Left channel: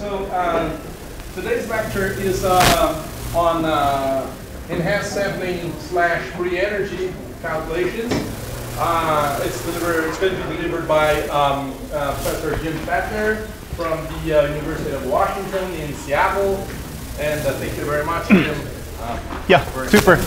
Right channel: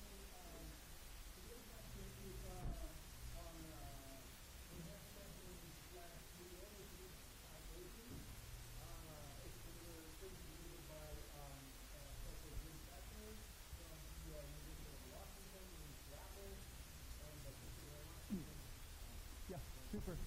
So today's lecture is on enhanced sampling / free energy calculations. It's going to be delivered by Professor Jim Pfaendtner from the University of Washington in Seattle. And thank you very much, Jim. Yeah, super.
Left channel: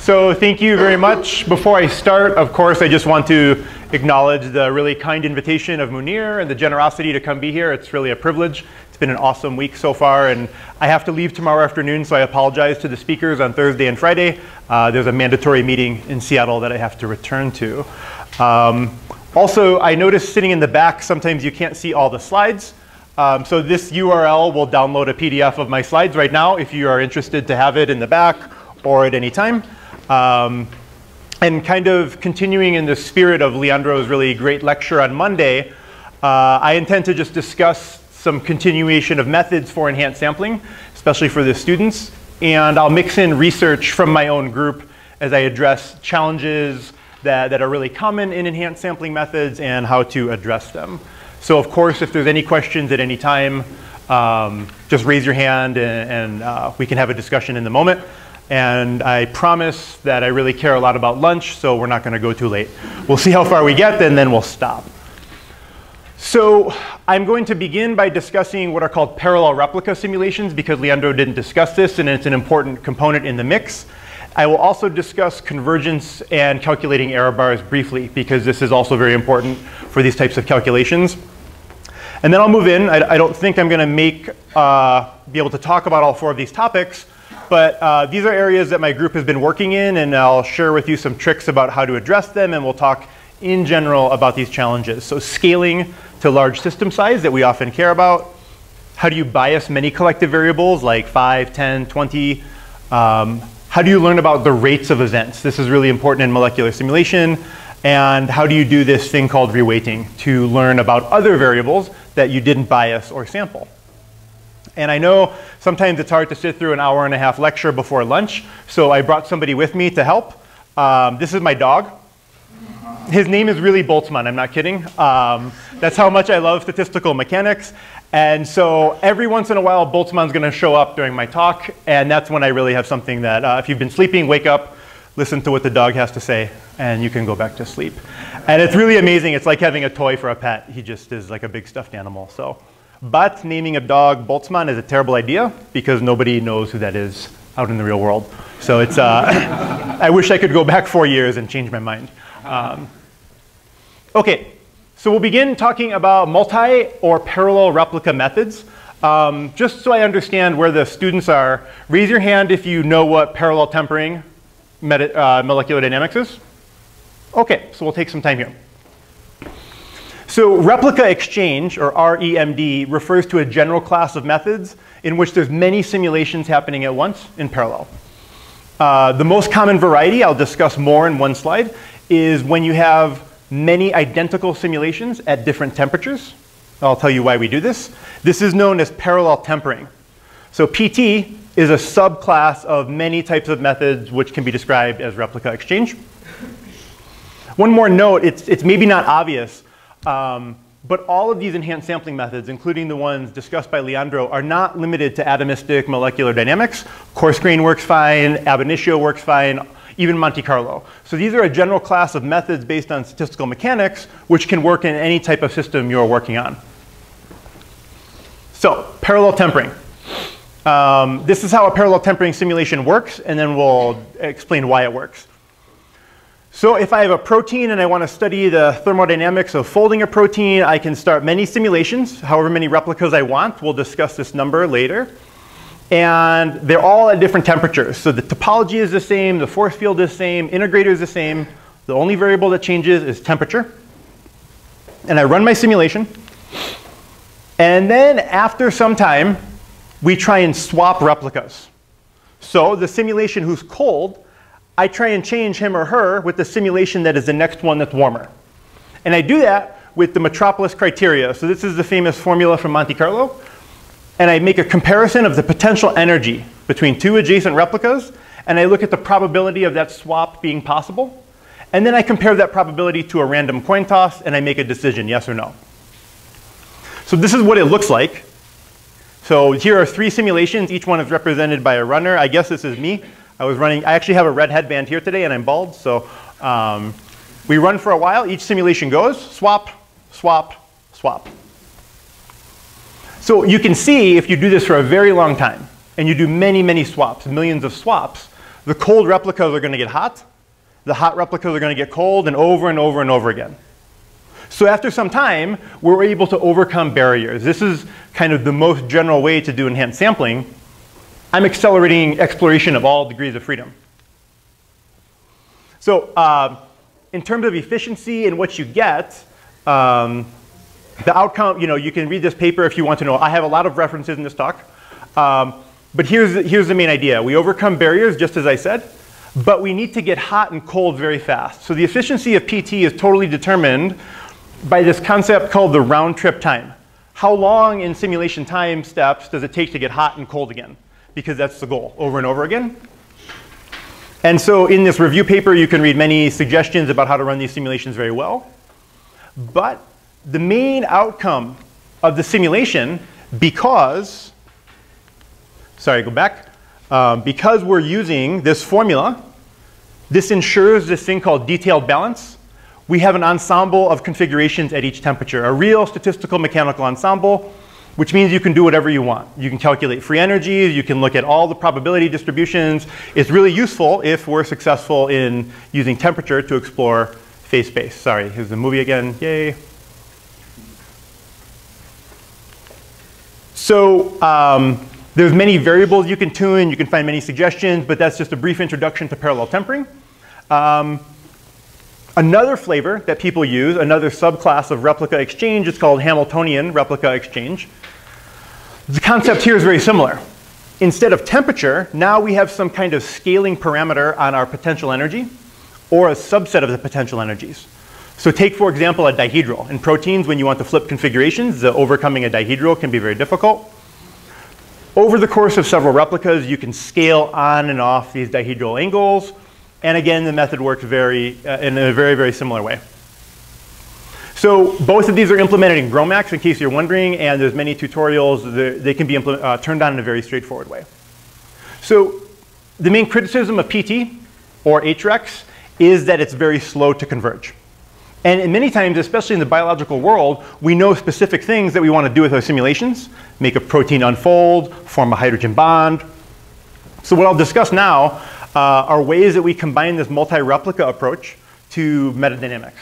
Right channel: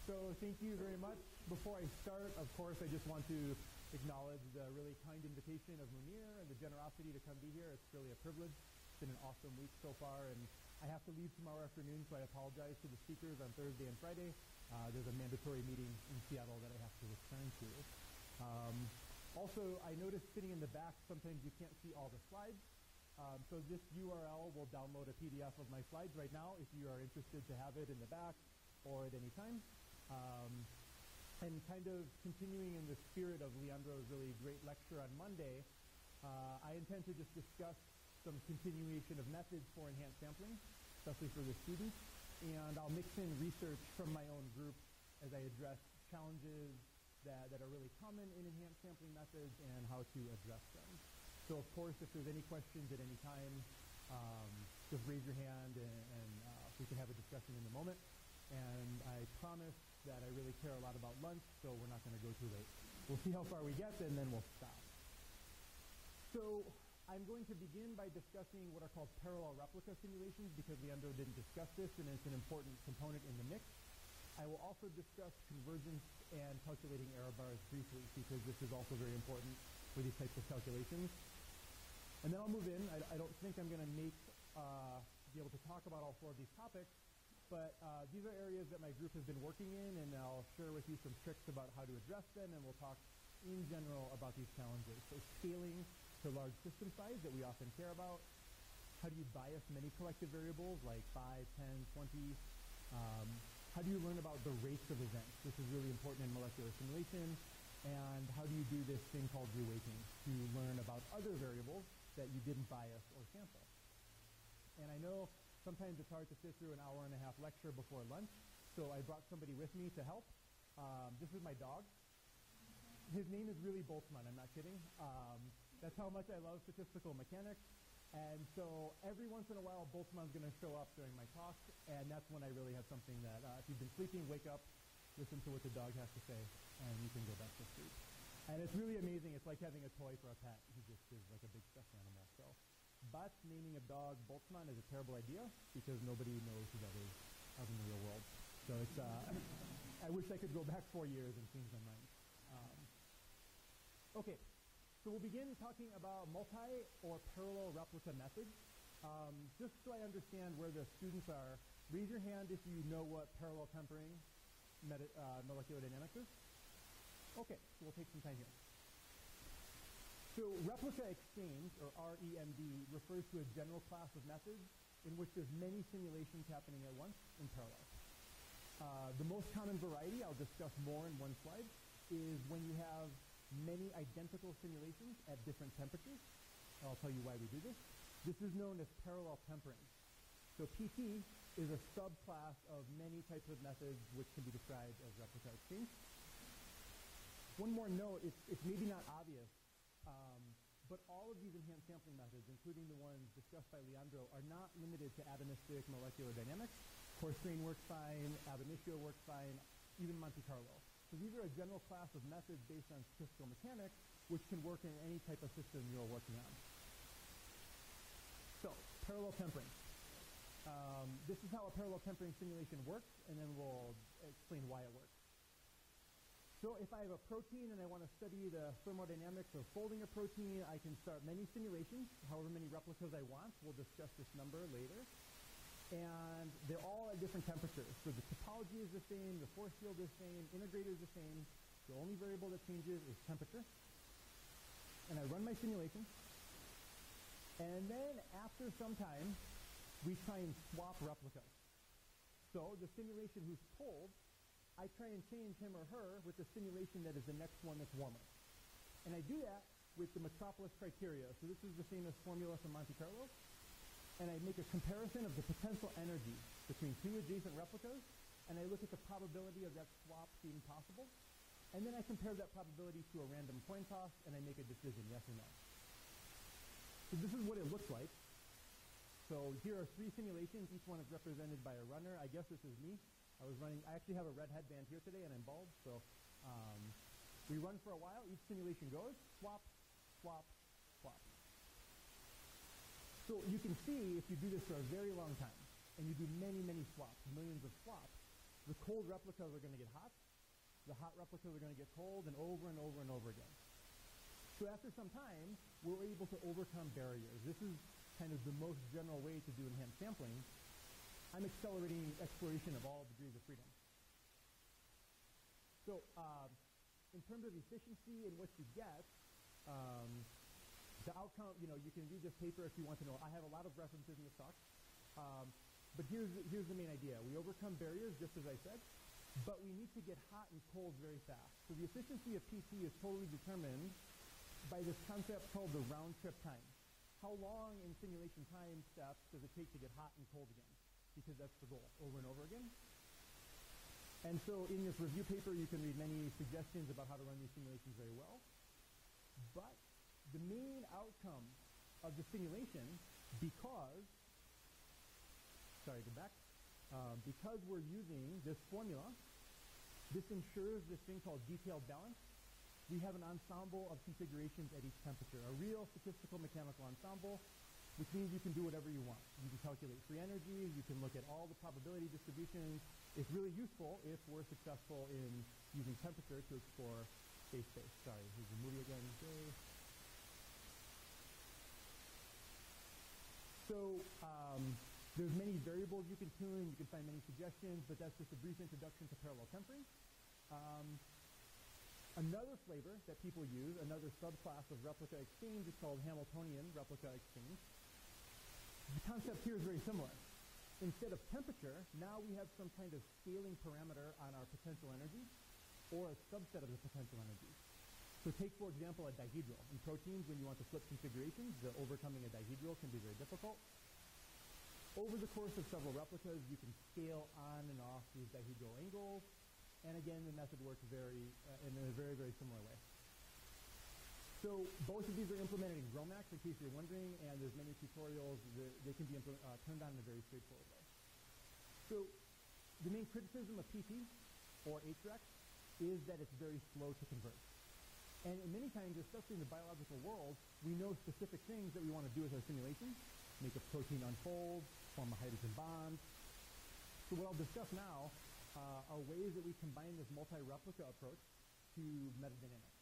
So thank you very much. Before I start, of course, I just want to acknowledge the really kind invitation of Munir and the generosity to come be here. It's really a privilege. It's been an awesome week so far, and I have to leave tomorrow afternoon, so I apologize to the speakers on Thursday and Friday. There's a mandatory meeting in Seattle that I have to return to. Also, I noticed sitting in the back, sometimes you can't see all the slides. So this URL will download a PDF of my slides right now if you are interested to have it in the back or at any time. And kind of continuing in the spirit of Leandro's really great lecture on Monday, I intend to just discuss some continuation of methods for enhanced sampling, especially for the students. And I'll mix in research from my own group as I address challenges that are really common in enhanced sampling methods and how to address them. So of course, if there's any questions at any time, just raise your hand and we can have a discussion in the moment. And I promise that I really care a lot about lunch, so we're not going to go too late. We'll see how far we get, and then we'll stop. So I'm going to begin by discussing what are called parallel replica simulations, because Leandro didn't discuss this, and it's an important component in the mix. I will also discuss convergence and calculating error bars briefly, because this is also very important for these types of calculations. And then I'll move in. I don't think I'm going to be able to talk about all four of these topics. But these are areas that my group has been working in, and I'll share with you some tricks about how to address them, and we'll talk in general about these challenges. So scaling to large system size that we often care about. How do you bias many collective variables like 5, 10, 20? How do you learn about the rates of events? This is really important in molecular simulation. And how do you do this thing called reweighting to learn about other variables that you didn't bias or sample? And I know sometimes it's hard to sit through an hour-and-a-half lecture before lunch, so I brought somebody with me to help. This is my dog. His name is really Boltzmann, I'm not kidding. That's how much I love statistical mechanics. And so every once in a while, Boltzmann's going to show up during my talk, and that's when I really have something that if you've been sleeping, wake up, listen to what the dog has to say, and you can go back to sleep. And it's really amazing. It's like having a toy for a pet. He just is like a big stuffed animal. So. But naming a dog Boltzmann is a terrible idea because nobody knows who that is out in the real world. So it's, I wish I could go back 4 years and change my mind. OK, so we'll begin talking about multi or parallel replica methods. Just so I understand where the students are, raise your hand if you know what parallel tempering molecular dynamics is. OK, so we'll take some time here. So replica exchange, or REMD, refers to a general class of methods in which there's many simulations happening at once in parallel. The most common variety, I'll discuss more in one slide, is when you have many identical simulations at different temperatures. I'll tell you why we do this. This is known as parallel tempering. So PT is a subclass of many types of methods which can be described as replica exchange. One more note, it's maybe not obvious, but all of these enhanced sampling methods, including the ones discussed by Leandro, are not limited to atomistic molecular dynamics. Coarse grain works fine, ab initio works fine, even Monte Carlo. So these are a general class of methods based on statistical mechanics, which can work in any type of system you're working on. So parallel tempering. This is how a parallel tempering simulation works, and then we'll explain why it works. So if I have a protein and I want to study the thermodynamics of folding a protein, I can start many simulations, however many replicas I want. We'll discuss this number later. And they're all at different temperatures. So the topology is the same, the force field is the same, integrator is the same. The only variable that changes is temperature. And I run my simulation. And then after some time, we try and swap replicas. So the simulation who's cold, I try and change him or her with the simulation that is the next one that's warmer. And I do that with the metropolis criteria. So this is the famous formula from Monte Carlo. And I make a comparison of the potential energy between two adjacent replicas. And I look at the probability of that swap being possible. And then I compare that probability to a random coin toss, and I make a decision, yes or no. So this is what it looks like. So here are 3 simulations. Each one is represented by a runner. I guess this is me. I actually have a red headband here today, and I'm bald. So we run for a while. Each simulation goes, swap, swap, swap. So you can see if you do this for a very long time, and you do many, many swaps, millions of swaps, the cold replicas are going to get hot. The hot replicas are going to get cold, and over and over and over again. So after some time, we're able to overcome barriers. This is kind of the most general way to do enhanced sampling. I'm accelerating exploration of all degrees of freedom. So in terms of efficiency and what you get, the outcome, you can read this paper if you want to know. I have a lot of references in this talk. But here's the main idea. We overcome barriers, just as I said, but we need to get hot and cold very fast. So the efficiency of PT is totally determined by this concept called the round trip time. How long in simulation time steps does it take to get hot and cold again? Because that's the goal, over and over again. And so in this review paper, you can read many suggestions about how to run these simulations very well. But the main outcome of the simulation, because we're using this formula, this ensures this thing called detailed balance. We have an ensemble of configurations at each temperature, a real statistical mechanical ensemble, which means you can do whatever you want. You can calculate free energies, you can look at all the probability distributions. It's really useful if we're successful in using temperature to explore phase space. Sorry, here's the movie again, yay. So there's many variables you can tune, you can find many suggestions, but that's just a brief introduction to parallel tempering. Another flavor that people use, another subclass of replica exchange, is called Hamiltonian replica exchange. The concept here is very similar. Instead of temperature, now we have some kind of scaling parameter on our potential energy, or a subset of the potential energies. So take, for example, a dihedral. In proteins, when you want to flip configurations, overcoming a dihedral can be very difficult. Over the course of several replicas, you can scale on and off these dihedral angles. And again, the method works in a very, very similar way. So both of these are implemented in GROMACS, in case you're wondering, and there's many tutorials. They can be turned on in a very straightforward way. So the main criticism of PT, or HREX, is that it's very slow to converge. And many times, especially in the biological world, we know specific things that we want to do with our simulations, make a protein unfold, form a hydrogen bond. So what I'll discuss now are ways that we combine this multi-replica approach to metadynamics.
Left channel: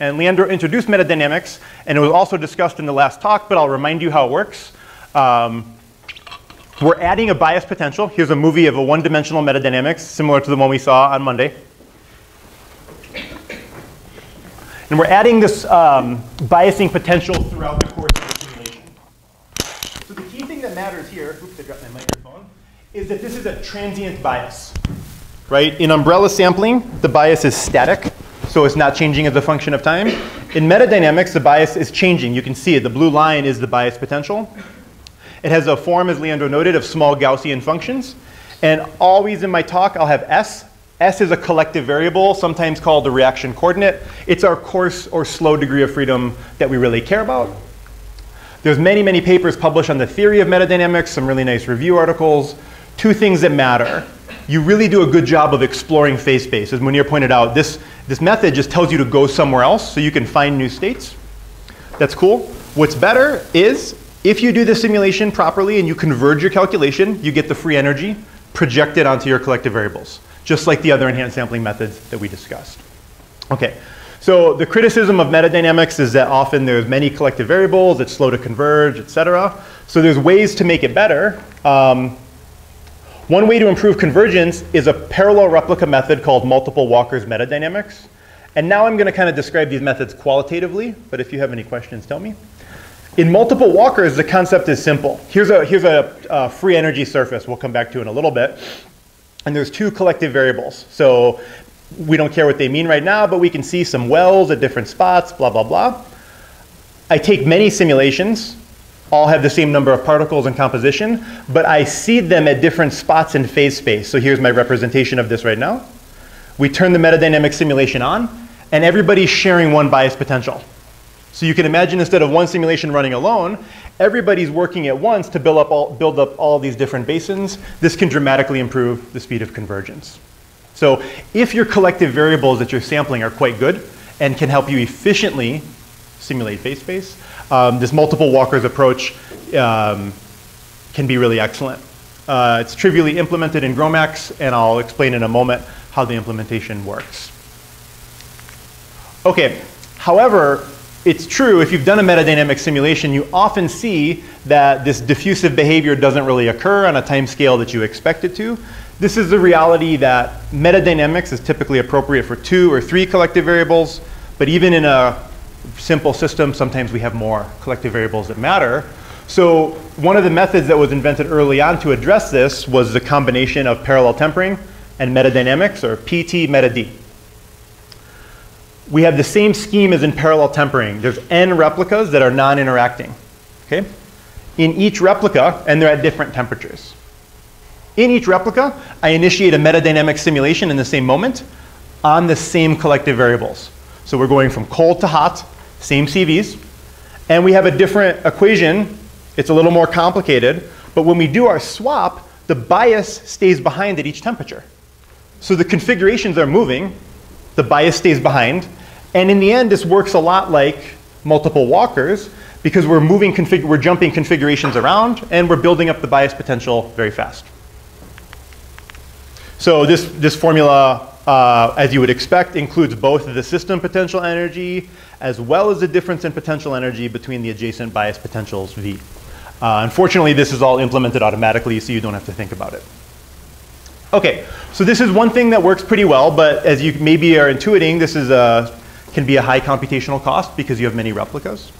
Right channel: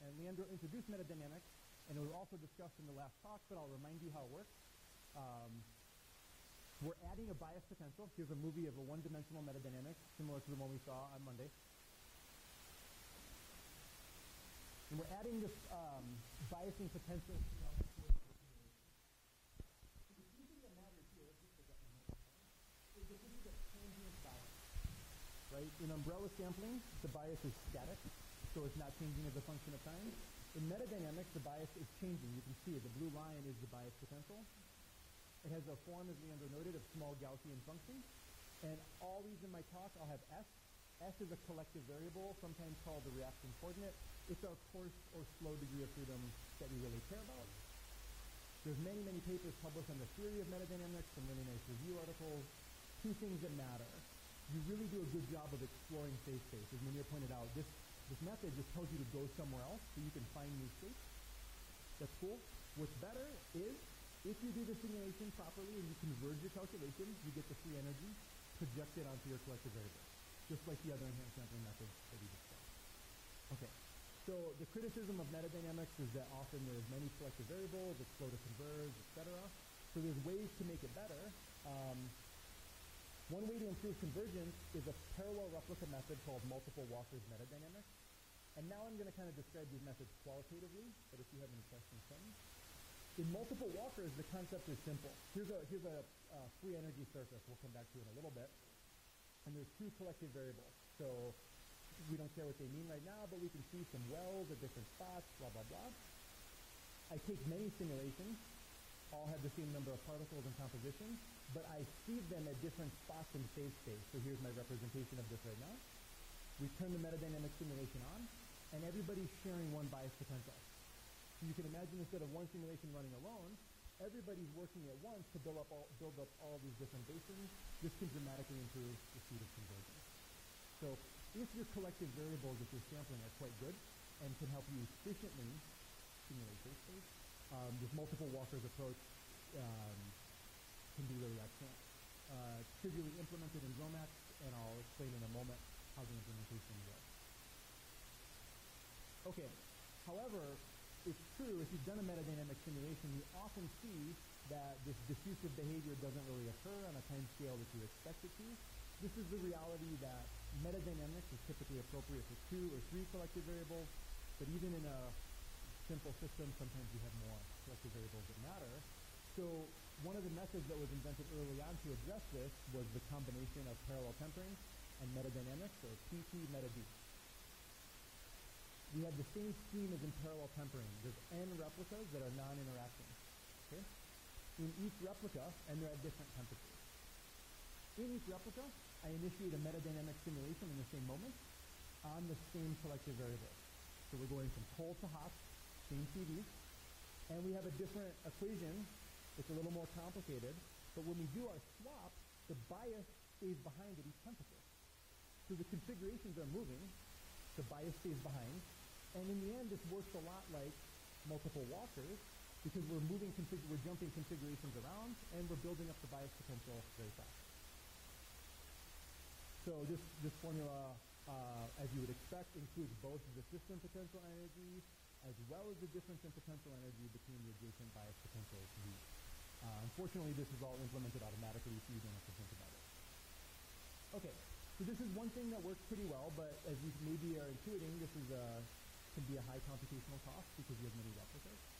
And Leandro introduced metadynamics, and it was also discussed in the last talk, but I'll remind you how it works. We're adding a bias potential. Here's a movie of a one-dimensional metadynamics, similar to the one we saw on Monday. And we're adding this biasing potential throughout the course of the simulation. So the key thing that matters here, oops, I dropped my microphone, is that this is a transient bias, right? In umbrella sampling, the bias is static, so it's not changing as a function of time. In metadynamics, the bias is changing. You can see it. The blue line is the bias potential. It has a form, as Leandro noted, of small Gaussian functions. And always in my talk, I'll have S. S is a collective variable, sometimes called the reaction coordinate. It's our coarse or slow degree of freedom that we really care about. There's many, many papers published on the theory of metadynamics, some really nice review articles. Two things that matter. You really do a good job of exploring phase space. As Munir pointed out, this method just tells you to go somewhere else so you can find new states. That's cool. What's better is if you do the simulation properly and you converge your calculation, you get the free energy projected onto your collective variables, just like the other enhanced sampling methods that we discussed. Okay, so the criticism of metadynamics is that often there's many collective variables, it's slow to converge, et cetera. So there's ways to make it better. One way to improve convergence is a parallel replica method called multiple Walker's metadynamics. And now I'm going to kind of describe these methods qualitatively, but if you have any questions, tell me. In multiple Walkers, the concept is simple. Here's a free energy surface we'll come back to in a little bit. And there's two collective variables. So we don't care what they mean right now, but we can see some wells at different spots, blah, blah, blah. I take many simulations, all have the same number of particles and composition, but I seed them at different spots in phase space. So here's my representation of this right now. We turn the metadynamic simulation on, and everybody's sharing one bias potential. So you can imagine instead of one simulation running alone, everybody's working at once to build up all these different basins. This can dramatically improve the speed of convergence. So if your collective variables that you're sampling are quite good and can help you efficiently simulate phase space, this multiple walkers approach can be really excellent. It's trivially implemented in GROMACS, and I'll explain in a moment how the implementation works. Okay, however, it's true, if you've done a metadynamic simulation, you often see that this diffusive behavior doesn't really occur on a time scale that you expect it to. This is the reality that metadynamics is typically appropriate for 2 or 3 collective variables, but even in a simple system, sometimes we have more collective variables that matter. So one of the methods that was invented early on to address this was the combination of parallel tempering and metadynamics, or PBMetamore. We have the same scheme as in parallel tempering. There's n replicas that are non-interacting. Okay? In each replica, and they're at different temperatures. In each replica, I initiate a metadynamic simulation in the same moment on the same collective variables. So we're going from cold to hot, same CVs, and we have a different equation. It's a little more complicated, but when we do our swap, the bias stays behind at each temperature. So the configurations are moving, the bias stays behind, and in the end, this works a lot like multiple walkers because we're jumping configurations around and we're building up the bias potential very fast. So this formula, as you would expect, includes both the system potential energy as well as the difference in potential energy between the adjacent bias potentials V. Unfortunately, this is all implemented automatically, so you don't have to think about it. Okay, so this is one thing that works pretty well, but as you maybe are intuiting, this is can be a high computational cost because you have many replicas.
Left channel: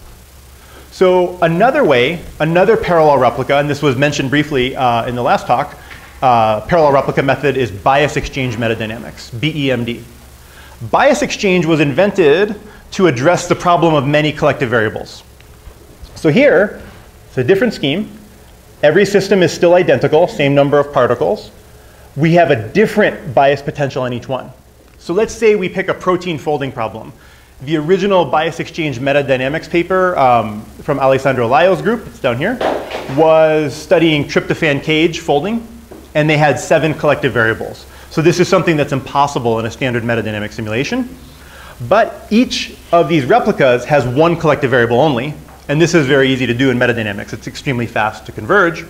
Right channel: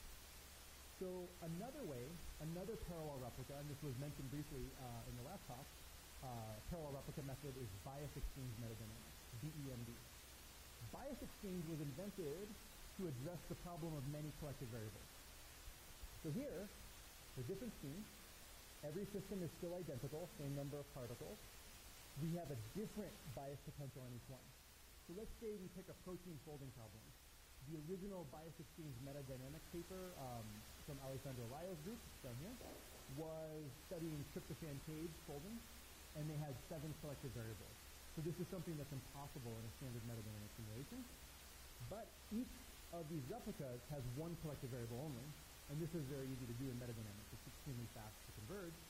So another way, another parallel replica, and this was mentioned briefly in the last talk, parallel replica method is bias exchange metadynamics, BEMD. Bias exchange was invented to address the problem of many collective variables. So here, it's a different scheme. Every system is still identical, same number of particles. We have a different bias potential on each one. So let's say we pick a protein folding problem. The original bias exchange metadynamics paper from Alessandro Laio's group, it's down here, was studying tryptophan cage folding, and they had 7 collective variables. So this is something that's impossible in a standard metadynamic simulation. But each of these replicas has 1 collective variable only, and this is very easy to do in metadynamics. It's extremely fast to converge.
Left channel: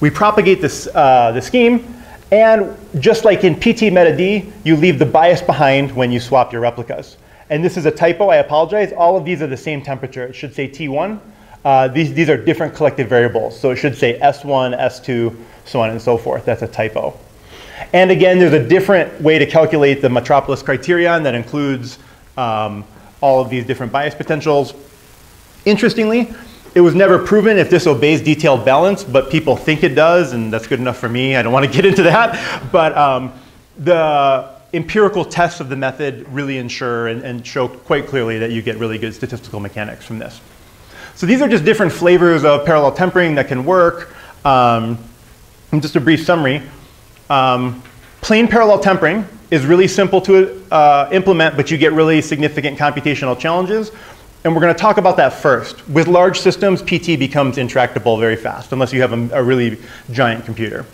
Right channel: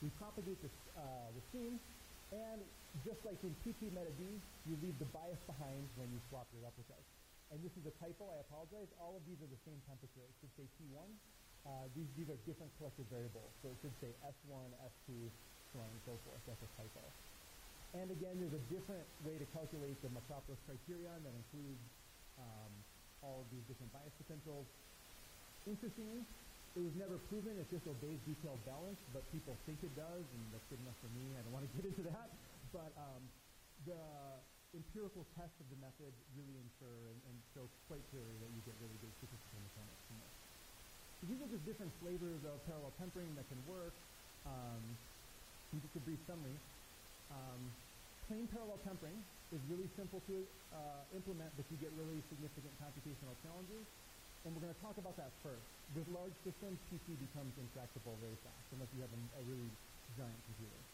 We propagate this, the scheme, and just like in PBMetamore, you leave the bias behind when you swap your replicas. And this is a typo, I apologize. All of these are the same temperature. It should say T1. These are different collective variables. So it should say S1, S2, so on and so forth. That's a typo. And again, there's a different way to calculate the Metropolis criterion that includes all of these different bias potentials. Interestingly, it was never proven if this obeys detailed balance, but people think it does, and that's good enough for me. I don't want to get into that. But the empirical tests of the method really ensure and show quite clearly that you get really good statistical mechanics from this. So these are just different flavors of parallel tempering that can work. And just a brief summary. Plain parallel tempering is really simple to implement, but you get really significant computational challenges. And we're going to talk about that first. With large systems, PT becomes intractable very fast, unless you have a really giant computer.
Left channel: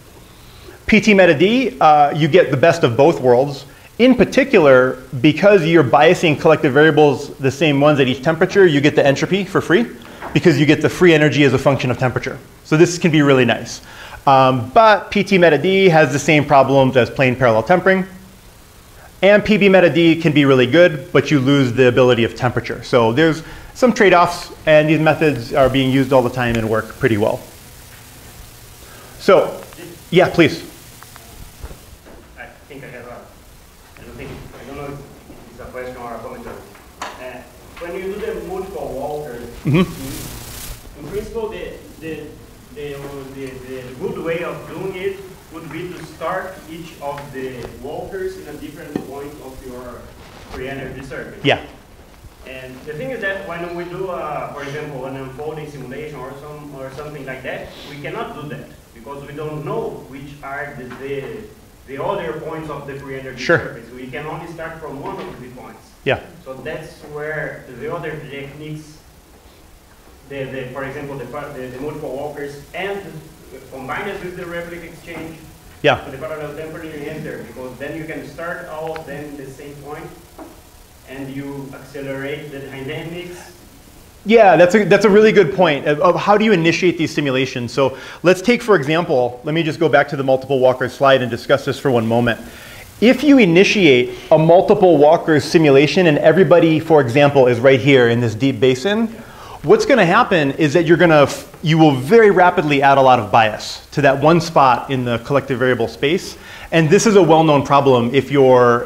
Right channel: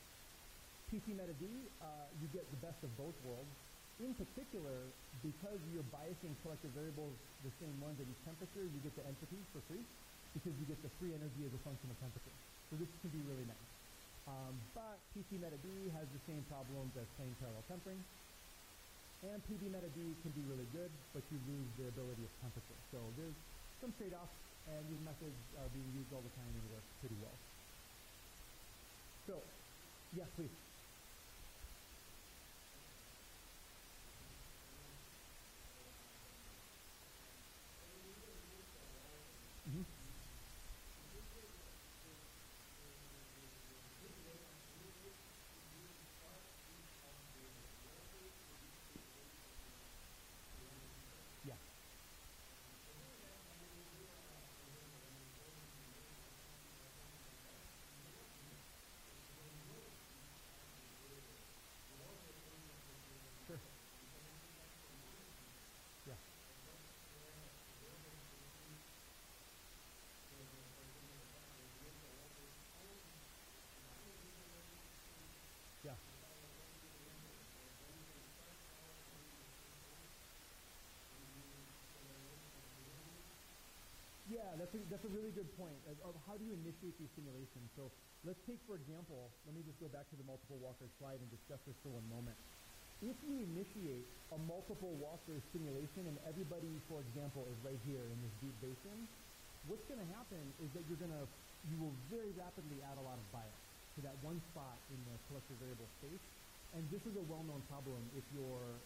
PBMetamore, you get the best of both worlds. In particular, because you're biasing collective variables the same ones at each temperature, you get the entropy for free, because you get the free energy as a function of temperature. So this can be really nice. But PBMetamore has the same problems as plain parallel tempering. And PBMetamore can be really good, but you lose the ability of temperature. So there's some trade-offs, and these methods are being used all the time and work pretty well. So, yeah, please. I think I have I don't know if it's a question or a comment. When you do the multiple walkers, in principle, the good way of doing it would be to start each of the walkers in a different point of your free energy circuit. Yeah. And the thing is that when we do, for example, an unfolding simulation or something like that, we cannot do that because we don't know which are the the other points of the free energy Sure. surface. We can only start from one of the points. Yeah. So that's where the other techniques, for example, the multiple walkers and combine it with the replica exchange, Yeah. the parallel tempering enter, because then you can start all of them in the same point, and you accelerate the dynamics. Yeah, that's a really good point of how do you initiate these simulations. So let's take, for example, let me just go back to the multiple walkers slide and discuss this for one moment. If you initiate a multiple walkers simulation and everybody, for example, is right here in this deep basin, what's going to happen is that you will very rapidly add a lot of bias to that one spot in the collective variable space. And this is a well-known problem if you're,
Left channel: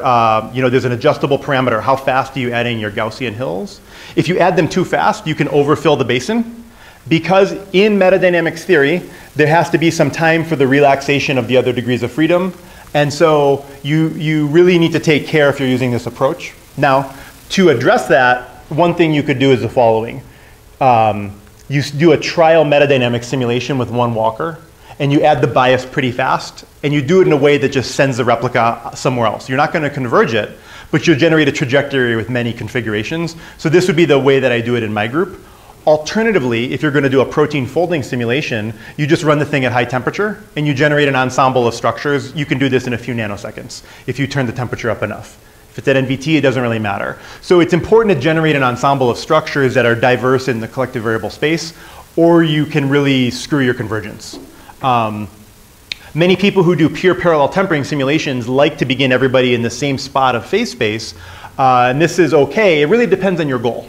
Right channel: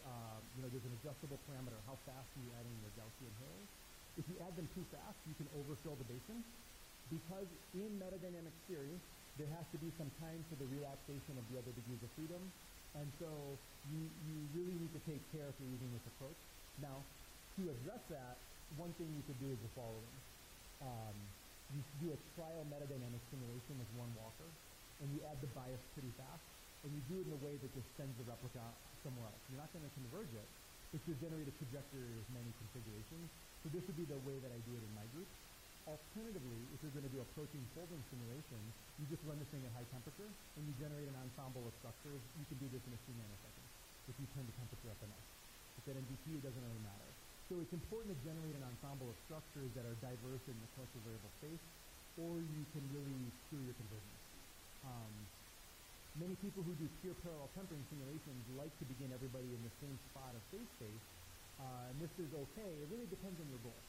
there's an adjustable parameter. How fast are you adding your Gaussian hills? If you add them too fast, you can overfill the basin. Because in metadynamics theory, there has to be some time for the relaxation of the other degrees of freedom. And so you really need to take care if you're using this approach. Now, to address that, one thing you could do is the following. You do a trial metadynamic simulation with one walker, and you add the bias pretty fast, and you do it in a way that just sends the replica somewhere else. You're not going to converge it, but you'll generate a trajectory with many configurations. So this would be the way that I do it in my group. Alternatively, if you're going to do a protein folding simulation, you just run the thing at high temperature, and you generate an ensemble of structures. You can do this in a few nanoseconds if you turn the temperature up enough. If it's at NVT, it doesn't really matter. So it's important to generate an ensemble of structures that are diverse in the collective variable space, or you can really screw your convergence. Many people who do pure parallel tempering simulations like to begin everybody in the same spot of phase space, and this is okay. It really depends on your goal.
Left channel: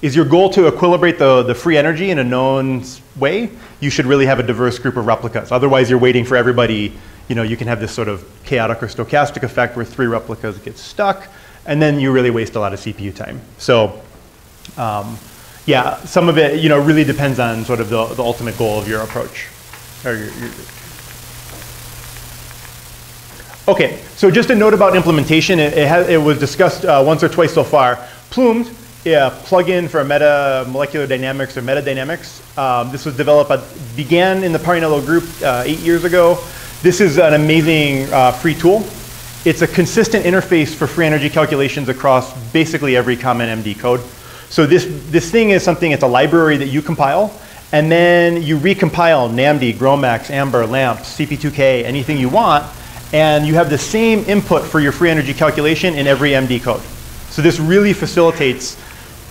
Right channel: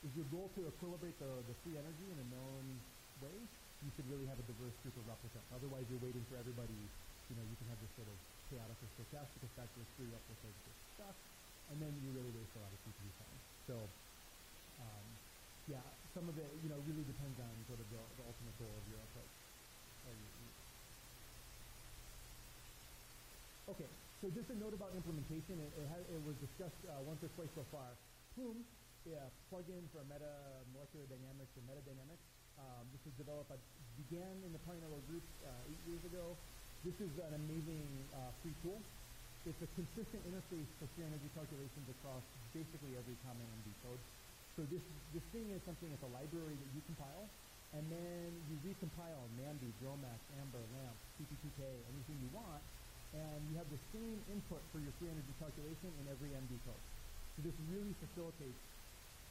Is your goal to equilibrate the free energy in a known way? You should really have a diverse group of replicas. Otherwise, you're waiting for everybody. You can have this sort of chaotic or stochastic effect where 3 replicas get stuck, and then you really waste a lot of CPU time. So yeah, some of it really depends on sort of the ultimate goal of your approach. Okay, so just a note about implementation. It was discussed once or twice so far. Plumed, plugin for molecular dynamics or metadynamics. This was began in the Parinello group 8 years ago. This is an amazing free tool. It's a consistent interface for free energy calculations across basically every common MD code. So this thing is something, it's a library that you compile, and then you recompile NAMD, GROMACS, AMBER, LAMP, CP2K, anything you want, and you have the same input for your free energy calculation in every MD code. So this really facilitates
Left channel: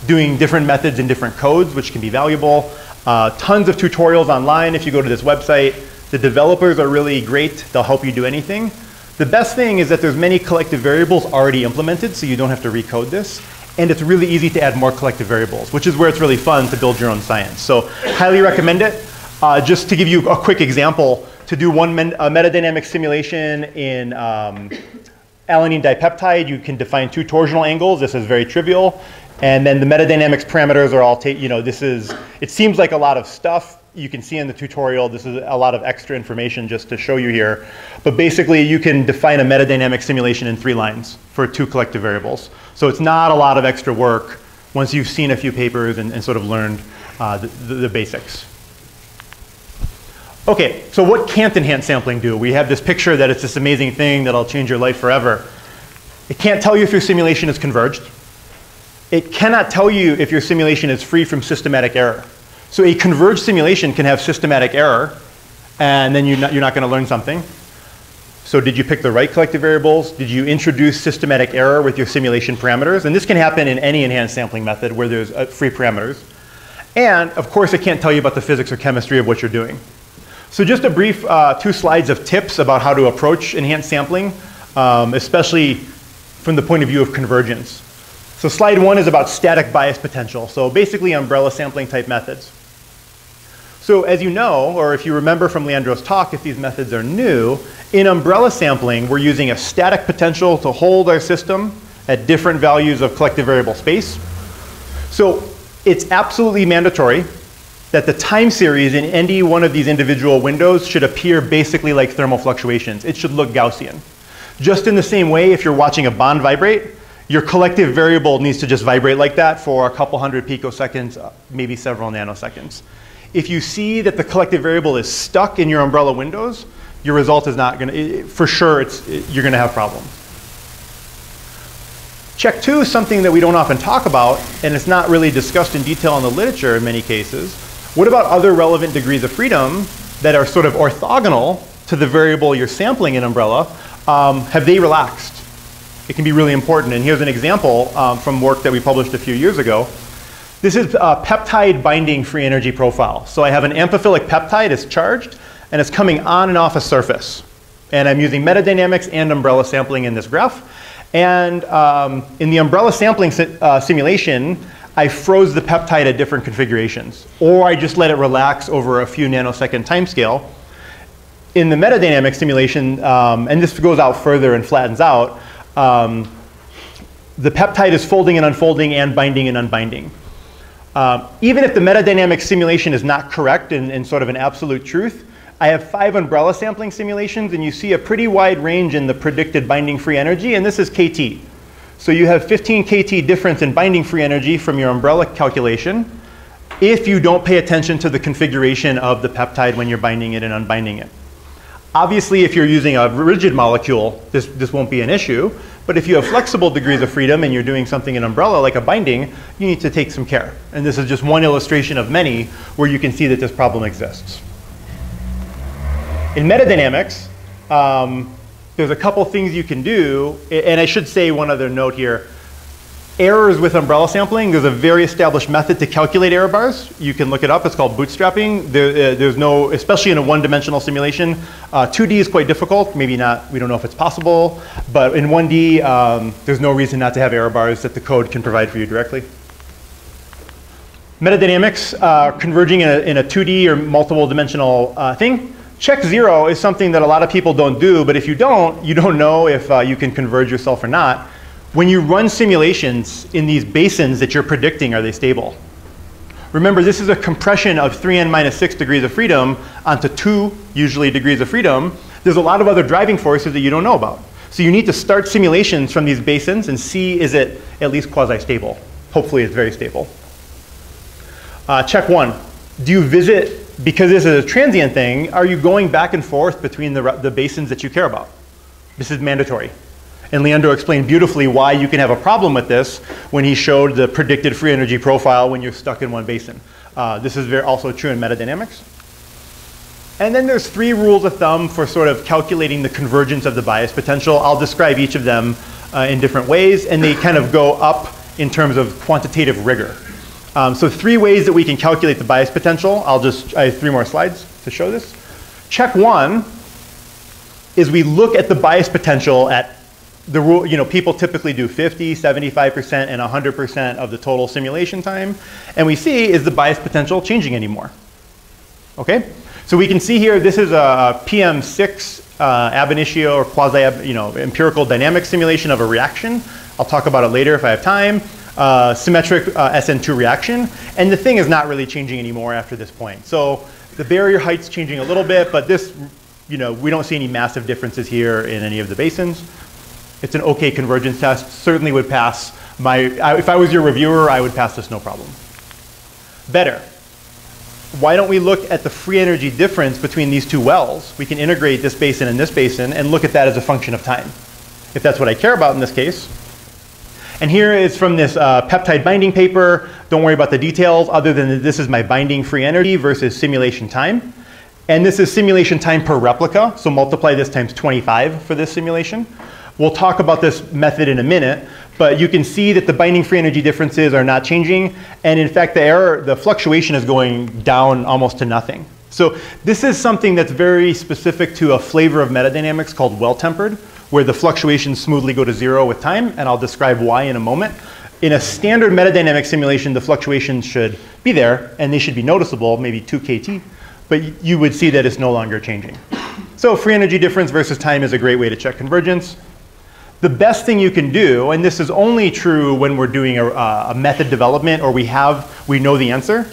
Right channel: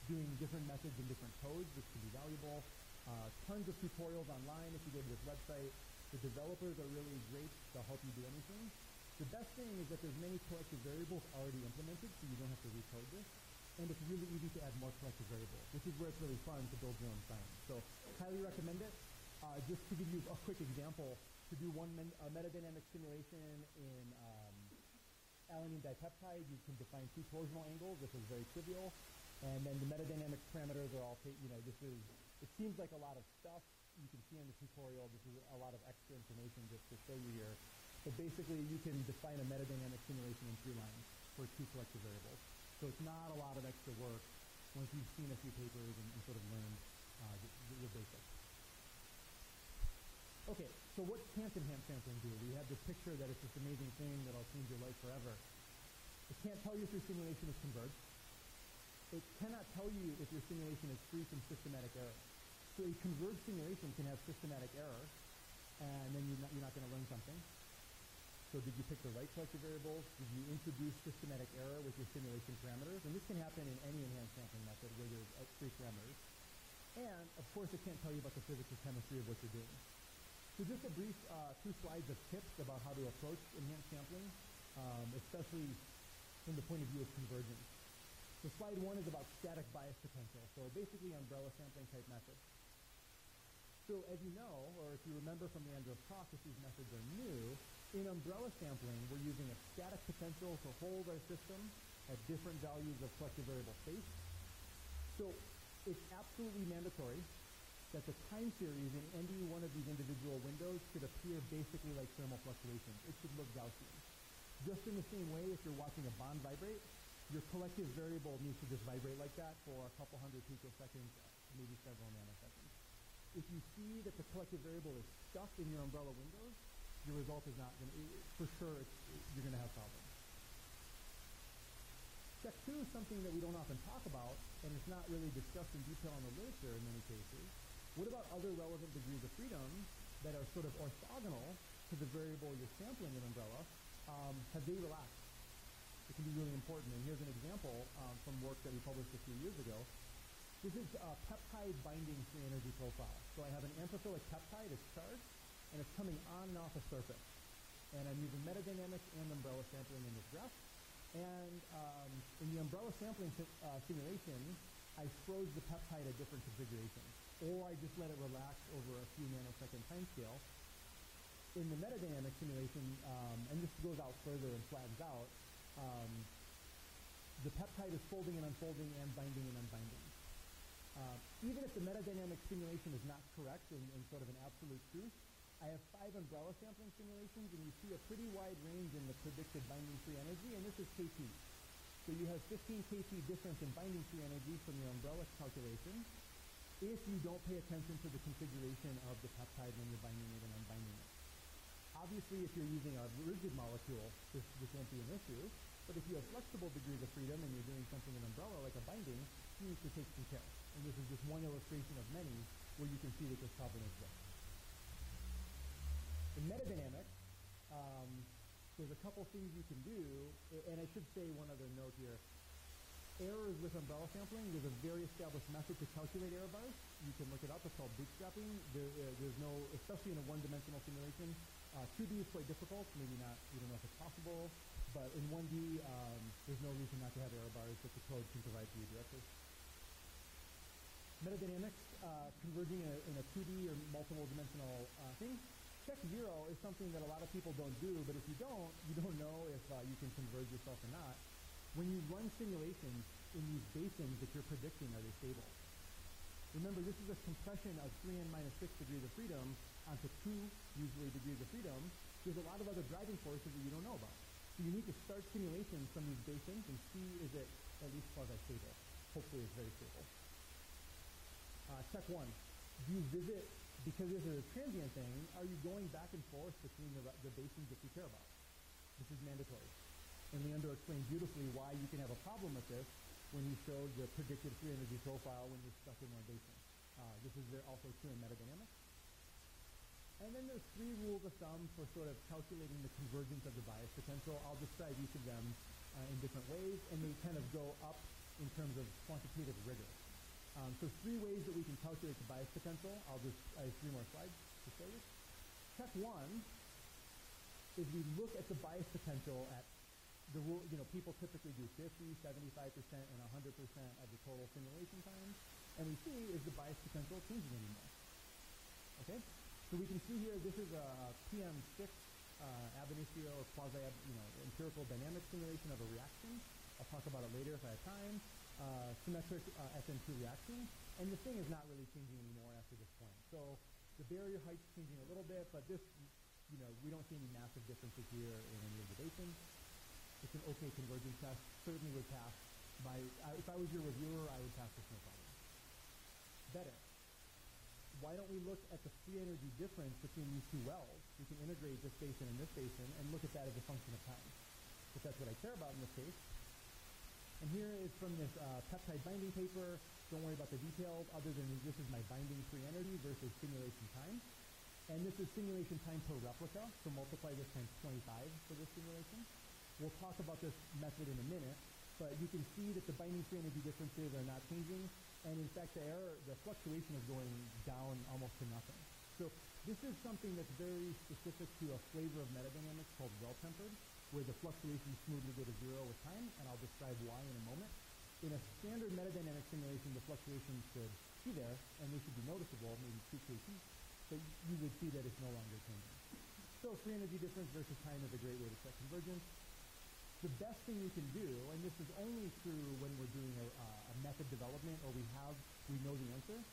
doing different methods in different codes, which can be valuable. Tons of tutorials online if you go to this website. The developers are really great. They'll help you do anything. The best thing is that there's many collective variables already implemented, so you don't have to recode this. And it's really easy to add more collective variables, which is where it's really fun to build your own science. So highly recommend it. Just to give you a quick example, to do a metadynamic simulation in alanine dipeptide, you can define 2 torsional angles. This is very trivial. And then the metadynamics parameters are all, it seems like a lot of stuff. You can see in the tutorial, this is a lot of extra information just to show you here. But basically, you can define a metadynamic simulation in 3 lines for 2 collective variables. So it's not a lot of extra work once you've seen a few papers and sort of learned the basics. Okay, so what can't enhanced sampling do? We have this picture that it's this amazing thing that'll change your life forever. It can't tell you if your simulation is converged. It cannot tell you if your simulation is free from systematic error. So a converged simulation can have systematic error, and then you're not going to learn something. So did you pick the right collective variables? Did you introduce systematic error with your simulation parameters? And this can happen in any enhanced sampling method where there's free parameters. And of course, it can't tell you about the physics or chemistry of what you're doing. So just a brief 2 slides of tips about how to approach enhanced sampling, especially from the point of view of convergence. So slide 1 is about static bias potential. So basically umbrella sampling type methods. So as you know, or if you remember from Leandro's talk, if these methods are new, in umbrella sampling, we're using a static potential to hold our system at different values of collective variable space. So it's absolutely mandatory that the time series in any one of these individual windows should appear basically like thermal fluctuations. It should look Gaussian. Just in the same way, if you're watching a bond vibrate, your collective variable needs to just vibrate like that for a couple hundred picoseconds, maybe several nanoseconds. If you see that the collective variable is stuck in your umbrella windows, your result is not going to, for sure, you're going to have problems. Check 2 is something that we don't often talk about, and it's not really discussed in detail in the literature in many cases. What about other relevant degrees of freedom that are sort of orthogonal to the variable you're sampling in umbrella? Have they relaxed? It can be really important. And here's an example from work that we published a few years ago. This is a peptide binding free energy profile. So I have an amphiphilic peptide, it's charged, and it's coming on and off a surface. And I'm using metadynamics and umbrella sampling in this graph. And in the umbrella sampling simulation, I froze the peptide at different configurations. Or I just let it relax over a few nanosecond time scale. In the metadynamic simulation, and this goes out further and flattens out, the peptide is folding and unfolding and binding and unbinding. Even if the metadynamic simulation is not correct in sort of an absolute truth, I have 5 umbrella sampling simulations, and you see a pretty wide range in the predicted binding free energy, and this is KT. So you have 15 KT difference in binding free energy from your umbrella calculation if you don't pay attention to the configuration of the peptide when you're binding it and unbinding it. Obviously, if you're using a rigid molecule, this won't be an issue. But if you have flexible degrees of freedom and you're doing something in umbrella like a binding, you need to take some care. And this is just one illustration of many where you can see that this problem exists. In metadynamics, there's a couple things you can do. And I should say one other note here. Errors with umbrella sampling, there's a very established method to calculate error bars. You can look it up. It's called bootstrapping. There's no, especially in a one-dimensional simulation, 2D is quite difficult. Maybe not, we don't know if it's possible. But in 1D, there's no reason not to have error bars that the code can provide for you directly. Metadynamics, converging in a 2D or multiple dimensional thing. Check 0 is something that a lot of people don't do. But if you don't know if you can converge yourself or not. When you run simulations in these basins that you're predicting, are they stable? Remember, this is a compression of 3n minus 6 degrees of freedom onto 2, usually, degrees of freedom. There's a lot of other driving forces that you don't know about. So you need to start simulations from these basins and see, is it at least quasi-stable? Hopefully, it's very stable. Check 1. Do you visit, because this is a transient thing, are you going back and forth between the basins that you care about? This is mandatory. And Leandro explained beautifully why you can have a problem with this when he showed the predicted free energy profile when you're stuck in one basin. This is also true in metadynamics. And then there's 3 rules of thumb for sort of calculating the convergence of the bias potential. I'll describe each of them in different ways, and they kind of go up in terms of quantitative rigor. So 3 ways that we can calculate the bias potential. I have 3 more slides to show this. Check 1 is we look at the bias potential at the rule, people typically do 50, 75%, and 100% of the total simulation time. And we see, is the bias potential changing anymore? Okay? So we can see here, this is a PM6 ab initio or quasi, empirical dynamic simulation of a reaction. I'll talk about it later if I have time. Symmetric SN2 reaction. And the thing is not really changing anymore after this point. So the barrier height's changing a little bit, but this, we don't see any massive differences here in any of the basins. It's an okay convergence test. Certainly would pass if I was your reviewer, I would pass this no problem. Better. Why don't we look at the free energy difference between these 2 wells? We can integrate this basin and this basin and look at that as a function of time, if that's what I care about in this case. And here is from this peptide binding paper. Don't worry about the details other than that this is my binding free energy versus simulation time. And this is simulation time per replica. So multiply this times 25 for this simulation. We'll talk about this method in a minute, but you can see that the binding free energy differences are not changing. And in fact, the fluctuation is going down almost to nothing. So this is something that's very specific to a flavor of metadynamics called well-tempered, where the fluctuations smoothly go to 0 with time, and I'll describe why in a moment. In a standard metadynamic simulation, the fluctuations should be there, and they should be noticeable, maybe 2 KT, but you would see that it's no longer changing. So free energy difference versus time is a great way to check convergence. The best thing you can do, and this is only true when we're doing a method development or we know the answer.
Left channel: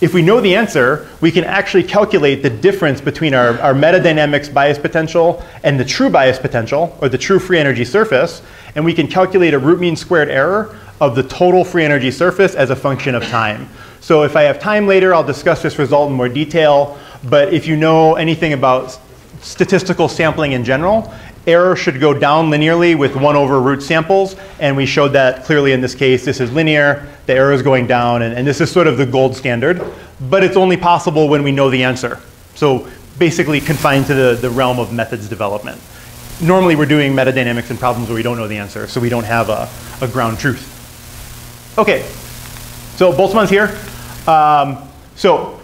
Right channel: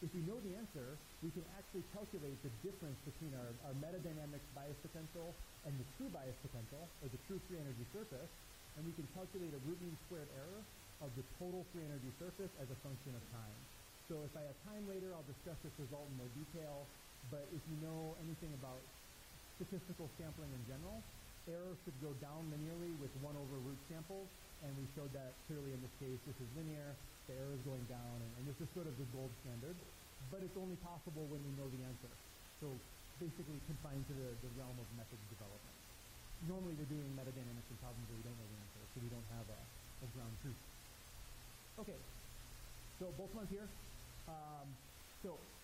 If we know the answer, we can actually calculate the difference between our metadynamics bias potential and the true bias potential, or the true free energy surface, and we can calculate a root mean squared error of the total free energy surface as a function of time. So if I have time later, I'll discuss this result in more detail, but if you know anything about statistical sampling in general, error should go down linearly with 1 over root samples, and we showed that clearly in this case. This is linear, the error is going down, and this is sort of the gold standard, but it's only possible when we know the answer. So basically confined to the realm of methods development. Normally we're doing metadynamics in problems where we don't know the answer, so we don't have a ground truth. Okay, so Boltzmann's here. So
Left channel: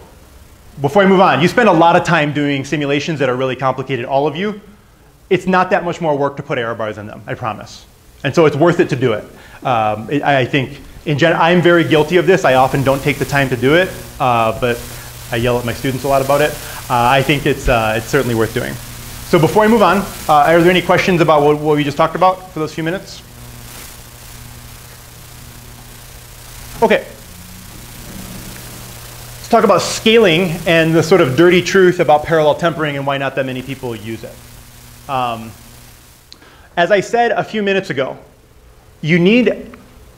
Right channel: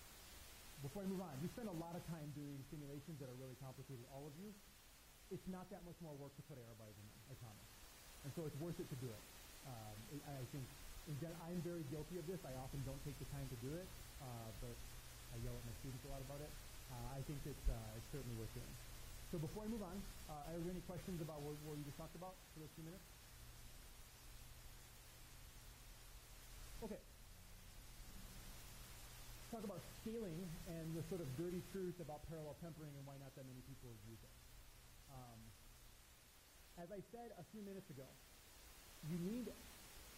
before I move on, you spend a lot of time doing simulations that are really complicated, all of you. It's not that much more work to put error bars in them, I promise. And so it's worth it to do it. I think, in general, I'm very guilty of this. I often don't take the time to do it, but I yell at my students a lot about it. I think it's certainly worth doing. So before I move on, are there any questions about what we just talked about for those few minutes? Okay. Let's talk about scaling and the sort of dirty truth about parallel tempering and why not that many people use it. As I said a few minutes ago, you need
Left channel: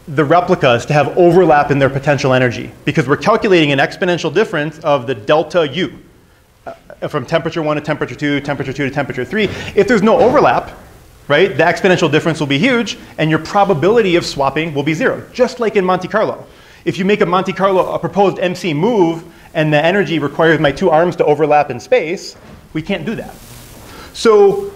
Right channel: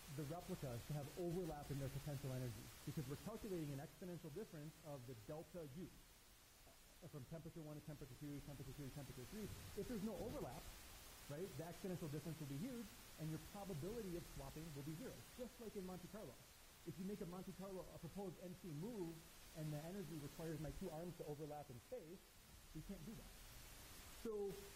the replicas to have overlap in their potential energy because we're calculating an exponential difference of the delta U from temperature 1 to temperature 2, temperature 2 to temperature 3. If there's no overlap, right, the exponential difference will be huge and your probability of swapping will be 0, just like in Monte Carlo. If you make a proposed MC move and the energy requires my 2 arms to overlap in space, we can't do that. So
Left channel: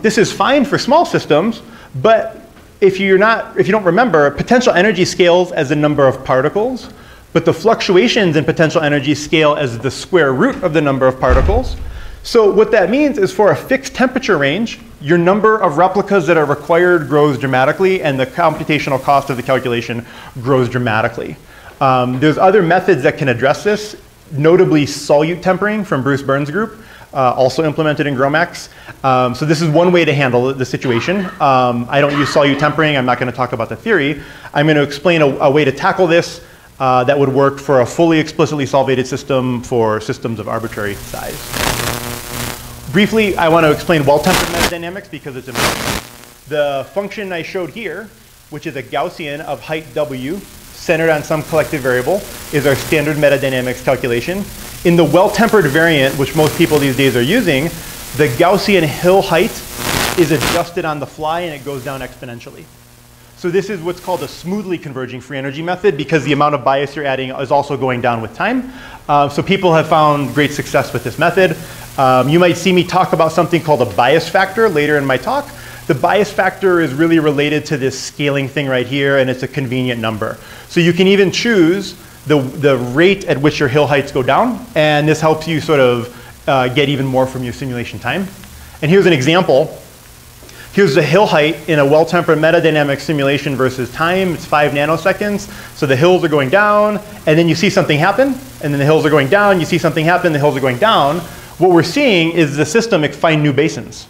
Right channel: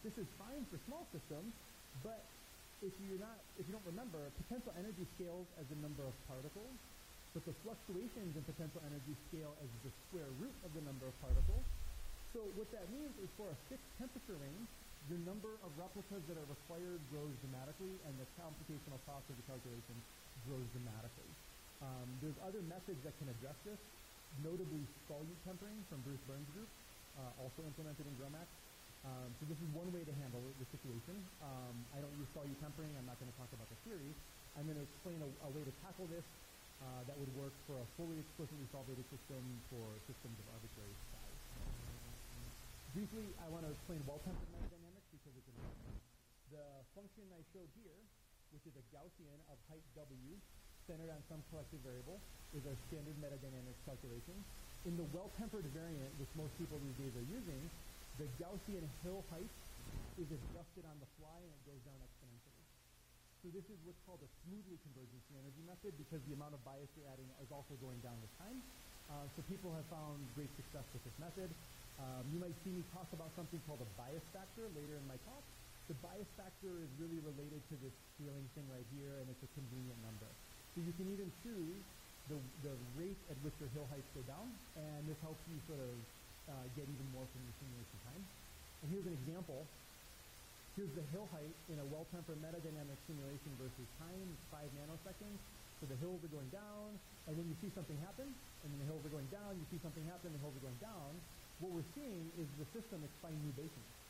this is fine for small systems, but if you don't remember, potential energy scales as the number of particles, but the fluctuations in potential energy scale as the square root of the number of particles. So what that means is for a fixed temperature range, your number of replicas that are required grows dramatically, and the computational cost of the calculation grows dramatically. There's other methods that can address this, notably solute tempering from Bruce Burns' group, also implemented in GROMACS. So this is one way to handle the situation. I don't use solute tempering. I'm not going to talk about the theory. I'm going to explain a way to tackle this that would work for a fully explicitly solvated system for systems of arbitrary size. Briefly, I want to explain well-tempered metadynamics because it's important. The function I showed here, which is a Gaussian of height W centered on some collective variable, is our standard metadynamics calculation. In the well-tempered variant, which most people these days are using, the Gaussian hill height is adjusted on the fly and it goes down exponentially. So this is what's called a smoothly converging free energy method because the amount of bias you're adding is also going down with time. So people have found great success with this method. You might see me talk about something called a bias factor later in my talk. The bias factor is really related to this scaling thing right here, and it's a convenient number. So you can even choose the rate at which your hill heights go down, and this helps you sort of get even more from your simulation time. And here's an example. Here's the hill height in a well-tempered metadynamic simulation versus time. It's 5 nanoseconds. So the hills are going down, and then you see something happen, and then the hills are going down. You see something happen, the hills are going down. What we're seeing is the system find new basins.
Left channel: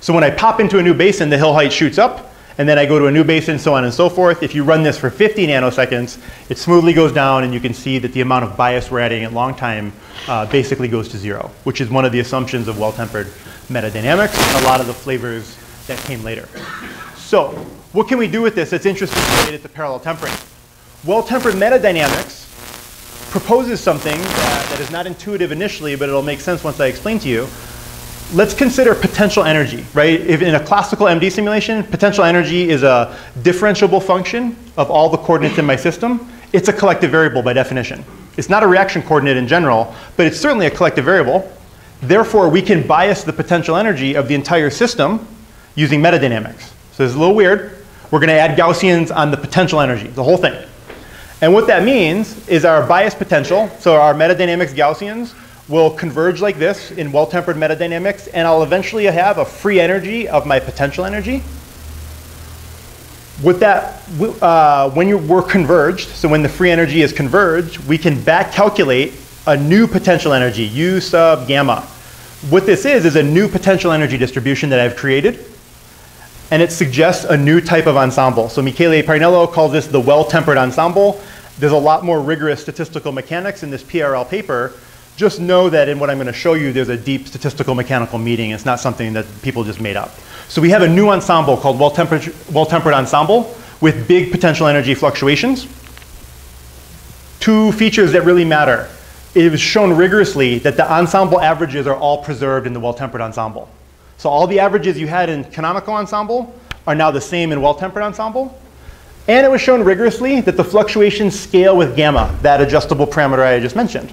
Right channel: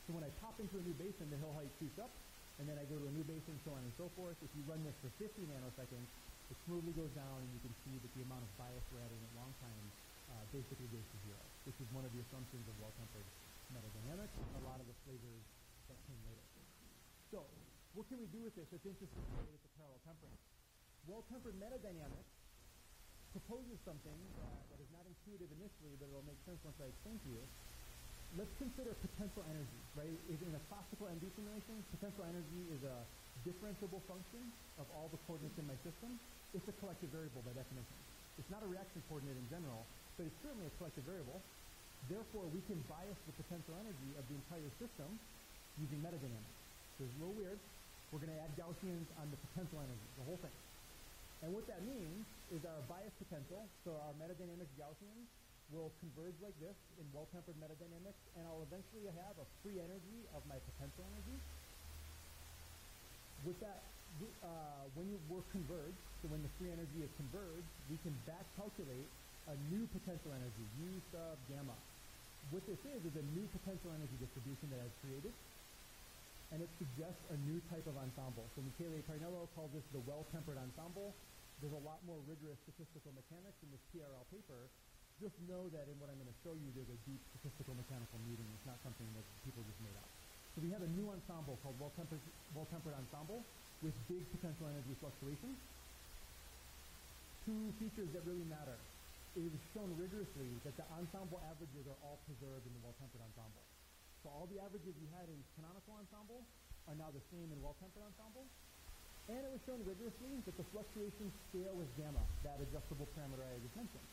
So when I pop into a new basin, the hill height shoots up, and then I go to a new basin, so on and so forth. If you run this for 50 nanoseconds, it smoothly goes down, and you can see that the amount of bias we're adding at long time basically goes to 0, which is one of the assumptions of well-tempered metadynamics, and a lot of the flavors that came later. So what can we do with this that's interesting related to parallel tempering? Well-tempered metadynamics proposes something that is not intuitive initially, but it'll make sense once I explain to you. Let's consider potential energy, right? If in a classical MD simulation, potential energy is a differentiable function of all the coordinates in my system. It's a collective variable by definition. It's not a reaction coordinate in general, but it's certainly a collective variable. Therefore, we can bias the potential energy of the entire system using metadynamics. So it's a little weird. We're going to add Gaussians on the potential energy, the whole thing. And what that means is our bias potential, so our metadynamics Gaussians, will converge like this in well-tempered metadynamics, and I'll eventually have a free energy of my potential energy. With that, when we're converged, so when the free energy is converged, we can back calculate a new potential energy, U sub gamma. What this is a new potential energy distribution that I've created, and it suggests a new type of ensemble. So Michele Parnello calls this the well-tempered ensemble. There's a lot more rigorous statistical mechanics in this PRL paper. Just know that in what I'm going to show you, there's a deep statistical mechanical meaning. It's not something that people just made up. So we have a new ensemble called well-tempered ensemble with big potential energy fluctuations. Two features that really matter. it was shown rigorously that the ensemble averages are all preserved in the well-tempered ensemble. So all the averages you had in canonical ensemble are now the same in well-tempered ensemble. And it was shown rigorously that the fluctuations scale with gamma, that adjustable parameter I just mentioned.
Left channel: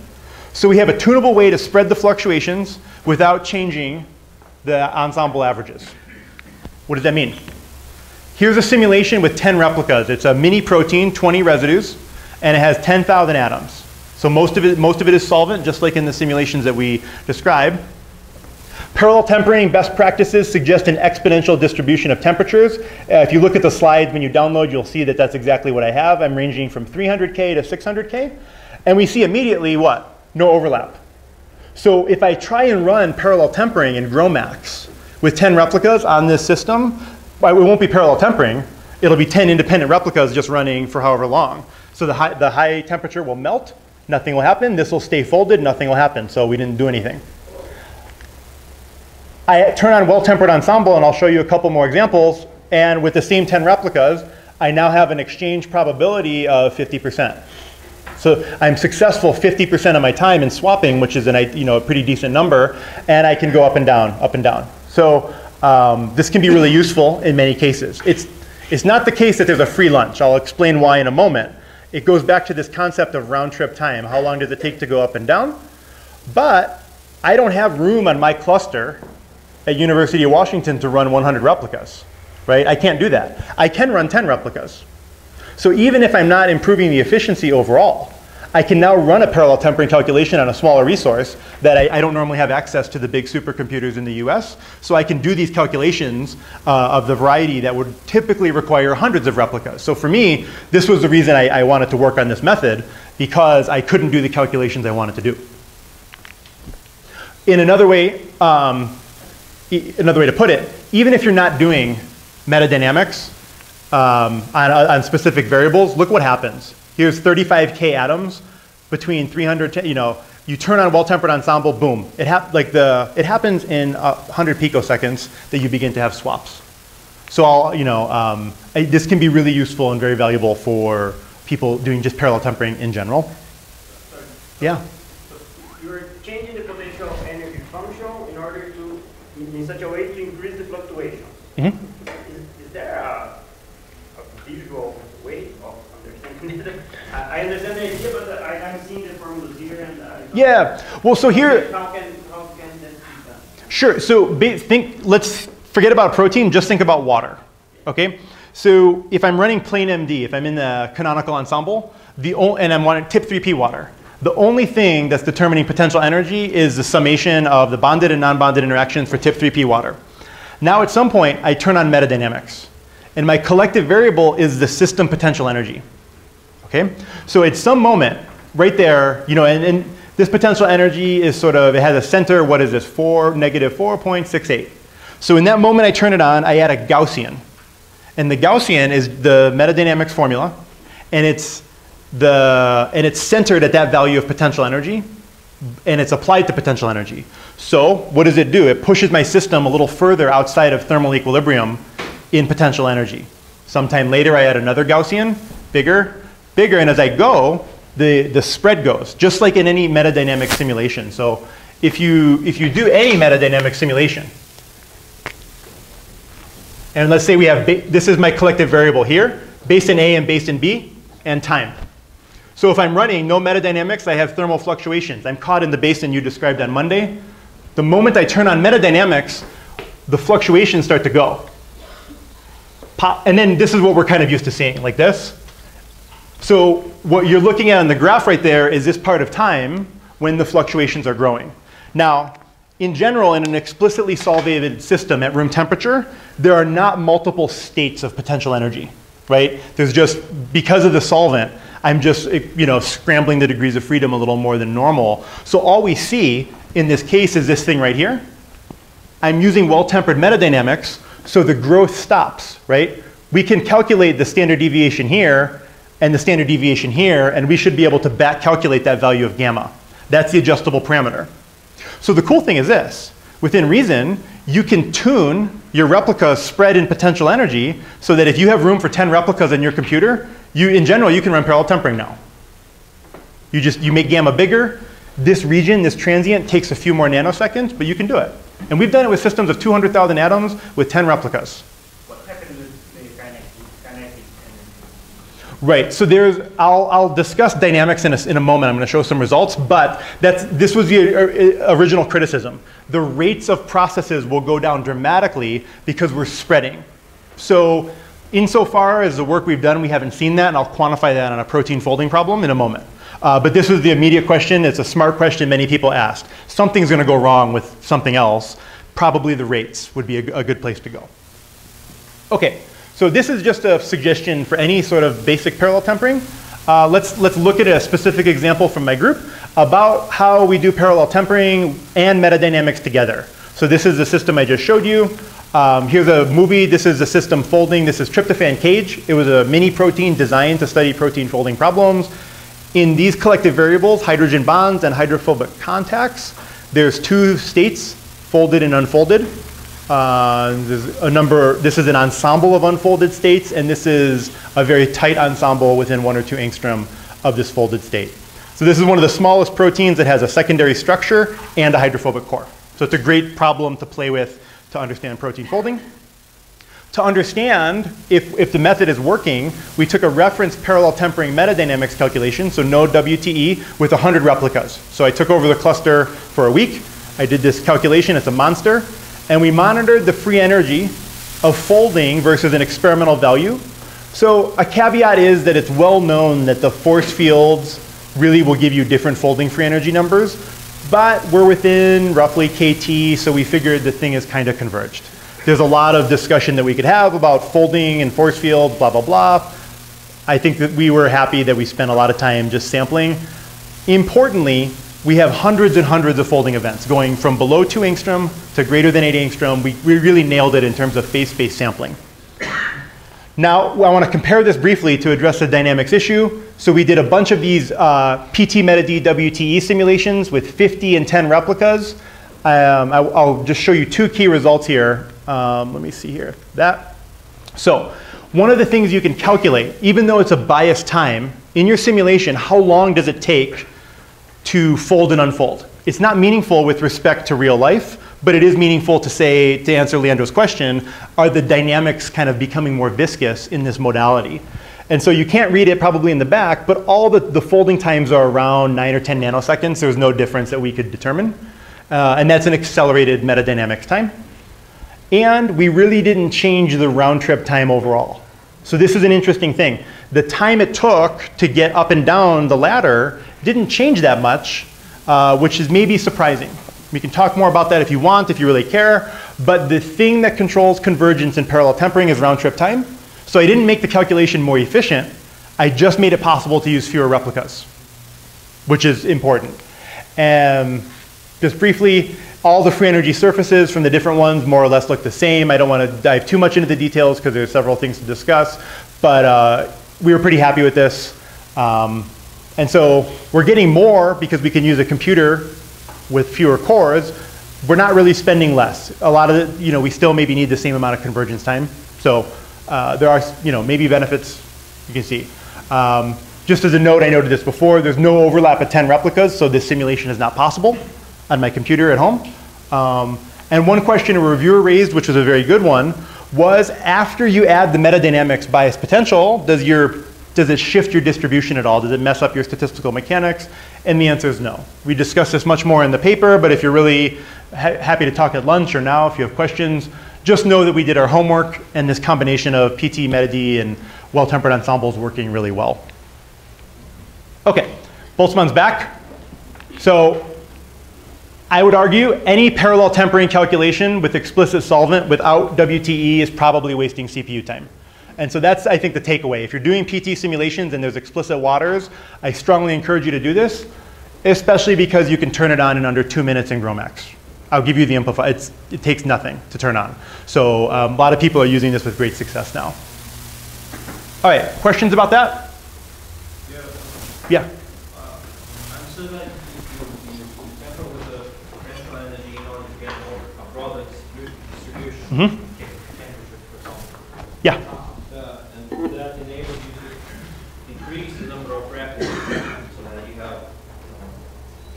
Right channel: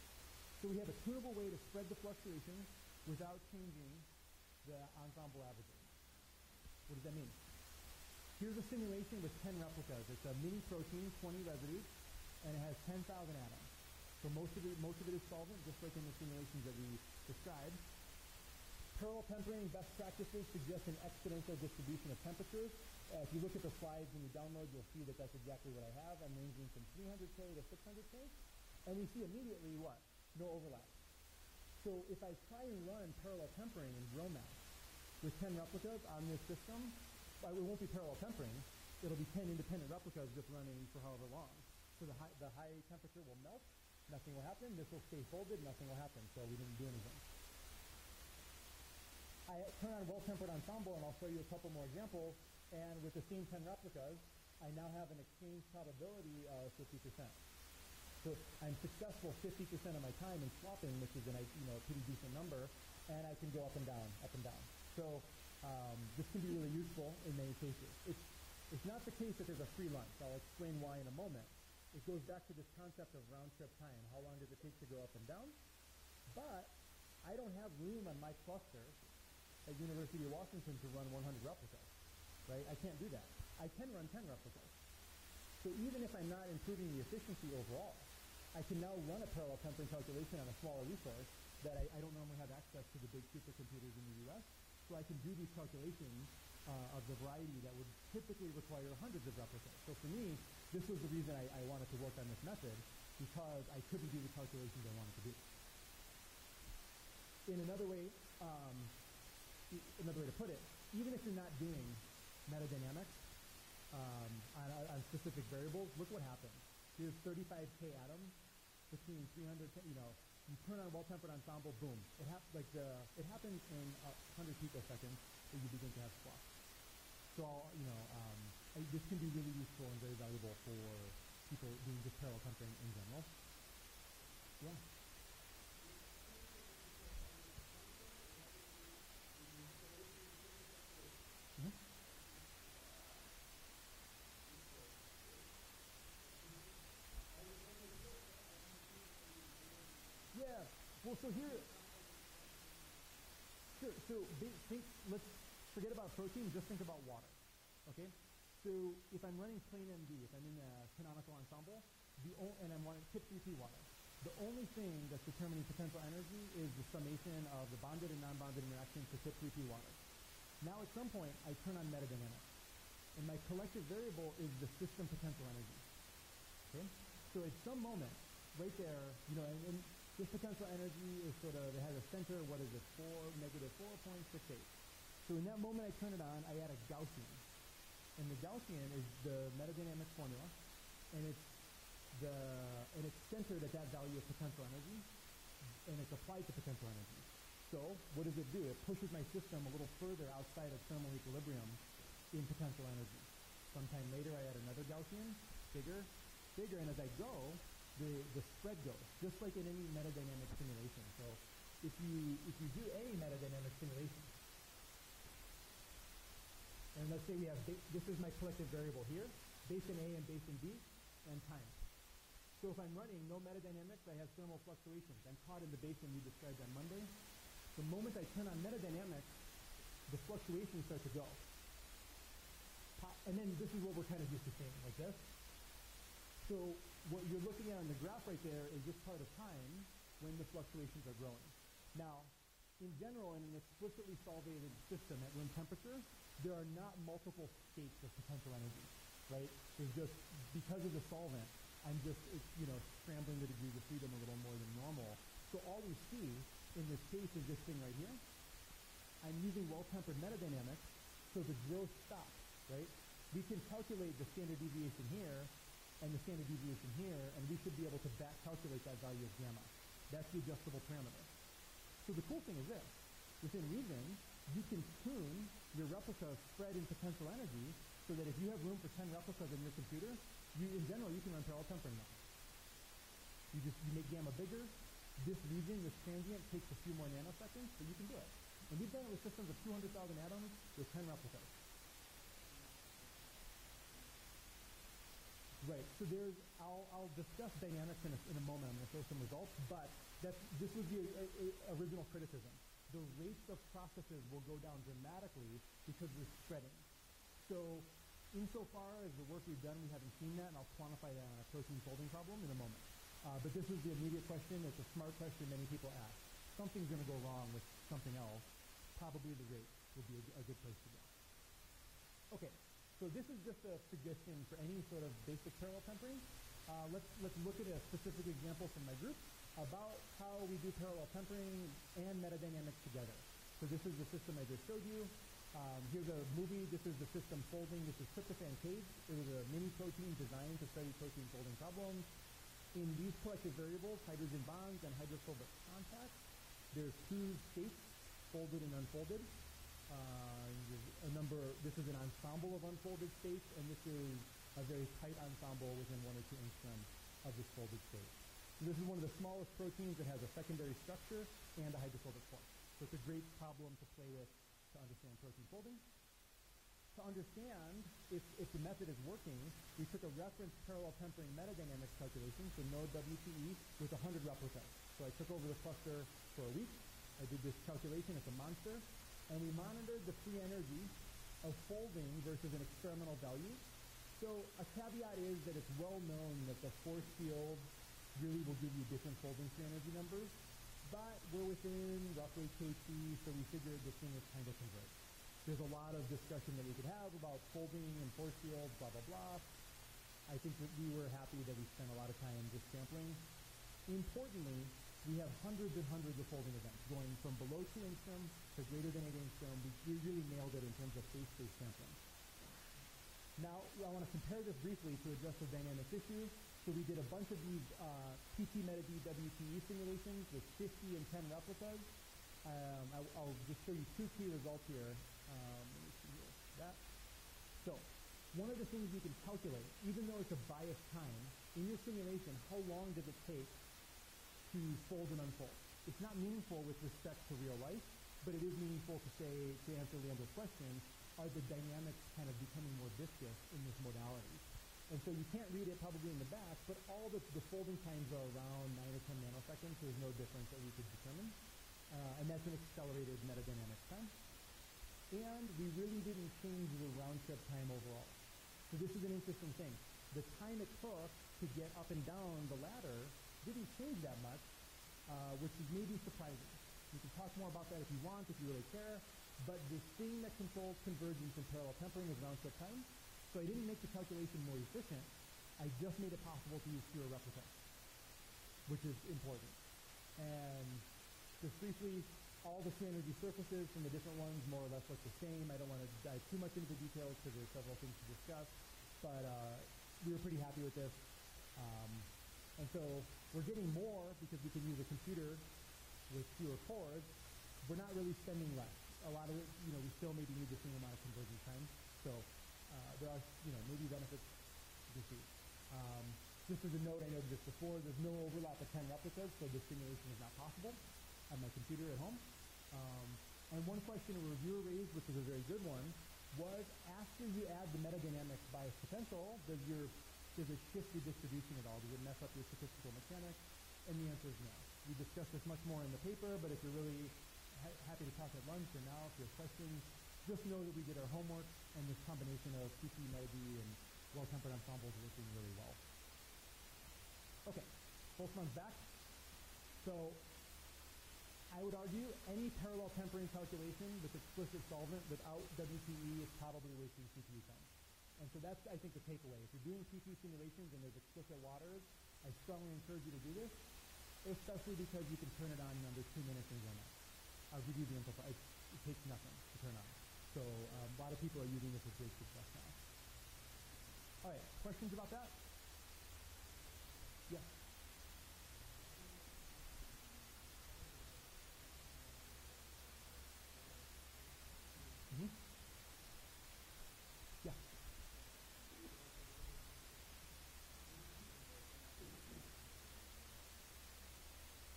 So we have a tunable way to spread the fluctuations without changing the ensemble averages. What does that mean? Here's a simulation with 10 replicas. It's a mini protein, 20 residues, and it has 10,000 atoms. So most of it is solvent, just like in the simulations that we described. Parallel tempering best practices suggest an exponential distribution of temperatures. If you look at the slides when you download, you'll see that that's exactly what I have. I'm ranging from 300K to 600K. And we see immediately what? No overlap. So if I try and run parallel tempering in GROMACS with 10 replicas on this system, well, it won't be parallel tempering. It'll be 10 independent replicas just running for however long. So the high temperature will melt. Nothing will happen. This will stay folded. Nothing will happen. So we didn't do anything. I turn on well-tempered ensemble, and I'll show you a couple more examples. And with the same 10 replicas, I now have an exchange probability of 50%. So I'm successful 50% of my time in swapping, which is a pretty decent number. And I can go up and down, up and down. So this can be really useful in many cases. It's not the case that there's a free lunch. I'll explain why in a moment. It goes back to this concept of round-trip time. How long does it take to go up and down? But I don't have room on my cluster at University of Washington to run 100 replicas, right? I can't do that. I can run 10 replicas. So even if I'm not improving the efficiency overall, I can now run a parallel tempering calculation on a smaller resource that I don't normally have access to the big supercomputers in the US. So I can do these calculations of the variety that would typically require hundreds of replicas. So for me, this was the reason I wanted to work on this method, because I couldn't do the calculations I wanted to do. In another way to put it, even if you're not doing metadynamics on specific variables, look what happens. Here's 35K atoms between 300, you turn on well-tempered ensemble, boom. It happens in 100 picoseconds that you begin to have swaps. So this can be really useful and very valuable for people doing just parallel tempering in general. Sorry. Yeah. So you're changing the potential energy function in order to, in such a way to increase the fluctuation. Mm-hmm. Is there a visual way of understanding it? I understand the idea, but I'm seeing the formulas here. And yeah. Well, so here. How can that be done? Sure. So let's forget about protein. Just think about water. Okay. So if I'm running plain MD, if I'm in the canonical ensemble, and I'm wanting tip 3P water, the only thing that's determining potential energy is the summation of the bonded and non-bonded interactions for tip 3P water. Now at some point, I turn on metadynamics. And my collective variable is the system potential energy. Okay? So at some moment, right there, and this potential energy is it has a center, what is this, negative 4.68. So in that moment I turn it on, I add a Gaussian. And the Gaussian is the metadynamics formula, and it's centered at that value of potential energy, and it's applied to potential energy. So what does it do? It pushes my system a little further outside of thermal equilibrium in potential energy. Sometime later I add another Gaussian, bigger, and as I go, the spread goes, just like in any metadynamic simulation. So if you do any metadynamic simulation, and let's say we have, this is my collective variable here, basin A and basin B, and time. So if I'm running no metadynamics, I have thermal fluctuations. I'm caught in the basin you described on Monday. The moment I turn on metadynamics, the fluctuations start to go. Pop, and then this is what we're kind of used to seeing, like this. So what you're looking at on the graph right there is this part of time when the fluctuations are growing. Now, in general, in an explicitly solvated system at room temperature, there are not multiple states of potential energy, right? There's just, because of the solvent, I'm just scrambling the degrees of freedom a little more than normal. So all we see in this case is this thing right here. I'm using well-tempered metadynamics, so the growth stops, right? We can calculate the standard deviation here and the standard deviation here, and we should be able to back calculate that value of gamma. That's the adjustable parameter. So the cool thing is this. Within reason, you can tune your replicas spread in potential energy so that if you have room for 10 replicas in your computer, in general, you can run parallel tempering now. You make gamma bigger. this region, this transient, takes a few more nanoseconds, but you can do it. And we've done it with systems of 200,000 atoms with 10 replicas. What happens with the kinetic energy? Right, so I'll discuss dynamics in a moment. I'm going to show some results, but this was the original criticism. The rates of processes will go down dramatically because we're spreading. So insofar as the work we've done, we haven't seen that, and I'll quantify that on a protein folding problem in a moment. But this was the immediate question. It's a smart question many people asked. Something's going to go wrong with something else. Probably the rates would be a good place to go. OK, so this is just a suggestion for any sort of basic parallel tempering. Let's look at a specific example from my group about how we do parallel tempering and metadynamics together. So this is the system I just showed you. Here's a movie. This is the system folding. This is tryptophan cage. It was a mini protein designed to study protein folding problems. In these collective variables, hydrogen bonds and hydrophobic contacts, there's two states, folded and unfolded. There's a number. This is an ensemble of unfolded states, and this is a very tight ensemble within 1 or 2 angstrom of this folded state. So this is one of the smallest proteins that has a secondary structure and a hydrophobic core. So it's a great problem to play with to understand protein folding. To understand if the method is working, we took a reference parallel tempering metadynamics calculation, so no WTE, with 100 replicas. So I took over the cluster for a week. I did this calculation. It's a monster. And we monitored the free energy of folding versus an experimental value. So a caveat is that it's well known that the force fields really will give you different folding free energy numbers. But we're within roughly KT, so we figured the thing is kind of converged. There's a lot of discussion that we could have about folding and force fields, blah, blah, blah. I think that we were happy that we spent a lot of time just sampling. Importantly, we have hundreds and hundreds of folding events going from below 2 angstrom to greater than 8 angstrom. We really nailed it in terms of phase space sampling. Now, I want to compare this briefly to address the dynamics issue. So we did a bunch of these PBMetaD WTE simulations with 50 and 10 replicas. I'll just show you 2 key results here. Let me see here. So one of the things you can calculate, even though it's a biased time, in your simulation, how long does it take to fold and unfold? It's not meaningful with respect to real life, but it is meaningful to say, to answer Leandro's question, are the dynamics kind of becoming more viscous in this modality? And so you can't read it probably in the back, but all the folding times are around 9 or 10 nanoseconds. There's no difference that we could determine. And that's an accelerated metadynamics time. And we really didn't change the round trip time overall. So this is an interesting thing. The time it took to get up and down the ladder didn't change that much, which is maybe surprising. We can talk more about that if you want, if you really care. But the thing that controls convergence and parallel tempering is round trip time. So I didn't make the calculation more efficient. I just made it possible to use fewer replicas, which is important. Just briefly, all the free energy surfaces from the different ones more or less look the same. I don't want to dive too much into the details because there's several things to discuss. But we were pretty happy with this. And so we're getting more because we can use a computer with fewer cores. We're not really spending less. A lot of it, we still maybe need the same amount of convergence time. So there are, maybe benefits you can see. Just as a note, I noted this before, there's no overlap at 10 replicas, so this simulation is not possible on my computer at home. And one question a reviewer raised, which was a very good one, was after you add the metadynamics bias potential, does it shift your distribution at all? Does it mess up your statistical mechanics? And the answer is no. We discuss this much more in the paper, but if you're really happy to talk at lunch or now if you have questions, just know that we did our homework and this combination of PBMetaD and well-tempered ensembles working really well. Okay, Boltzmann's back. So I would argue any parallel tempering calculation with explicit solvent without WTE is probably wasting CPU time. And so that's, I think, the takeaway. If you're doing PT simulations and there's explicit waters, I strongly encourage you to do this, especially because you can turn it on in under 2 minutes in GROMACS. I'll give you the info. It takes nothing to turn on. So a lot of people are using this with great success now. All right, questions about that? Yeah. I'm sure that you temper with the potential energy in order to get a broader distribution. Mm-hmm. Yeah. And that enables you to increase the number of replicas so that you have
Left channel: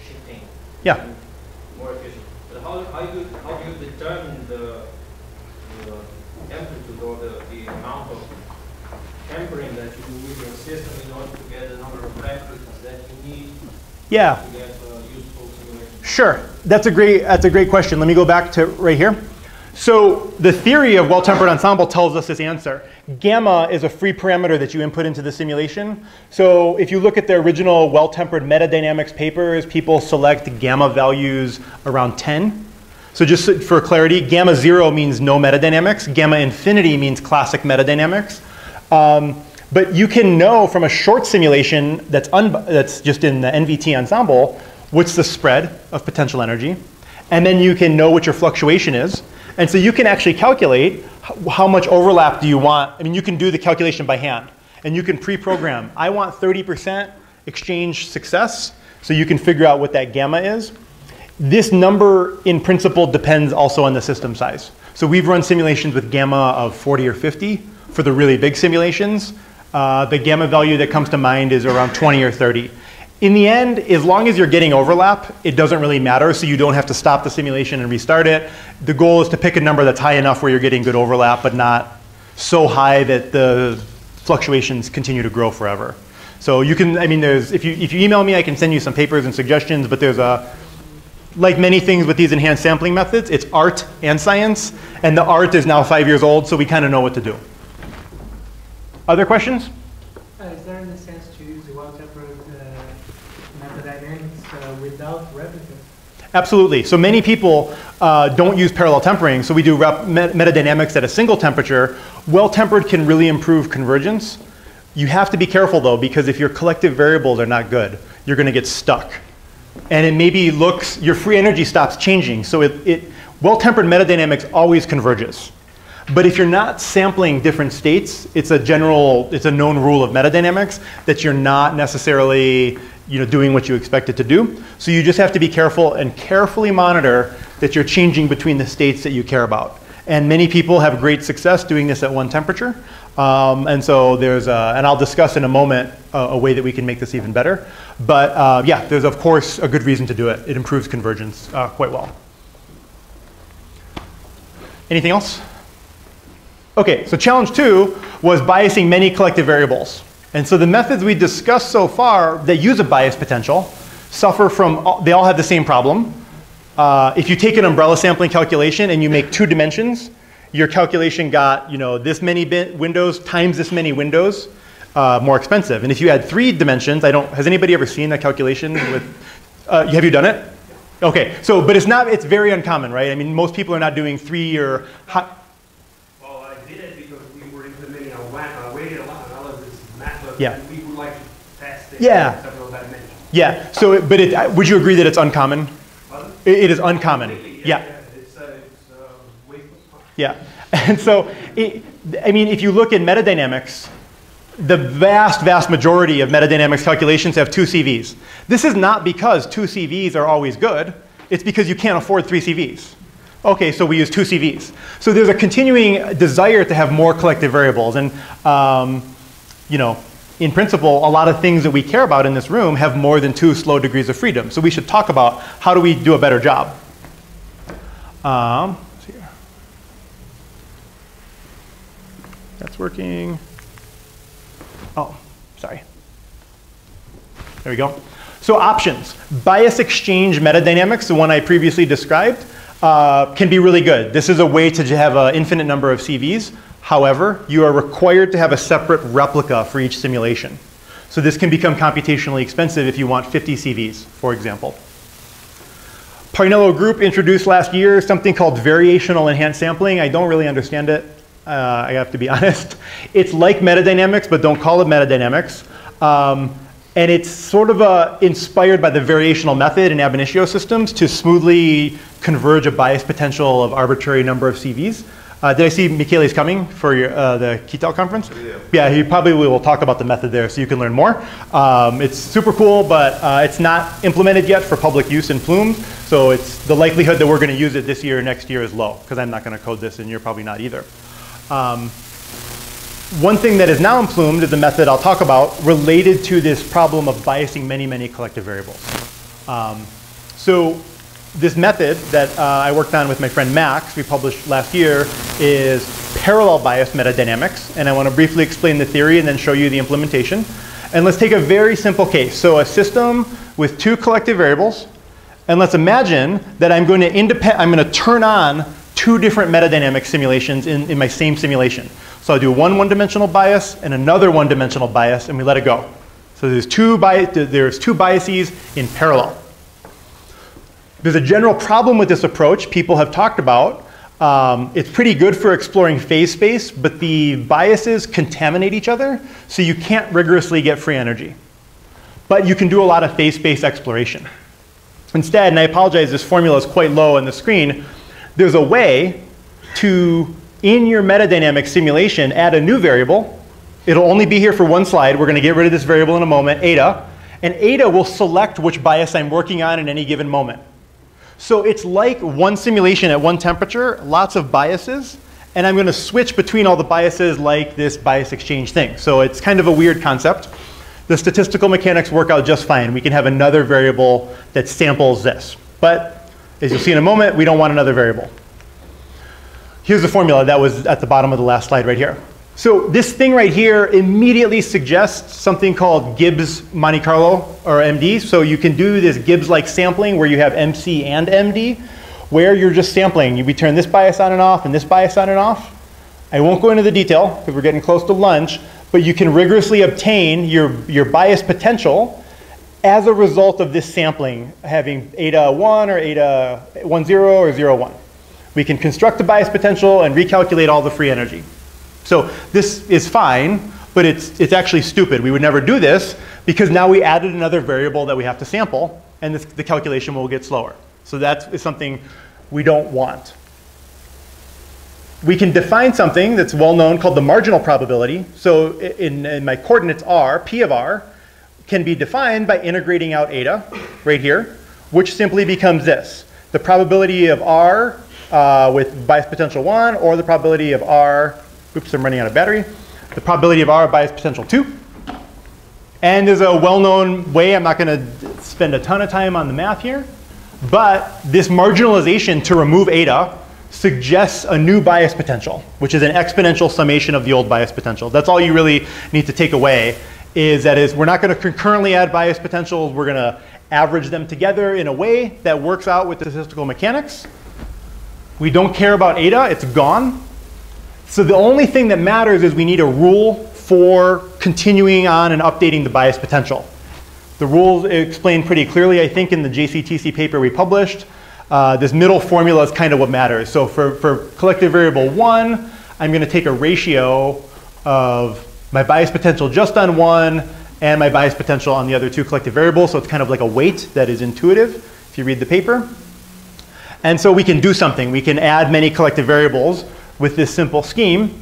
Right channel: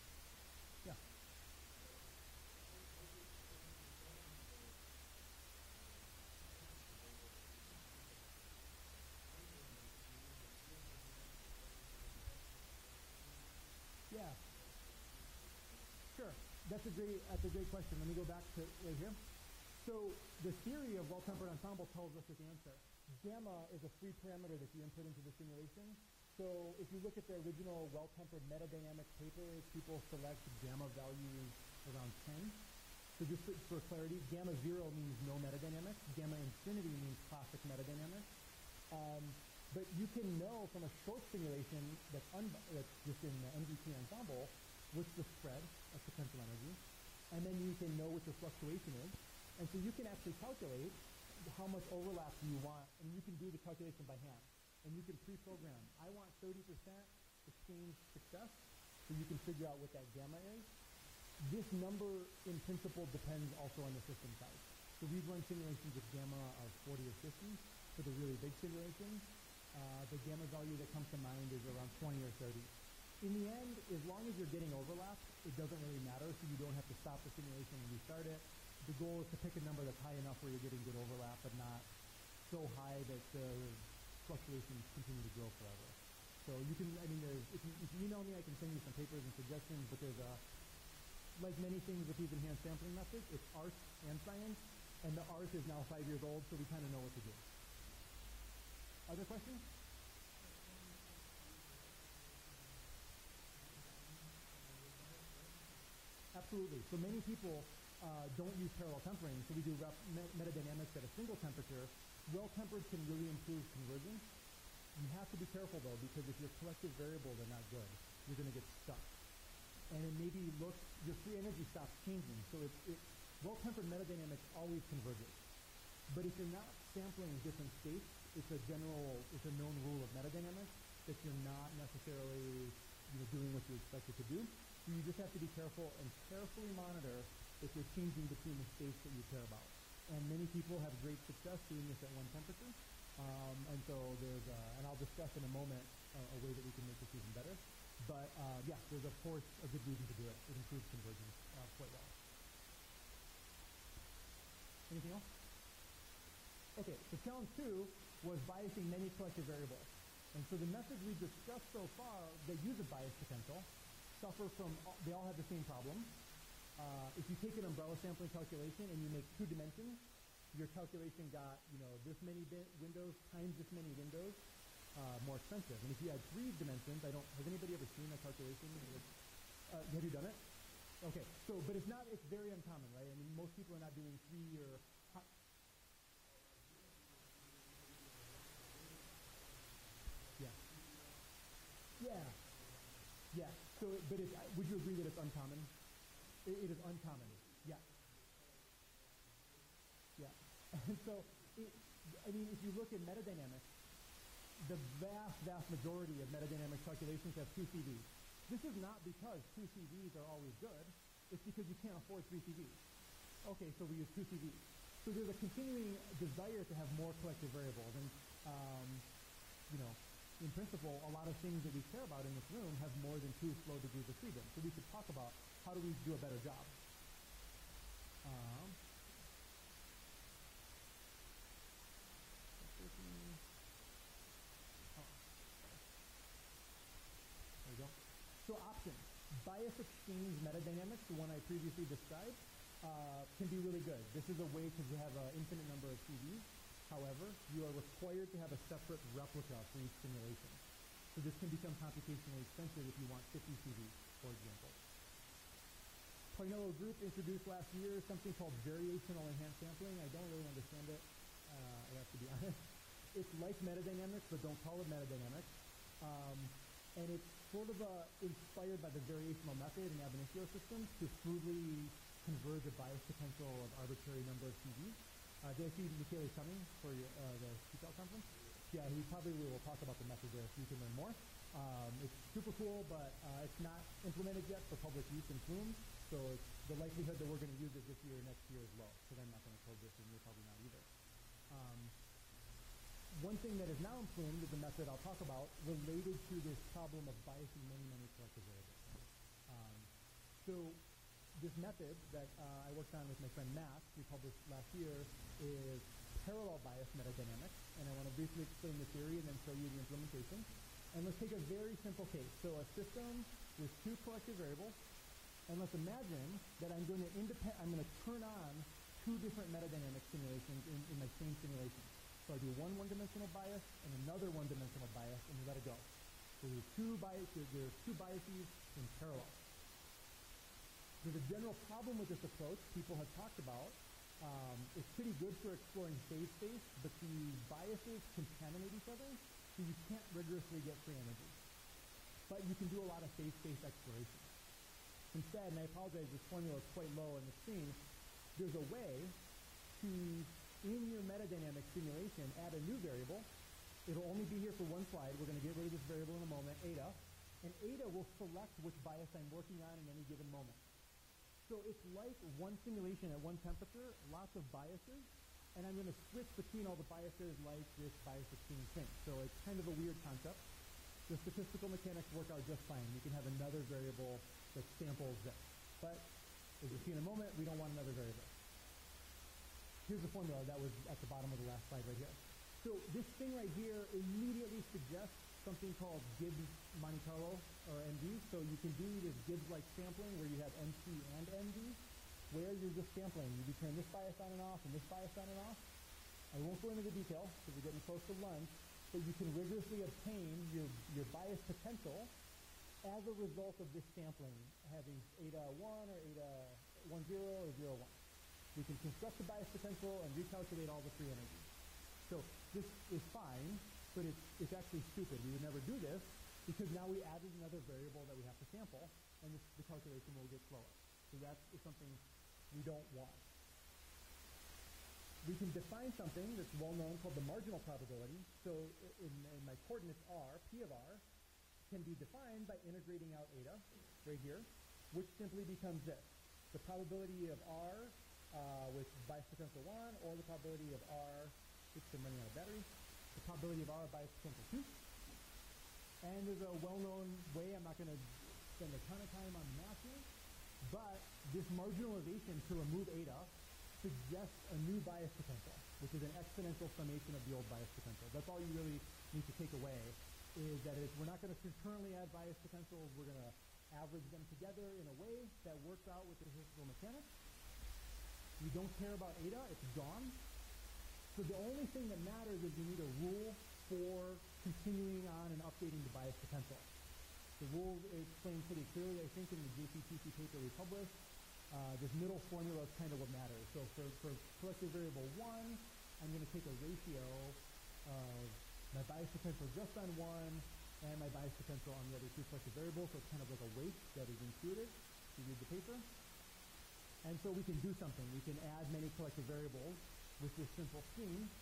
shifting Yeah. and more efficient. But how do you determine the amplitude or the amount of tempering that you need in your system in order to get the number of references that you need to get a useful simulation? Sure. That's a great question. Let me go back to right here. So the theory of well-tempered ensemble tells us this answer. Gamma is a free parameter that you input into the simulation. So if you look at the original well-tempered metadynamics papers, people select gamma values around 10. So just for clarity, gamma 0 means no metadynamics. Gamma infinity means classic metadynamics. But you can know from a short simulation that's just in the NVT ensemble what's the spread of potential energy. And then you can know what your fluctuation is. And so you can actually calculate how much overlap do you want. I mean, you can do the calculation by hand. And you can pre-program. I want 30% exchange success. So you can figure out what that gamma is. This number, in principle, depends also on the system size. So we've run simulations with gamma of 40 or 50 for the really big simulations. The gamma value that comes to mind is around 20 or 30. In the end, as long as you're getting overlap, it doesn't really matter, so you don't have to stop the simulation and restart it. The goal is to pick a number that's high enough where you're getting good overlap, but not so high that the fluctuations continue to grow forever. So you can, I mean, if you email me, I can send you some papers and suggestions, but there's like many things with these enhanced sampling methods, it's art and science, and the art is now 5 years old, so we kind of know what to do. Other questions? Is there any sense to use the well-tempered metadynamics without replica? Absolutely. So many people don't use parallel tempering, so we do metadynamics at a single temperature. Well-tempered can really improve convergence. You have to be careful, though, because if your collective variables are not good, you're going to get stuck. And it maybe looks, your free energy stops changing. So well-tempered metadynamics always converges. But if you're not sampling different states, it's a known rule of metadynamics that you're not necessarily doing what you expect it to do. So you just have to be careful and carefully monitor that you're changing between the states that you care about. And many people have great success doing this at one temperature. And so there's, and I'll discuss in a moment a way that we can make this even better. But yeah, there's of course a good reason to do it. It improves convergence quite well. Anything else? Okay, so challenge 2 was biasing many collective variables. And so the methods we discussed so far that use a bias potential suffer from, they all have the same problem. If you take an umbrella sampling calculation and you make 2 dimensions, your calculation got this many windows times this many windows more expensive. And if you add 3 dimensions, has anybody ever seen a calculation with, have you done it? Okay, so, but it's very uncommon, right? I mean, most people are not doing 3 or, yeah. We would like to test it yeah. in several dimensions. Yeah. So, but would you agree that it's uncommon? It is uncommon. Yeah. It's waste of time. Yeah. And so, I mean, if you look at metadynamics, the vast majority of metadynamics calculations have 2 CVs. This is not because 2 CVs are always good. It's because you can't afford 3 CVs. Okay, so we use 2 CVs. So there's a continuing desire to have more collective variables. And in principle, a lot of things that we care about in this room have more than 2 slow degrees of freedom. So we should talk about how do we do a better job. Let's see here. That's working. Oh, sorry. There we go. So options. Bias exchange metadynamics, the one I previously described, can be really good. This is a way to have an infinite number of CVs. However, you are required to have a separate replica for each simulation. So this can become computationally expensive if you want 50 CVs, for example. Parnello Group introduced last year something called variational enhanced sampling. I don't really understand it. I have to be honest. It's like metadynamics, but don't call it metadynamics. And it's sort of inspired by the variational method in ab initio systems to smoothly converge a bias potential of arbitrary number of CVs. Did I see Michele's coming for the Ketal conference? Yeah, he probably will talk about the method there so you can learn more. It's super cool, but it's not implemented yet for public use in Plumes. So the likelihood that we're going to use it this year or next year is low, because I'm not going to code this and you're probably not either. One thing that is now in Plume is a method I'll talk about related to this problem of biasing many collective variables. So this method that I worked on with my friend Max, we published last year, is parallel bias metadynamics. And I want to briefly explain the theory and then show you the implementation. And let's take a very simple case. So a system with two collective variables. And let's imagine that I'm going to turn on two different metadynamic simulations in my same simulation. So I'll do one one-dimensional bias and another one-dimensional bias, and we let it go. So there's two biases in parallel. There's a general problem with this approach people have talked about. It's pretty good for exploring phase space, but the biases contaminate each other, so you can't rigorously get free energy. But you can do a lot of phase space exploration. Instead, and I apologize, this formula is quite low on the screen, there's a way to, in your metadynamic simulation, add a new variable. It'll only be here for one slide. We're going to get rid of this variable in a moment, eta. And eta will select which bias I'm working on in any given moment. So it's like one simulation at one temperature, lots of biases. And I'm going to switch between all the biases like this bias exchange thing. So it's kind of a weird concept. The statistical mechanics work out just fine. We can have another variable that samples this. But as you'll see in a moment, we don't want another variable. Here's the formula that was at the bottom of the last slide right here. So this thing right here immediately suggests something called Gibbs Monte Carlo, or MD. So you can do this Gibbs-like sampling where you have MC and MD, where you're just sampling. We turn this bias on and off and this bias on and off. I won't go into the detail because we're getting close to lunch. But you can rigorously obtain your bias potential as a result of this sampling, having eta 1 or eta 1, 0 or 0, 1. We can construct the bias potential and recalculate all the free energy. So this is fine, but it's actually stupid. We would never do this because now we added another variable that we have to sample, and the calculation will get slower. So that is something we don't want. We can define something that's well known called the marginal probability. So in my coordinates r, p of r, can be defined by integrating out eta right here, which simply becomes this. The probability of r with bias potential 1, or the probability of r, oops, I'm running out of battery, the probability of r bias potential 2. And there's a well-known way, I'm not going to spend a ton of time on the math here, but this marginalization to remove eta suggests a new bias potential, which is an exponential summation of the old bias potential. That's all you really need to take away, is we're not going to concurrently add bias potentials. We're going to average them together in a way that works out with the statistical mechanics. We don't care about eta. It's gone. So the only thing that matters is we need a rule for continuing on and updating the bias potential. The rules explained pretty clearly, I think, in the JCTC paper we published. This middle formula is kind of what matters. So for collective variable 1, I'm going to take a ratio of my bias potential just on 1 and my bias potential on the other two collective variables. So it's kind of like a weight that is intuitive if you read the paper. And so we can do something. We can add many collective variables with this simple scheme.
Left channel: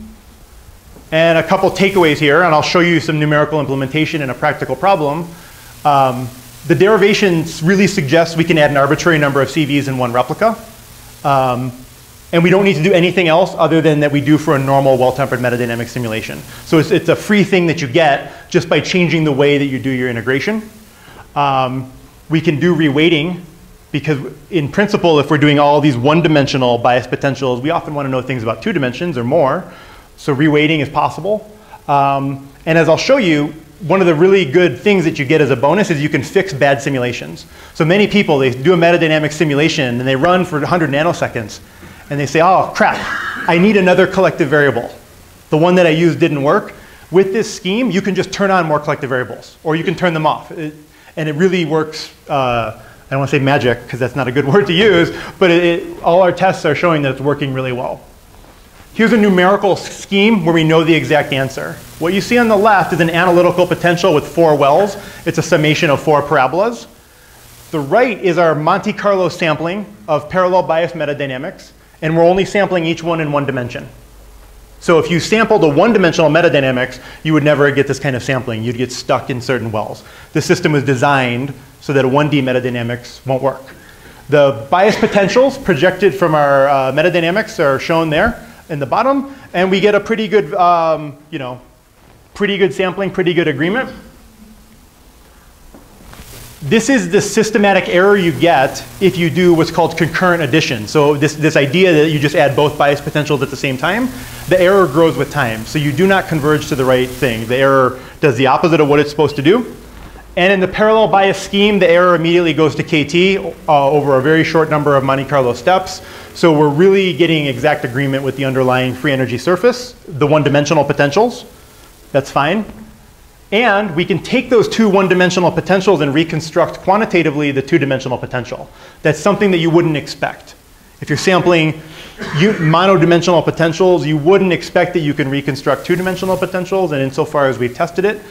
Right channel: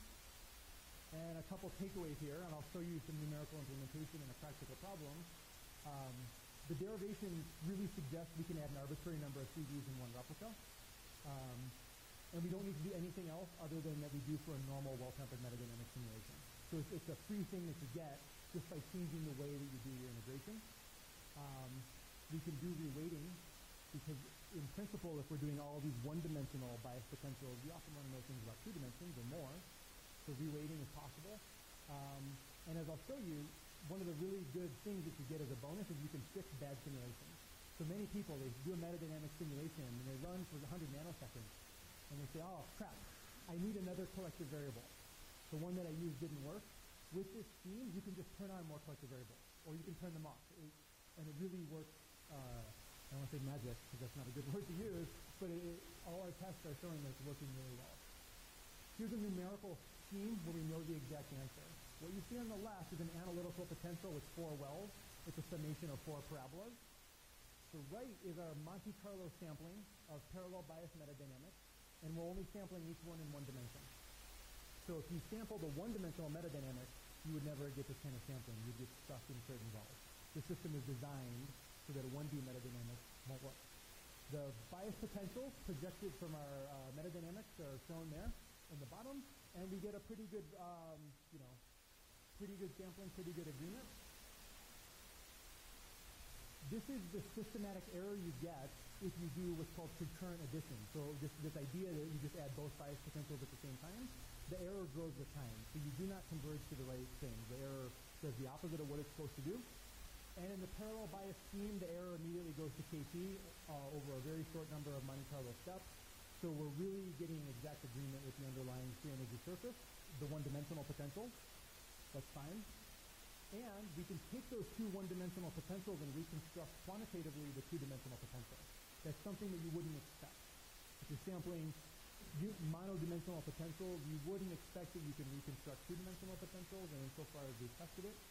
And a couple takeaways here, and I'll show you some numerical implementation in a practical problem. The derivations really suggest we can add an arbitrary number of CVs in one replica. And we don't need to do anything else other than that we do for a normal well-tempered metadynamic simulation. So it's a free thing that you get just by changing the way that you do your integration. We can do reweighting because in principle, if we're doing all these one-dimensional bias potentials, we often want to know things about 2 dimensions or more. So reweighting is possible. And as I'll show you, one of the really good things that you get as a bonus is you can fix bad simulations. So many people, they do a metadynamic simulation and they run for 100 nanoseconds. And they say, oh, crap, I need another collective variable. The one that I used didn't work. With this scheme, you can just turn on more collective variables, or you can turn them off. And it really works, I don't want to say magic, because that's not a good word to use, but all our tests are showing that it's working really well. Here's a numerical scheme where we know the exact answer. What you see on the left is an analytical potential with 4 wells. It's a summation of 4 parabolas. The right is our Monte Carlo sampling of parallel bias metadynamics, and we're only sampling each one in 1 dimension. So if you sampled a 1-dimensional metadynamics, you would never get this kind of sampling. You'd get stuck in certain wells. The system was designed so that a 1D metadynamics won't work. The bias potentials projected from our metadynamics are shown there in the bottom, and we get a pretty good, pretty good sampling, pretty good agreement. This is the systematic error you get if you do what's called concurrent addition. So this idea that you just add both bias potentials at the same time, the error grows with time. So you do not converge to the right thing. The error does the opposite of what it's supposed to do. And in the parallel bias scheme, the error immediately goes to KT over a very short number of Monte Carlo steps. So we're really getting exact agreement with the underlying free energy surface, the one-dimensional potentials. That's fine. And we can take those two one-dimensional potentials and reconstruct quantitatively the two-dimensional potential. That's something that you wouldn't expect. If you're sampling monodimensional potentials, you wouldn't expect that you can reconstruct two-dimensional potentials. And insofar as we've tested it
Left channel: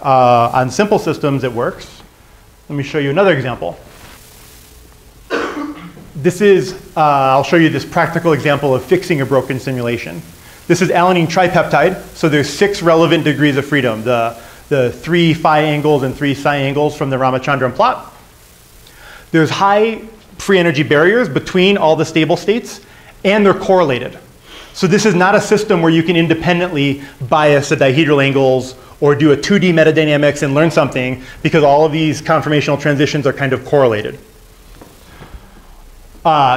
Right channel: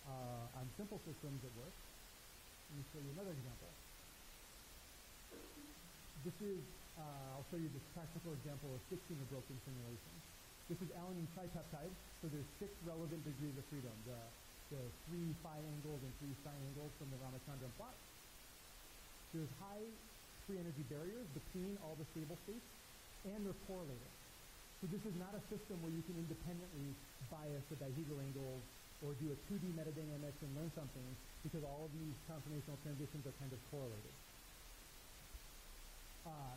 on simple systems, it works. Let me show you another example. This is, I'll show you this practical example of fixing a broken simulation. This is alanine tripeptide. So there's 6 relevant degrees of freedom. The 3 phi angles and 3 psi angles from the Ramachandran plot. There's high free energy barriers between all the stable states, and they're correlated. So this is not a system where you can independently bias the dihedral angles or do a 2D metadynamics and learn something, because all of these conformational transitions are kind of correlated.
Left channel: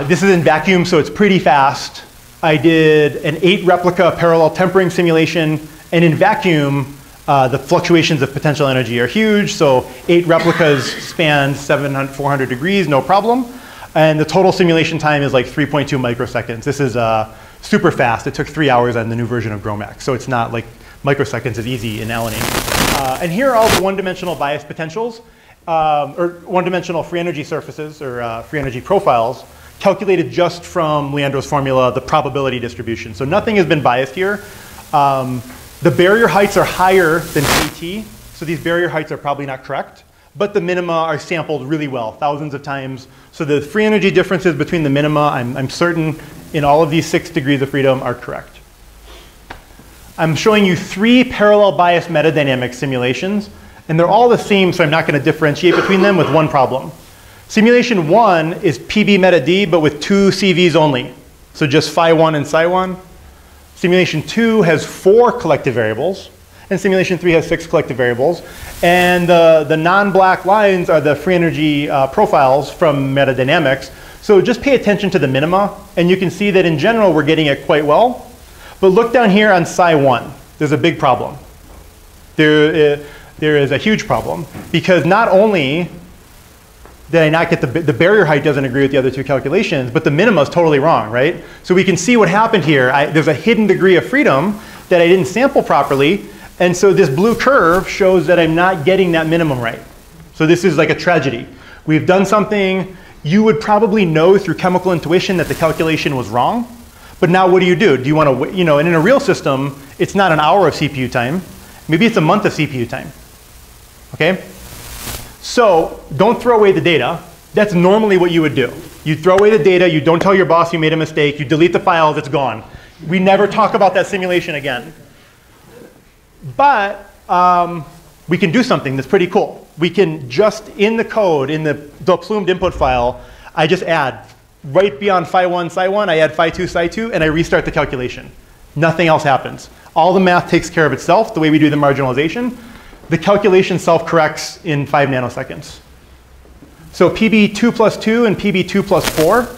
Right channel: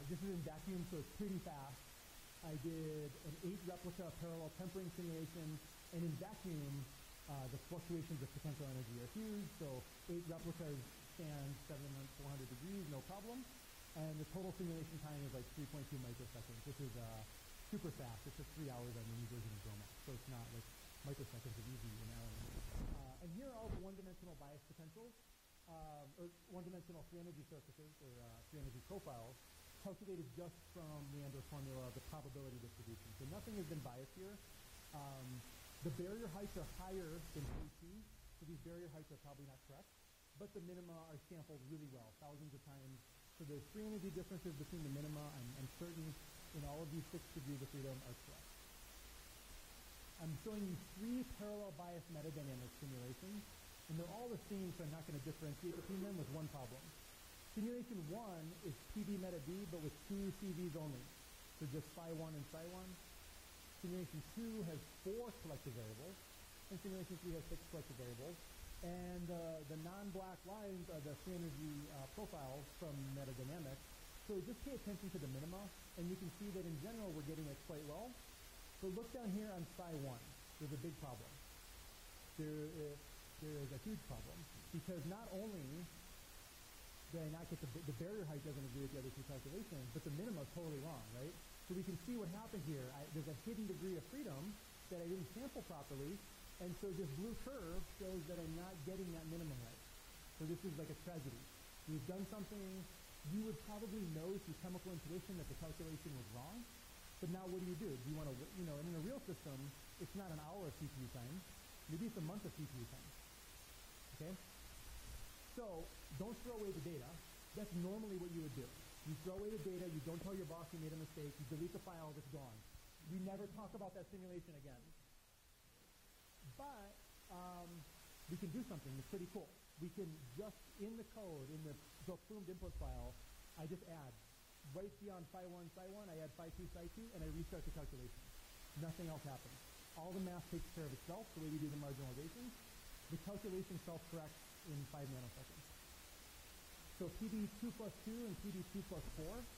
This is in vacuum, so it's pretty fast. I did an 8 replica parallel tempering simulation, and in vacuum, the fluctuations of potential energy are huge, so 8 replicas span 400 degrees, no problem. And the total simulation time is like 3.2 microseconds. This is super fast. It took 3 hours on the new version of GROMACS, so it's not like microseconds is easy in alanine. And here are all the one-dimensional bias potentials, or one-dimensional free energy surfaces, or free energy profiles, calculated just from Leandro's formula, the probability distribution. So nothing has been biased here. The barrier heights are higher than KT, so these barrier heights are probably not correct, but the minima are sampled really well, thousands of times. So the free energy differences between the minima, I'm certain in all of these 6 degrees of freedom are correct. I'm showing you 3 parallel bias metadynamics simulations, and they're all the same, so I'm not going to differentiate between them with one problem. Simulation 1 is PBMetaD, but with 2 CVs only, so just phi 1 and psi 1. Simulation 2 has 4 collective variables, and simulation 3 has 6 collective variables. And the non-black lines are the free energy profiles from metadynamics. So just pay attention to the minima, and you can see that in general we're getting it quite well. But look down here on psi 1. There's a big problem. There is a huge problem, because not only did I not get the barrier height doesn't agree with the other 2 calculations, but the minima is totally wrong, right? So we can see what happened here. There's a hidden degree of freedom that I didn't sample properly, and so this blue curve shows that I'm not getting that minimum right. So this is like a tragedy. We've done something you would probably know through chemical intuition that the calculation was wrong, but now what do? Do you want to, and in a real system, it's not an hour of CPU time. Maybe it's a month of CPU time, okay? So don't throw away the data. That's normally what you would do. You throw away the data, you don't tell your boss you made a mistake, you delete the files, it's gone. We never talk about that simulation again. But we can do something that's pretty cool. We can just, in the code, in the plumed input file, I just add, right beyond phi 1, psi 1, I add phi 2, psi 2, and I restart the calculation. Nothing else happens. All the math takes care of itself, the way we do the marginalization. The calculation self-corrects in 5 nanoseconds. So PB2 plus 2 and PB2 plus 4,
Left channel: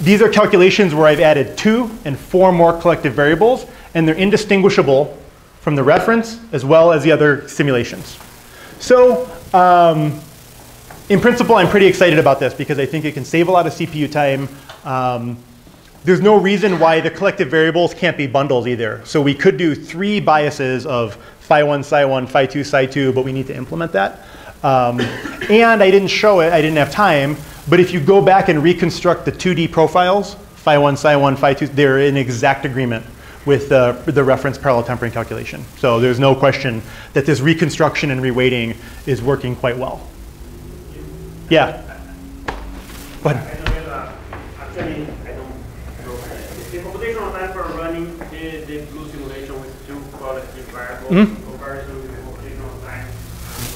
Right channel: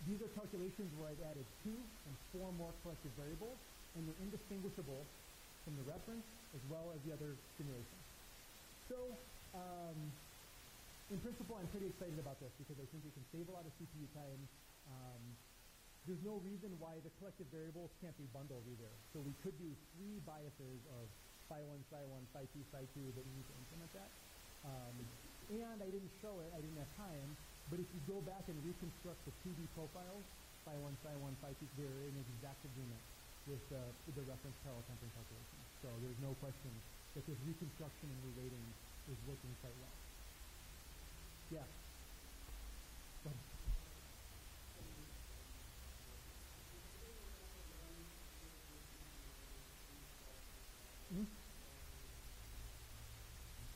these are calculations where I've added 2 and 4 more collective variables, and they're indistinguishable from the reference as well as the other simulations. So in principle, I'm pretty excited about this because I think it can save a lot of CPU time. There's no reason why the collective variables can't be bundles either. So we could do 3 biases of phi 1, psi 1, phi 2, psi 2, but we need to implement that. And I didn't show it, I didn't have time, but if you go back and reconstruct the 2D profiles, phi 1, psi 1, phi 2, they're in exact agreement with the reference parallel tempering calculation. So there's no question that this reconstruction and reweighting is working quite well. Yeah? Go ahead. Actually, I don't know. The computational time for running the blue simulation with 2 collective variables in comparison with the computational time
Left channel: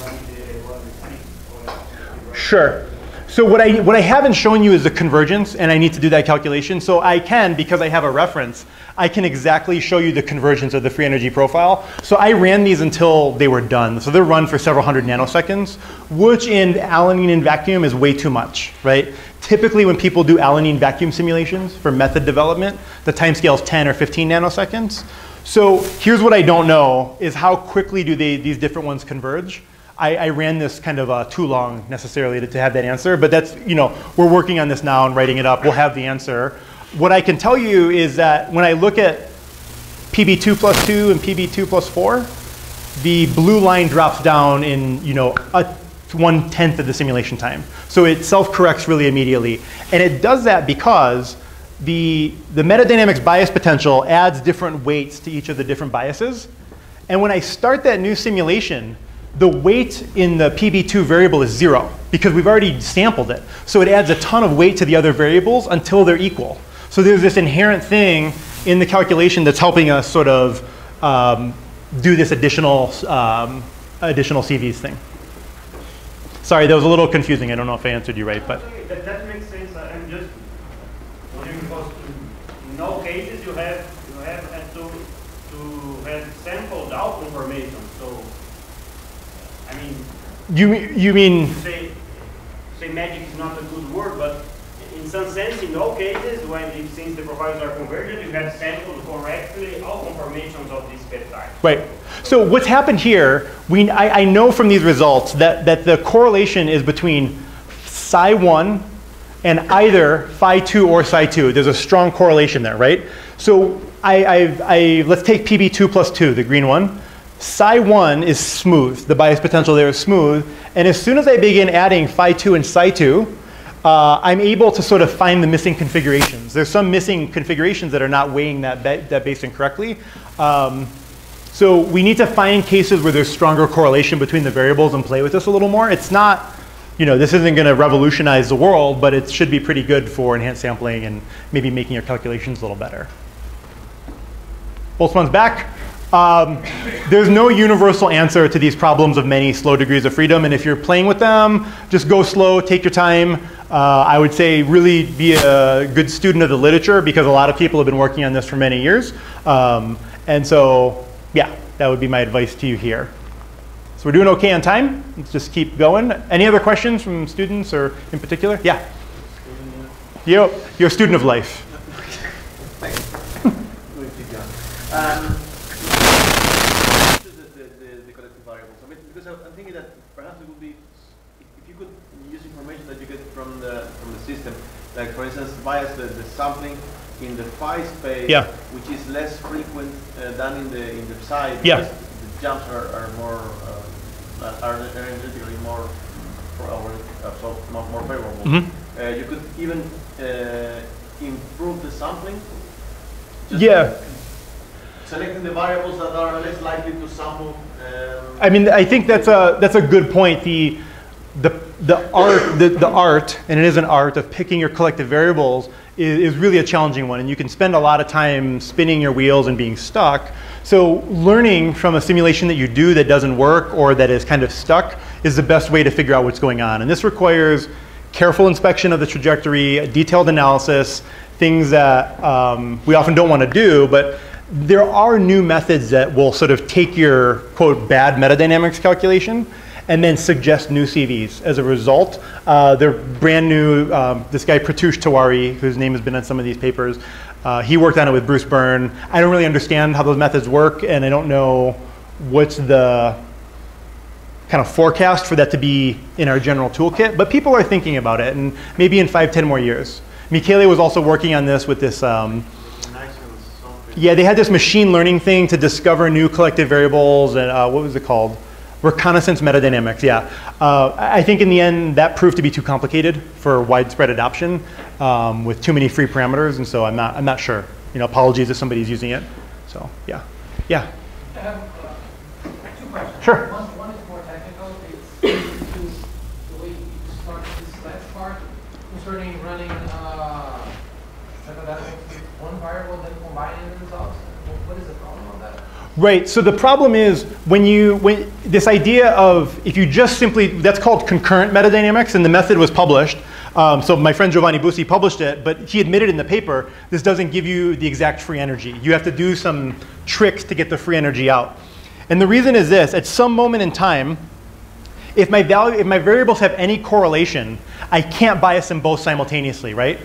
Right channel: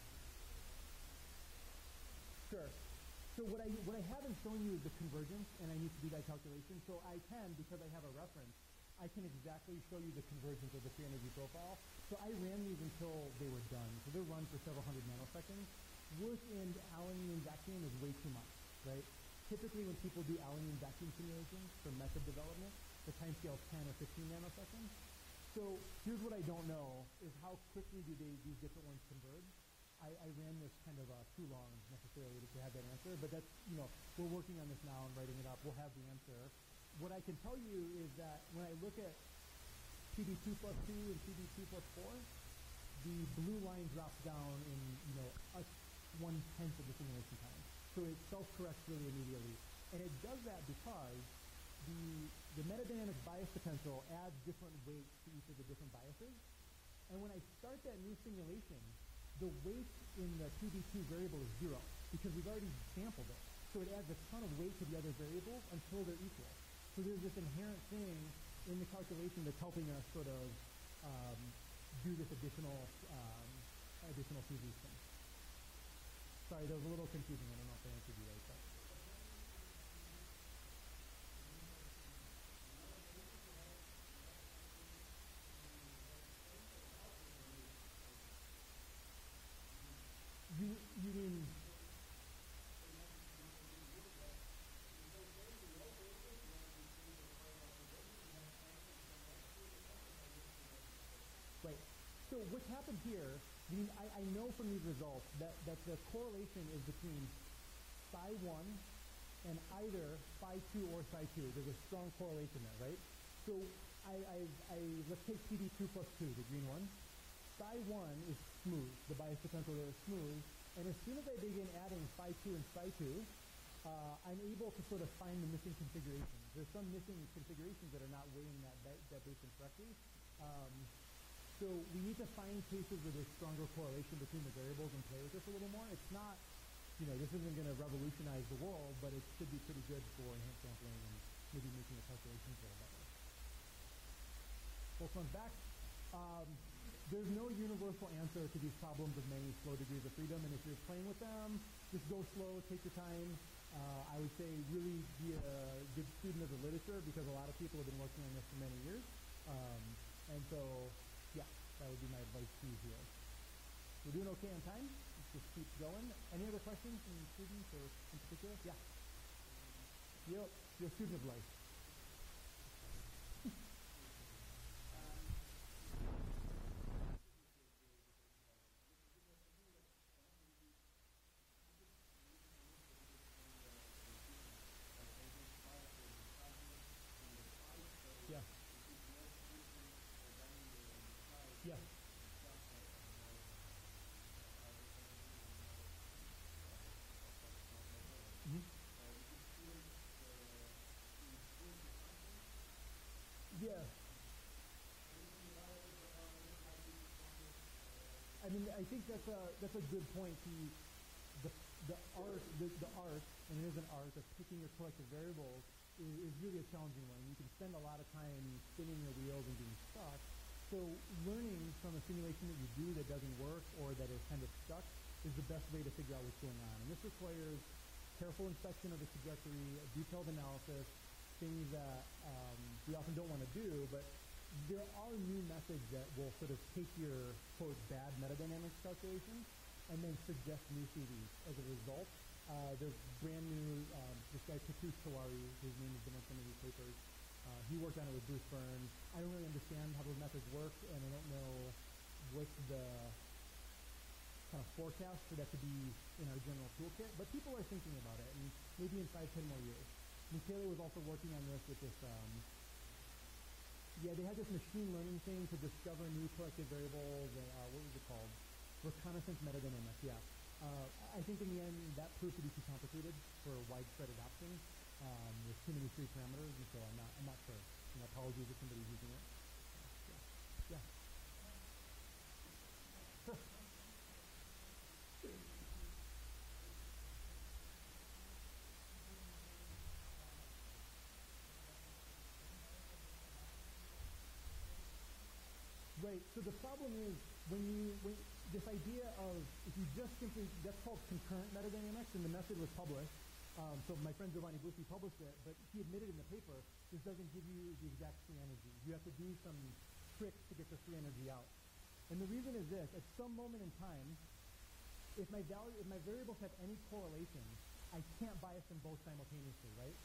running the one with 6 collective variables. Sure. So what I haven't shown you is the convergence, and I need to do that calculation. So I can, because I have a reference, I can exactly show you the convergence of the free energy profile. So I ran these until they were done. So they're run for several hundred nanoseconds, which in alanine in vacuum is way too much, right? Typically when people do alanine vacuum simulations for method development, the time scale is 10 or 15 nanoseconds. So here's what I don't know, is how quickly do these different ones converge? I ran this kind of too long necessarily to have that answer, but that's, we're working on this now and writing it up. We'll have the answer. What I can tell you is that when I look at PB2 plus 2 and PB2 plus 4, the blue line drops down in 1/10 of the simulation time. So it self-corrects really immediately. And it does that because the metadynamics bias potential adds different weights to each of the different biases. And when I start that new simulation, the weight in the PB2 variable is 0 because we've already sampled it. So it adds a ton of weight to the other variables until they're equal. So there's this inherent thing in the calculation that's helping us sort of do this additional CVs thing. Sorry, that was a little confusing. I don't know if I answered you right, but. That makes sense. I'm just wondering because in all cases you have to have sampled out information. So I mean. You mean? Say magic is not a good word, but in some sense, in all cases, since the profiles are convergent, you have sampled correctly all conformations of this peptide. Right. So what's happened here, I know from these results that the correlation is between psi1 and either phi2 or psi2. There's a strong correlation there, right? So let's take PB2 plus 2, the green one. Psi1 is smooth. The bias potential there is smooth. And as soon as I begin adding phi2 and psi2, I'm able to sort of find the missing configurations. There's some missing configurations that are not weighing that basing correctly. So we need to find cases where there's stronger correlation between the variables and play with this a little more. It's not, this isn't going to revolutionize the world, but it should be pretty good for enhanced sampling and maybe making your calculations a little better. Boltzmann's back. There's no universal answer to these problems of many slow degrees of freedom, and if you're playing with them, just go slow, take your time. I would say really be a good student of the literature because a lot of people have been working on this for many years. And so, yeah, that would be my advice to you here. So we're doing okay on time. Let's just keep going. Any other questions from students or in particular? Yeah. You're a student of life. Thanks. The collective variables. I mean, because I'm thinking that perhaps it would be if you could use information that you get from the system, like for instance, bias the sampling in the phi space, yeah, which is less frequent than in the psi. Yeah. The jumps are more are energetically more more favorable. Mm-hmm. You could even improve the sampling. Yeah. Selecting the variables that are less likely to sample. I mean, I think that's a good point. The art, and it is an art of picking your collective variables is really a challenging one, and you can spend a lot of time spinning your wheels and being stuck. So learning from a simulation that you do that doesn't work or that is kind of stuck is the best way to figure out what's going on. And this requires careful inspection of the trajectory, detailed analysis, things that we often don't want to do, but there are new methods that will sort of take your, quote, bad metadynamics calculation and then suggest new CVs as a result. They're brand new. This guy, Pratoush Tiwari, whose name has been on some of these papers, he worked on it with Bruce Byrne. I don't really understand how those methods work, and I don't know what's the kind of forecast for that to be in our general toolkit, but people are thinking about it, and maybe in 5-10 more years. Michele was also working on this with this, yeah, they had this machine learning thing to discover new collective variables, and what was it called? Reconnaissance metadynamics, yeah. I think in the end, that proved to be too complicated for widespread adoption with too many free parameters, and so I'm not sure. Apologies if somebody's using it. So, yeah. Yeah? I have 2 questions. Sure. One is more technical. It's the way you start this last part concerning running metadynamics with one variable, then combining the results. What is the problem on that? Right, so the problem is when this idea of, if you just simply, that's called concurrent metadynamics, and the method was published. So my friend Giovanni Bussi published it, but he admitted in the paper, this doesn't give you the exact free energy. You have to do some tricks to get the free energy out. And the reason is this: at some moment in time, if my variables have any correlation, I can't bias them both simultaneously, right?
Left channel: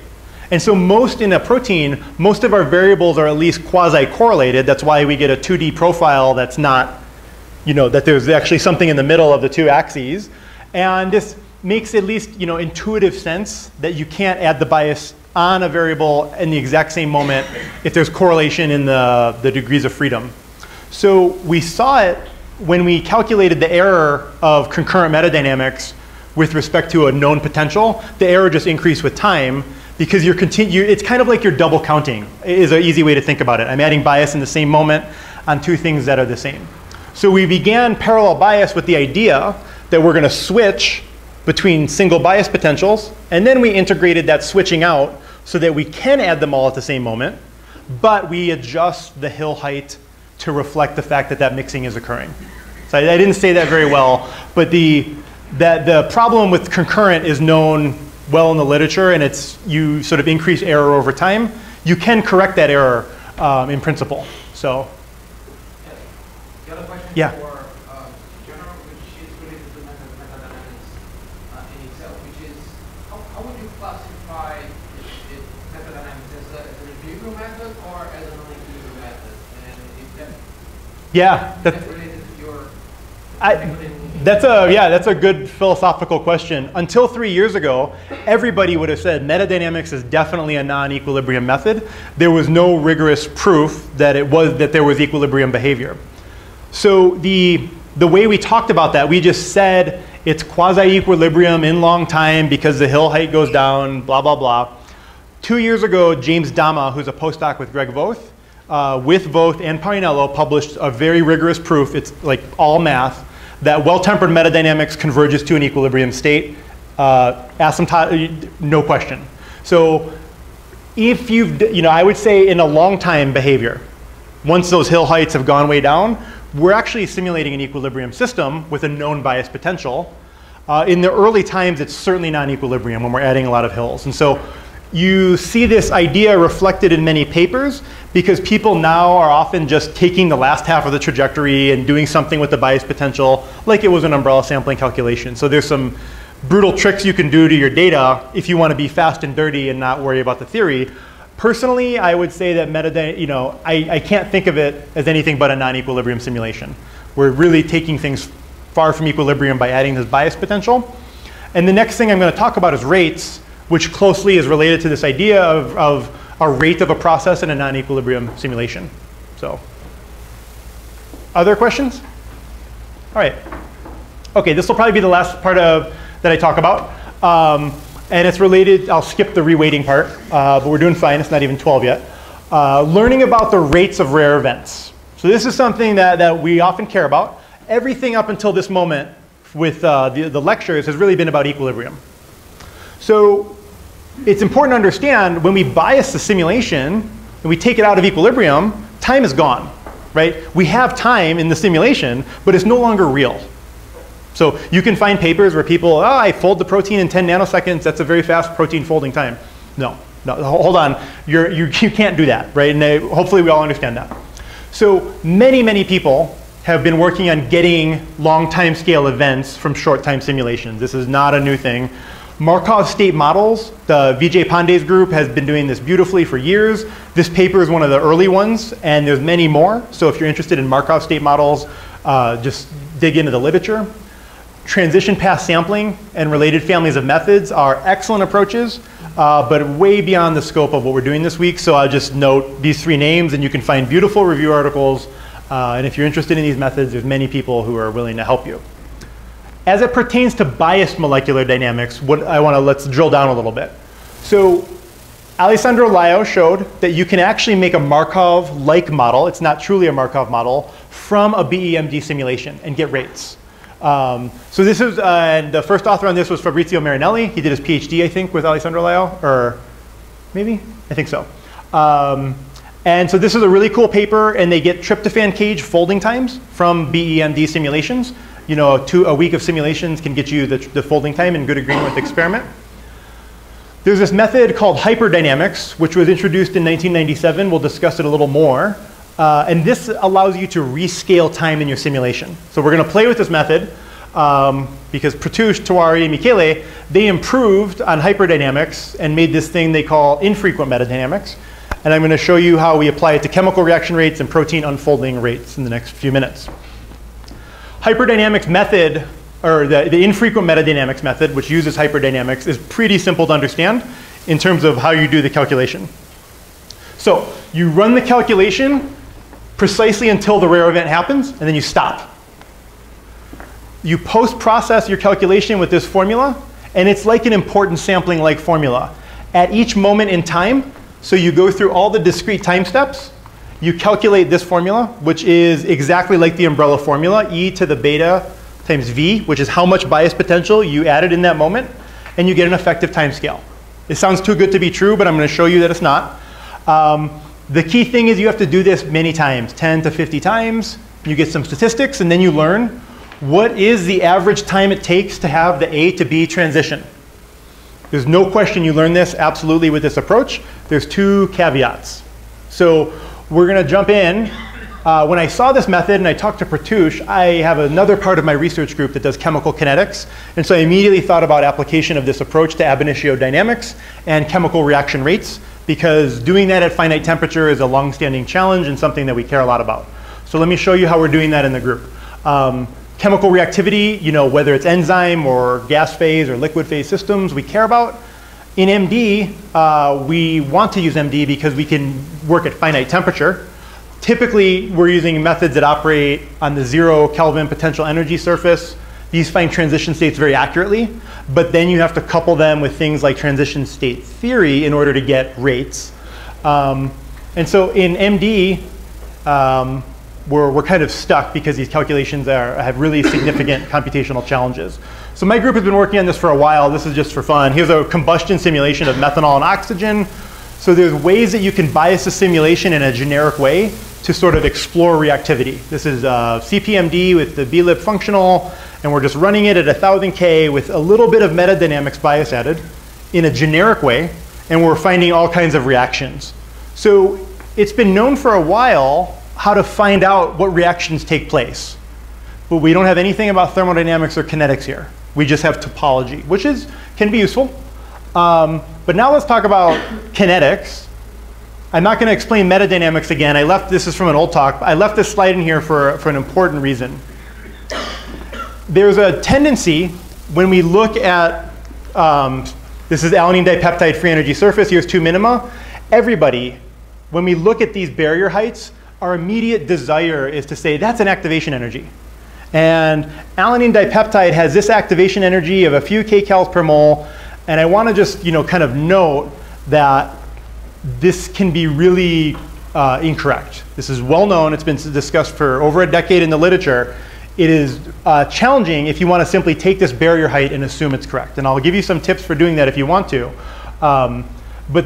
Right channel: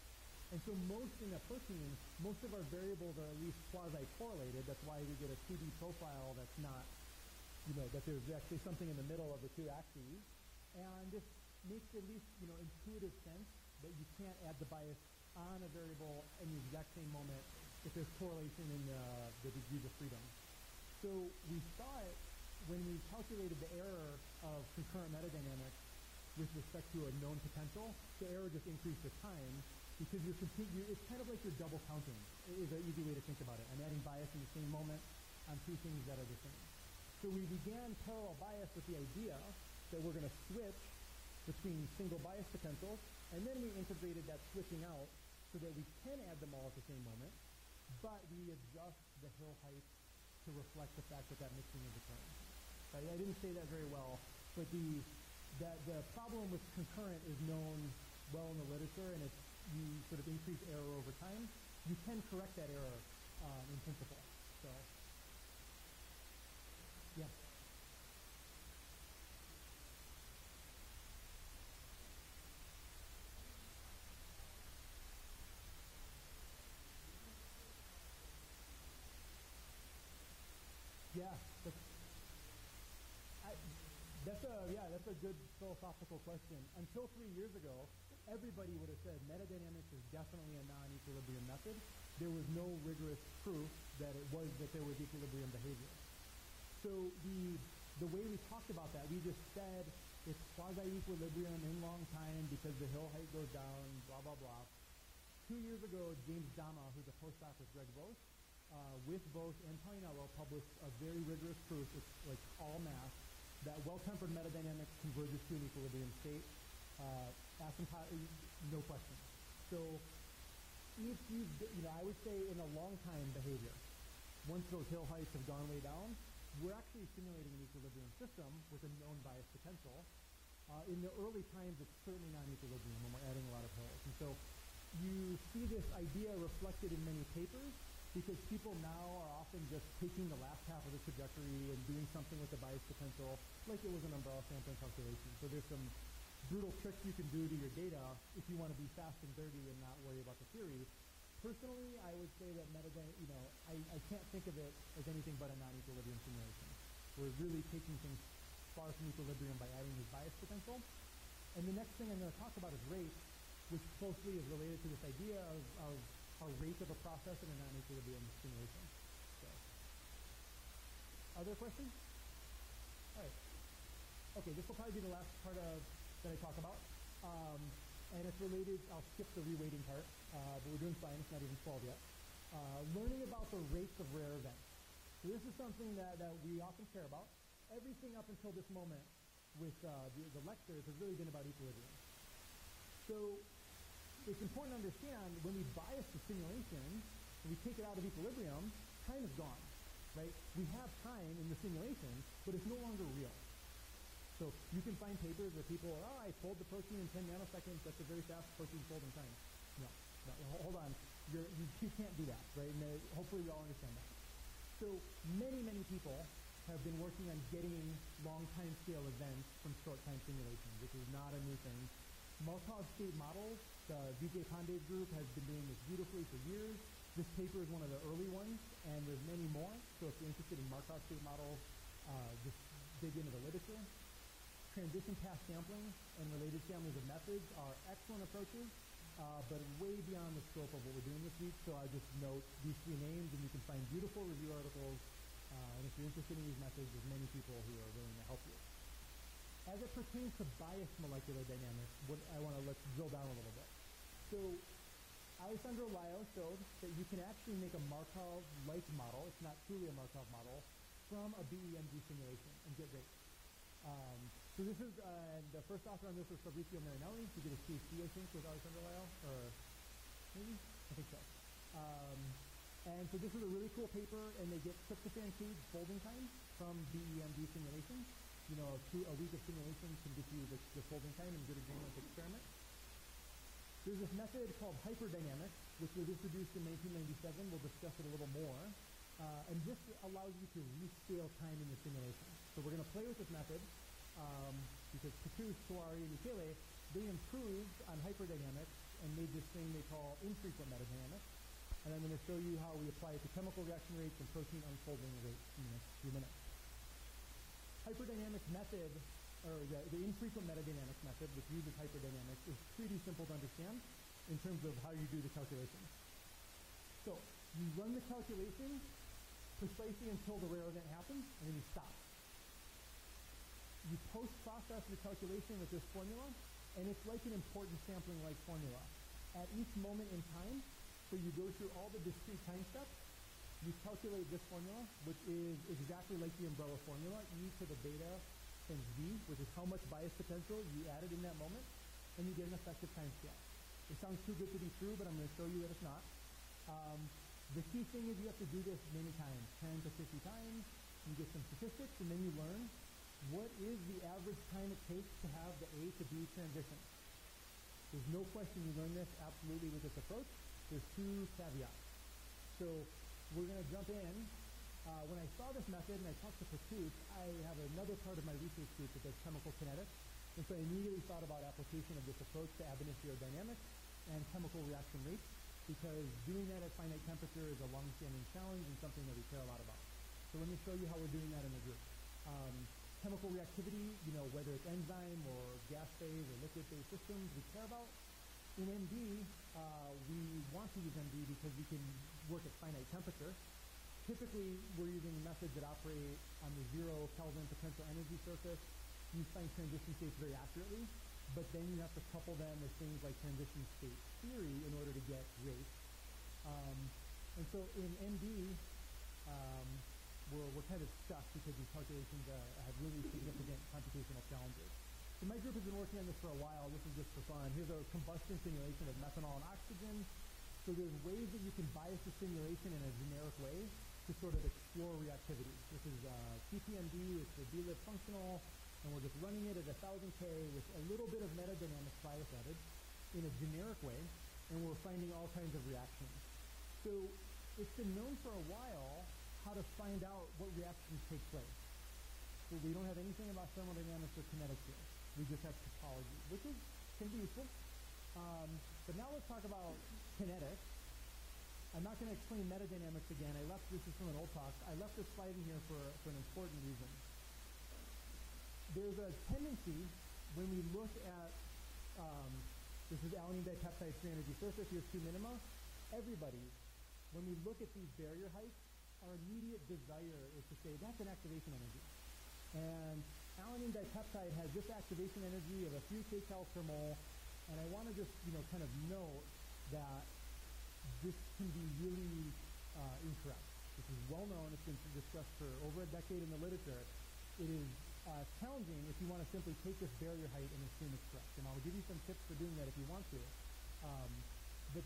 And so in a protein, most of our variables are at least quasi-correlated. That's why we get a 2D profile that's not, that there's actually something in the middle of the two axes. And this makes at least, intuitive sense that you can't add the bias on a variable in the exact same moment if there's correlation in the degrees of freedom. So we saw it when we calculated the error of concurrent metadynamics with respect to a known potential. The error just increased with time, because it's kind of like you're double counting, is an easy way to think about it. I'm adding bias in the same moment on two things that are the same. So we began parallel bias with the idea that we're going to switch between single bias potentials, and then we integrated that switching out so that we can add them all at the same moment, but we adjust the hill height to reflect the fact that that mixing is occurring. So I didn't say that very well, but the problem with concurrent is known well in the literature, and you sort of increase error over time. You can correct that error in principle. So, the other question yeah. for general, which is related to metadynamics in itself, which is how would you classify metadynamics as an equilibrium method or as a non-equilibrium method? And if that's related to your That's a good philosophical question. Until 3 years ago, everybody would have said metadynamics is definitely a non-equilibrium method. There was no rigorous proof that there was equilibrium behavior. So the way we talked about that, we just said it's quasi-equilibrium in long time because the hill height goes down, blah, blah, blah. 2 years ago, James Dama, who's a postdoc with Greg Voth, with Voth and Parinello, published a very rigorous proof. It's like all math, that well-tempered metadynamics converges to an equilibrium state, no question. So if I would say in a long time behavior, once those hill heights have gone way down, we're actually simulating an equilibrium system with a known bias potential. In the early times, it's certainly non-equilibrium when we're adding a lot of hills. And so you see this idea reflected in many papers because people now are often just taking the last half of the trajectory and doing something with the bias potential like it was an umbrella sampling calculation. So there's some brutal tricks you can do to your data if you want to be fast and dirty and not worry about the theory. Personally, I would say that I can't think of it as anything but a non-equilibrium simulation. We're really taking things far from equilibrium by adding this bias potential. And the next thing I'm going to talk about is rates, which closely is related to this idea of a rate of a process in a non-equilibrium simulation. So, other questions? All right. Okay, this will probably be the last part that I talk about. And it's related, I'll skip the reweighting part, but we're doing fine, it's not even 12 yet. Learning about the rates of rare events. So this is something that we often care about. Everything up until this moment with the lectures has really been about equilibrium. So it's important to understand when we bias the simulation and we take it out of equilibrium, time is gone, right? We have time in the simulation, but it's no longer real. So you can find papers where people, I fold the protein in 10 nanoseconds, that's a very fast protein folding time. No, hold on, you can't do that, right? And hopefully we all understand that. So many people have been working on getting long time scale events from short time simulations. This is not a new thing. Markov state models, the Vijay Pandey's group has been doing this beautifully for years. This paper is one of the early ones, and there's many more. So if you're interested in Markov state models, just dig into the literature. Transition path sampling and related families of methods are excellent approaches, but way beyond the scope of what we're doing this week. So I'll just note these three names, and you can find beautiful review articles. And if you're interested in these methods, there's many people who are willing to help you. As it pertains to biased molecular dynamics, let's drill down a little bit. So Alessandro Laio showed that you can actually make a Markov-like model, it's not truly a Markov model, from a BEMD simulation and get rates. So this is, the first author on this was Fabrizio Marinelli. He did his PhD, I think, with Alessandro Laio, or maybe? I think so. And so this is a really cool paper, and they get tryptophan cage folding times from BEMD simulations. You know, a week of simulations can get you the folding time in good agreement with the experiment. There's this method called hyperdynamics, which was introduced in 1997. We'll discuss it a little more. And this allows you to rescale time in your simulation. So we're going to play with this method because Pratyush, Tiwari, and Michele, they improved on hyperdynamics and made this thing they call infrequent metadynamics. And I'm going to show you how we apply it to chemical reaction rates and protein unfolding rates in the next few minutes. Hyperdynamics method, or the infrequent metadynamics method, which uses hyperdynamics, is pretty simple to understand in terms of how you do the calculation. So you run the calculation precisely until the rare event happens, and then you stop. You post-process your calculation with this formula, and it's like an importance sampling-like formula. At each moment in time, so you go through all the discrete time steps, you calculate this formula, which is exactly like the umbrella formula, e to the beta times v, which is how much bias potential you added in that moment, and you get an effective time scale. It sounds too good to be true, but I'm going to show you that it's not. The key thing is you have to do this many times, 10 to 50 times. You get some statistics, and then you learn what is the average time it takes to have the A to B transition. There's no question you learn this absolutely with this approach. There's two caveats. So we're going to jump in. When I saw this method and I talked to Pratyush, I have another part of my research group that does chemical kinetics. And so I immediately thought about application of this approach to ab initio dynamics and chemical reaction rates, because doing that at finite temperature is a long-standing challenge and something that we care a lot about. So let me show you how we're doing that in the group. Chemical reactivity, you know, whether it's enzyme or gas phase or liquid phase systems, we care about. In MD, we want to use MD because we can work at finite temperature. Typically, we're using methods that operate on the 0 Kelvin potential energy surface. These find transition states very accurately, but then you have to couple them with things like transition state theory in order to get rates. And so in MD, we're kind of stuck because these calculations have really significant computational challenges. So my group has been working on this for a while. This is just for fun. Here's a combustion simulation of methanol and oxygen. So there's ways that you can bias the simulation in a generic way to sort of explore reactivity. This is CPMD with the BLib functional, and we're just running it at 1000 K with a little bit of metadynamics bias added in a generic way, and we're finding all kinds of reactions. So it's been known for a while how to find out what reactions take place. But we don't have anything about thermodynamics or kinetics here. We just have topology, which can be useful. But now let's talk about kinetics. I'm not going to explain metadynamics again. This is from an old talk. I left this slide in here for an important reason. There's a tendency when we look at, this is alanine dipeptide free energy surface, here's 2 minima. Everybody, when we look at these barrier heights, our immediate desire is to say that's an activation energy. And alanine dipeptide has this activation energy of a few kcals per mole. And I want to just kind of note that this can be really incorrect. This is well known. It's been discussed for over a decade in the literature. It is challenging if you want to simply take this barrier height and assume it's correct. And I'll give you some tips for doing that if you want to. But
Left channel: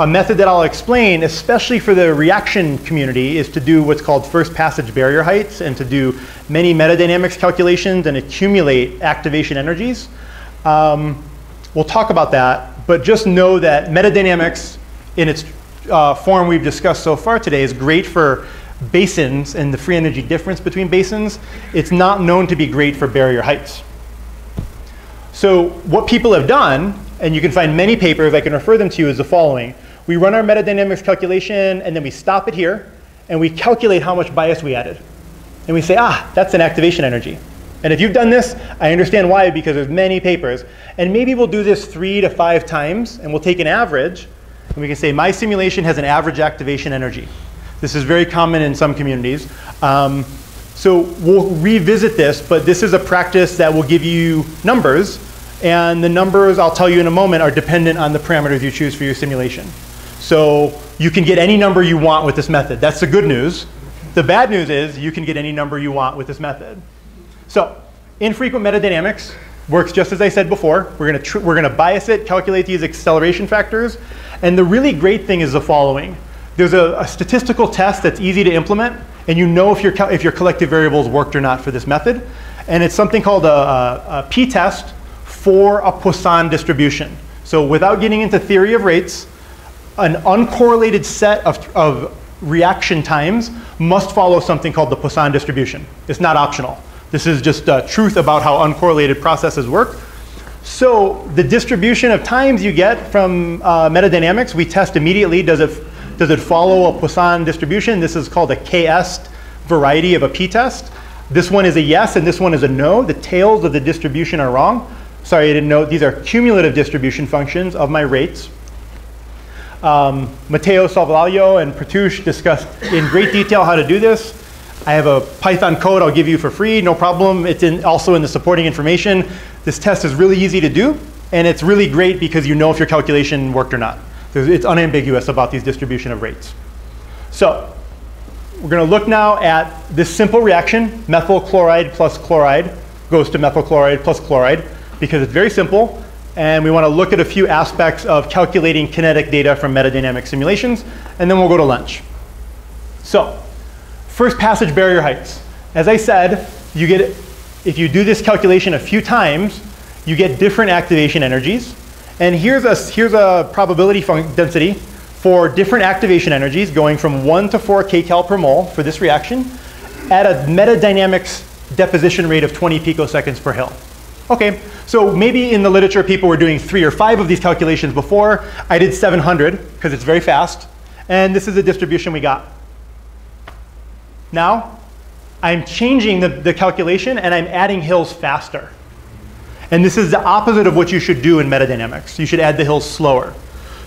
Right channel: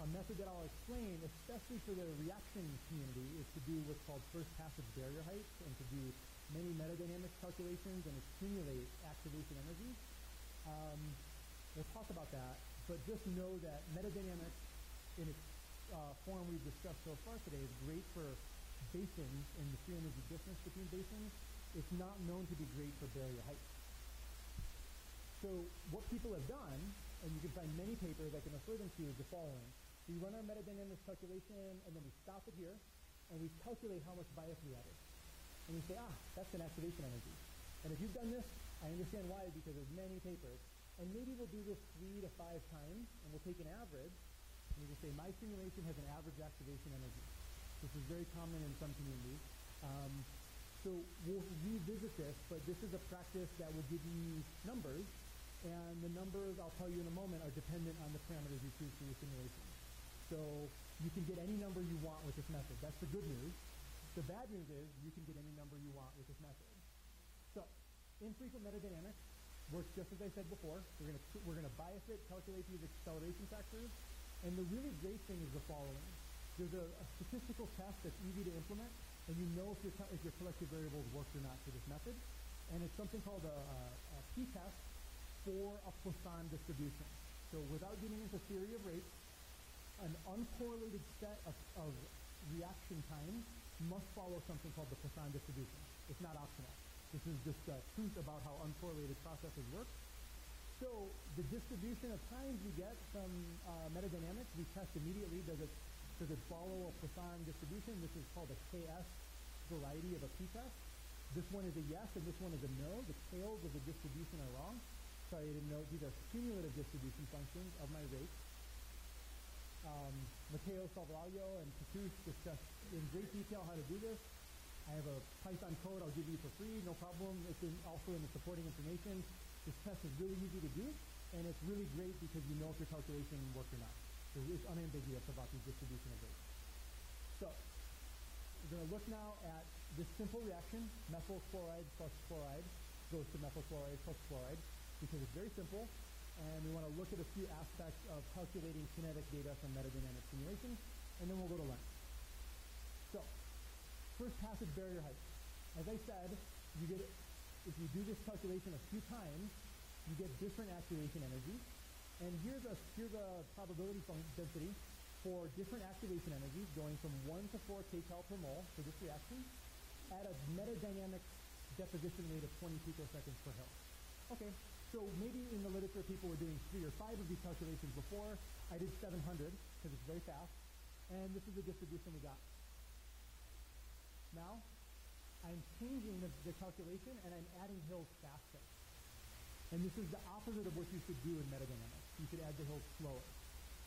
a method that I'll explain, especially for the reaction community, is to do what's called first passage barrier heights and to do many metadynamics calculations and accumulate activation energies. We'll talk about that, but just know that metadynamics in its form we've discussed so far today is great for basins and the free energy difference between basins. It's not known to be great for barrier heights. So what people have done, and you can find many papers, I can refer them to you, is the following. We run our metadynamics calculation, and then we stop it here, and we calculate how much bias we added. And we say, that's an activation energy. And if you've done this, I understand why, because there's many papers. And maybe we'll do this 3 to 5 times, and we'll take an average, and we can say my simulation has an average activation energy. This is very common in some communities. So we'll revisit this, but this is a practice that will give you numbers, and the numbers, I'll tell you in a moment, are dependent on the parameters you choose for your simulation. So you can get any number you want with this method. That's the good news. The bad news is you can get any number you want with this method. So infrequent metadynamics works just as I said before. We're going to bias it, calculate these acceleration factors. And the really great thing is the following. there's a statistical test that's easy to implement, and you know if your collective variables worked or not for this method. And it's something called a p-test for a Poisson distribution. So without getting into theory of rates, an uncorrelated set of reaction times must follow something called the Poisson distribution. It's not optional. This is just truth about how uncorrelated processes work. So the distribution of times you get from metadynamics, we test immediately. Does it follow a Poisson distribution? This is called a KS variety of a p-test. This one is a yes, and this one is a no. The tails of the distribution are wrong. Sorry, I didn't know. These are cumulative distribution functions of my rates. Matteo Salvaglio and Pratouche discussed in great detail how to do this. I have a Python code I'll give you for free, no problem. It's also in the supporting information. This test is really easy to do, and it's really great because you know if your calculation worked or not. It's unambiguous about these distribution of rates. So we're going to look now at this simple reaction. Methyl chloride plus chloride goes to methyl chloride plus chloride because it's very simple. And we want to look at a few aspects of calculating kinetic data from metadynamic simulations, and then we'll go to lunch. So first passage barrier heights. As I said, if you do this calculation a few times, you get different activation energies. And here's a probability density for different activation energies going from 1 to 4 kcal per mole for this reaction at a metadynamics deposition rate of 20 picoseconds per Hill. Okay, so maybe in the literature people were doing 3 or 5 of these calculations before. I did 700 because it's very fast. And this is the distribution we got. Now, I'm changing the calculation and I'm adding hills faster. And this is the opposite of what you should do in metadynamics. You should add the hills slower.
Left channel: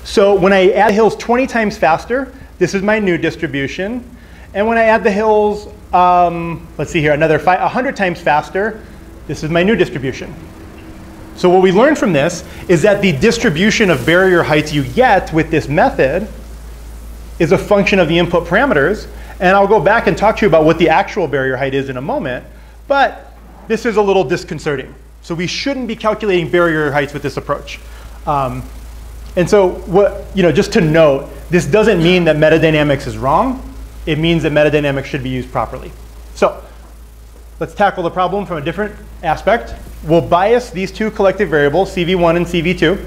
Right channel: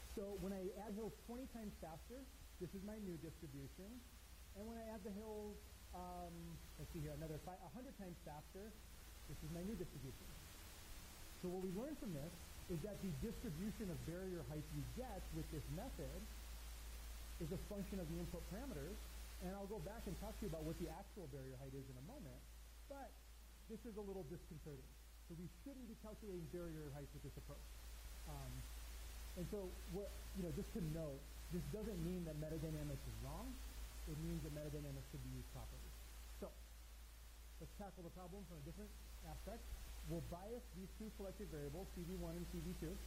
So when I add hills 20 times faster, this is my new distribution. And when I add the hills, let's see here, 100 times faster, this is my new distribution. So what we learned from this is that the distribution of barrier heights you get with this method is a function of the input parameters. And I'll go back and talk to you about what the actual barrier height is in a moment. But this is a little disconcerting. So we shouldn't be calculating barrier heights with this approach. And so just to note, this doesn't mean that metadynamics is wrong. It means that metadynamics should be used properly. So let's tackle the problem from a different aspect. We'll bias these two collective variables, CV1 and CV2.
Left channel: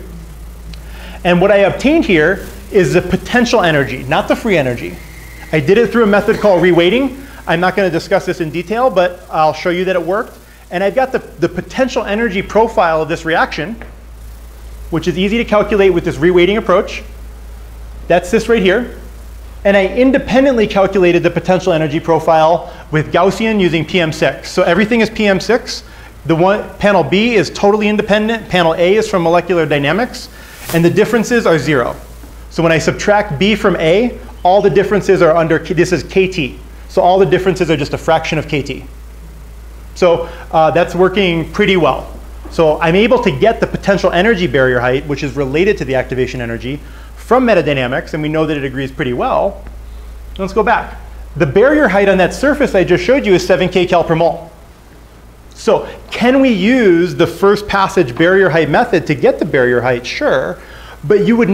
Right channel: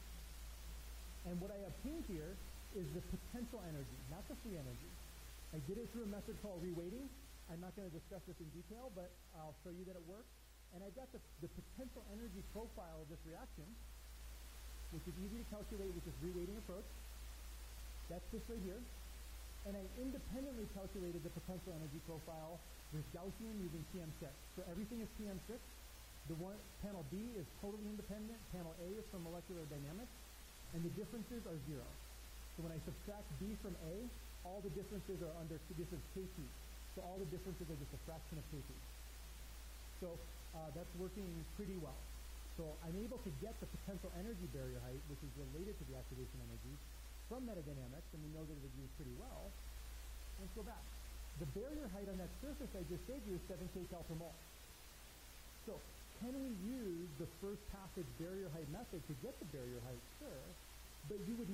And what I obtained here is the potential energy, not the free energy. I did it through a method called reweighting. I'm not going to discuss this in detail, but I'll show you that it worked. And I've got the potential energy profile of this reaction, which is easy to calculate with this reweighting approach. That's this right here. And I independently calculated the potential energy profile with Gaussian using PM6. So everything is PM6. Panel B is totally independent. Panel A is from molecular dynamics. And the differences are 0. So when I subtract B from A, all the differences are under, this is KT. So all the differences are just a fraction of KT. So that's working pretty well. So I'm able to get the potential energy barrier height, which is related to the activation energy, from metadynamics, and we know that it agrees pretty well. Let's go back. The barrier height on that surface I just showed you is 7 kcal per mole. So can we use the first passage barrier height method to get the barrier height? Sure. But you could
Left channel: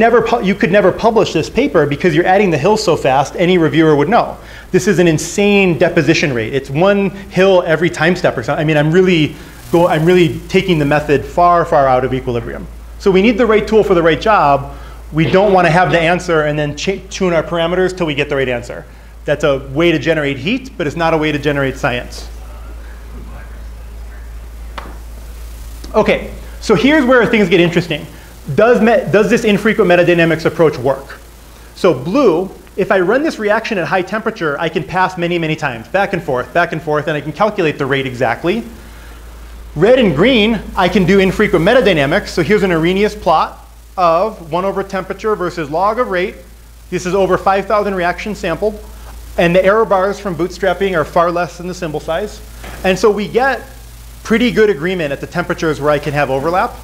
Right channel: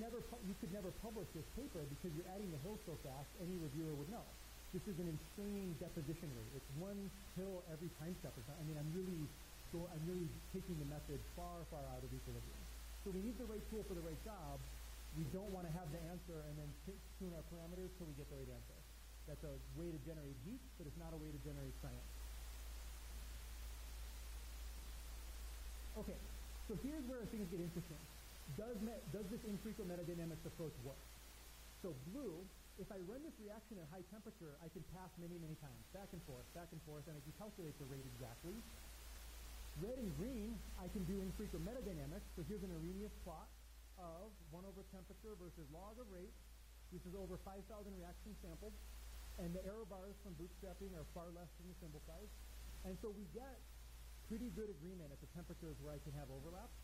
never publish this paper because you're adding the hills so fast, any reviewer would know. This is an insane deposition rate. It's 1 hill every time step or something. I mean, I'm really taking the method far, far out of equilibrium. So we need the right tool for the right job. We don't want to have the answer and then tune our parameters till we get the right answer. That's a way to generate heat, but it's not a way to generate science. OK, so here's where things get interesting. Does this infrequent metadynamics approach work? So blue, if I run this reaction at high temperature, I can pass many, many times, back and forth, and I can calculate the rate exactly. Red and green, I can do infrequent metadynamics. So here's an Arrhenius plot of 1 over temperature versus log of rate. This is over 5,000 reactions sampled. And the error bars from bootstrapping are far less than the symbol size. And so we get pretty good agreement at the temperatures where I can have overlap.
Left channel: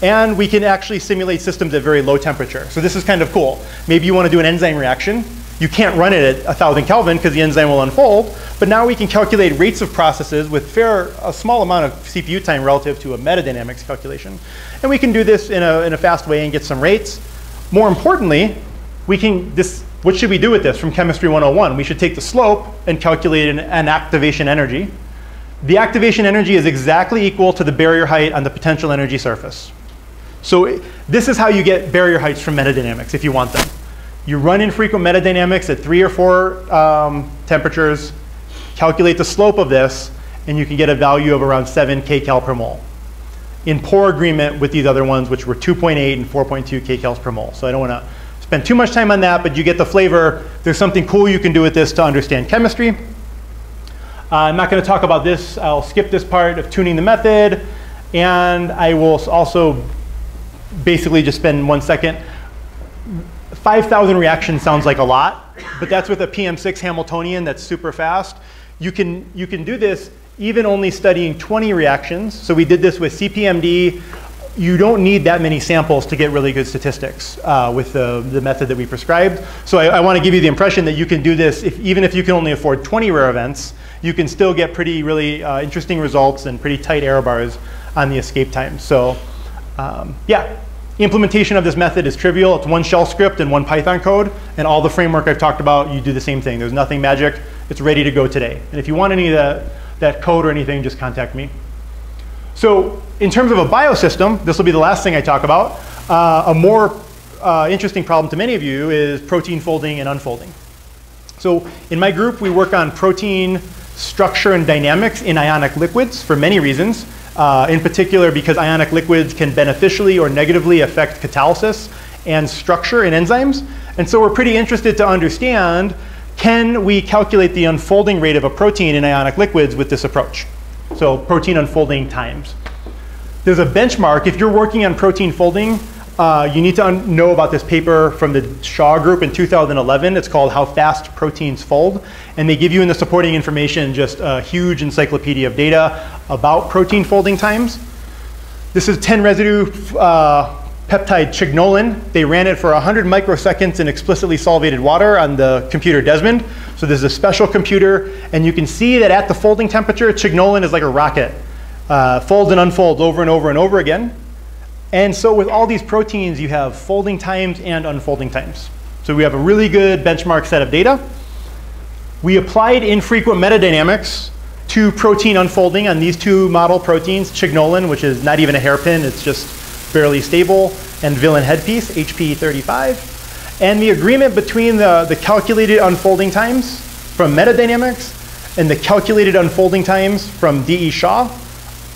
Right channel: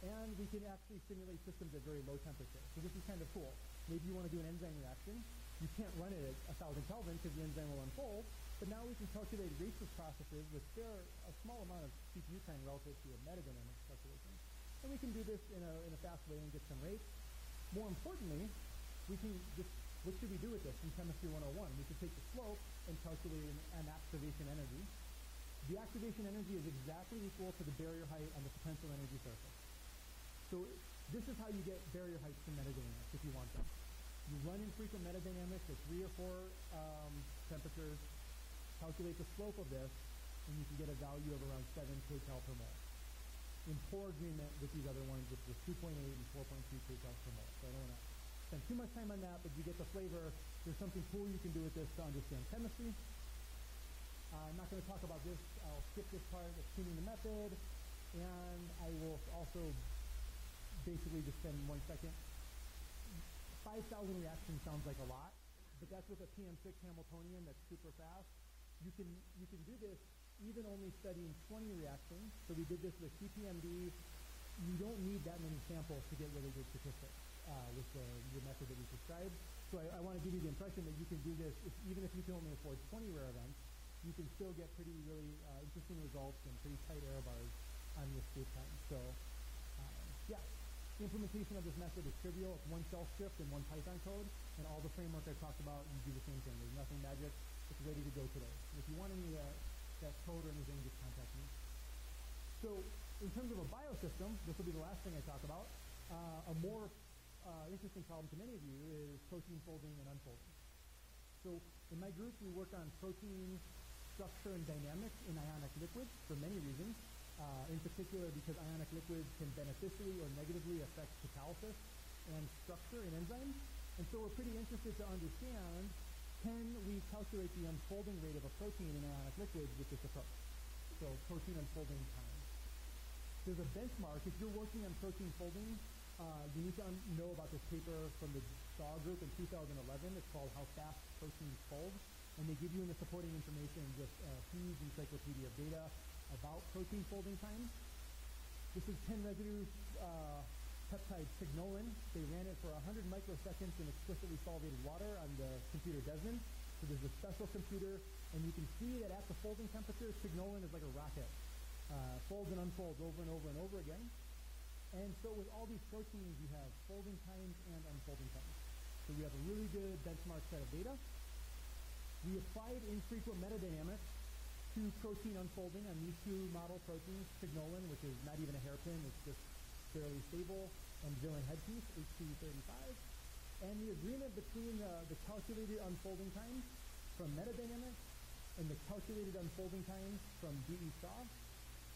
And we can actually simulate systems at very low temperature. So this is kind of cool. Maybe you want to do an enzyme reaction. You can't run it at 1,000 Kelvin because the enzyme will unfold. But now we can calculate rates of processes with a small amount of CPU time relative to a metadynamics calculation. And we can do this in a fast way and get some rates. More importantly, what should we do with this from Chemistry 101? We should take the slope and calculate an activation energy. The activation energy is exactly equal to the barrier height on the potential energy surface. So this is how you get barrier heights from metadynamics if you want them. You run infrequent metadynamics at 3 or 4 temperatures, calculate the slope of this, and you can get a value of around 7 kcal per mole, in poor agreement with these other ones, which were 2.8 and 4.2 kcals per mole. So I don't want to spend too much time on that, but you get the flavor. There's something cool you can do with this to understand chemistry. I'm not going to talk about this. I'll skip this part of tuning the method, and I will also basically just spend 1 second. 5,000 reactions sounds like a lot, but that's with a PM6 Hamiltonian that's super fast. You can do this even only studying 20 reactions. So we did this with CPMD. You don't need that many samples to get really good statistics with the method that we prescribed. So I want to give you the impression that you can do this, even if you can only afford 20 rare events, you can still get really interesting results and pretty tight error bars on the escape time. So yeah, implementation of this method is trivial. It's 1 shell script and 1 Python code, and all the framework I've talked about, you do the same thing. There's nothing magic. It's ready to go today. And if you want any of that code or anything, just contact me. So in terms of a biosystem, this will be the last thing I talk about. A more interesting problem to many of you is protein folding and unfolding. So in my group, we work on protein structure and dynamics in ionic liquids for many reasons. In particular, because ionic liquids can beneficially or negatively affect catalysis and structure in enzymes. And so we're pretty interested to understand, can we calculate the unfolding rate of a protein in ionic liquids with this approach? So protein unfolding times. There's a benchmark. If you're working on protein folding, you need to know about this paper from the Shaw group in 2011. It's called How Fast Proteins Fold. And they give you in the supporting information just a huge encyclopedia of data about protein folding times. This is 10 residue peptide chignolan. They ran it for 100 microseconds in explicitly solvated water on the computer Desmond. So this is a special computer, and you can see that at the folding temperature, chignolan is like a rocket. Folds and unfolds over and over and over again. And so with all these proteins, you have folding times and unfolding times. So we have a really good benchmark set of data. We applied infrequent metadynamics to protein unfolding on these 2 model proteins, chignolan, which is not even a hairpin, it's just barely stable, and villain headpiece, HP35. And the agreement between the calculated unfolding times from metadynamics and the calculated unfolding times from D.E. Shaw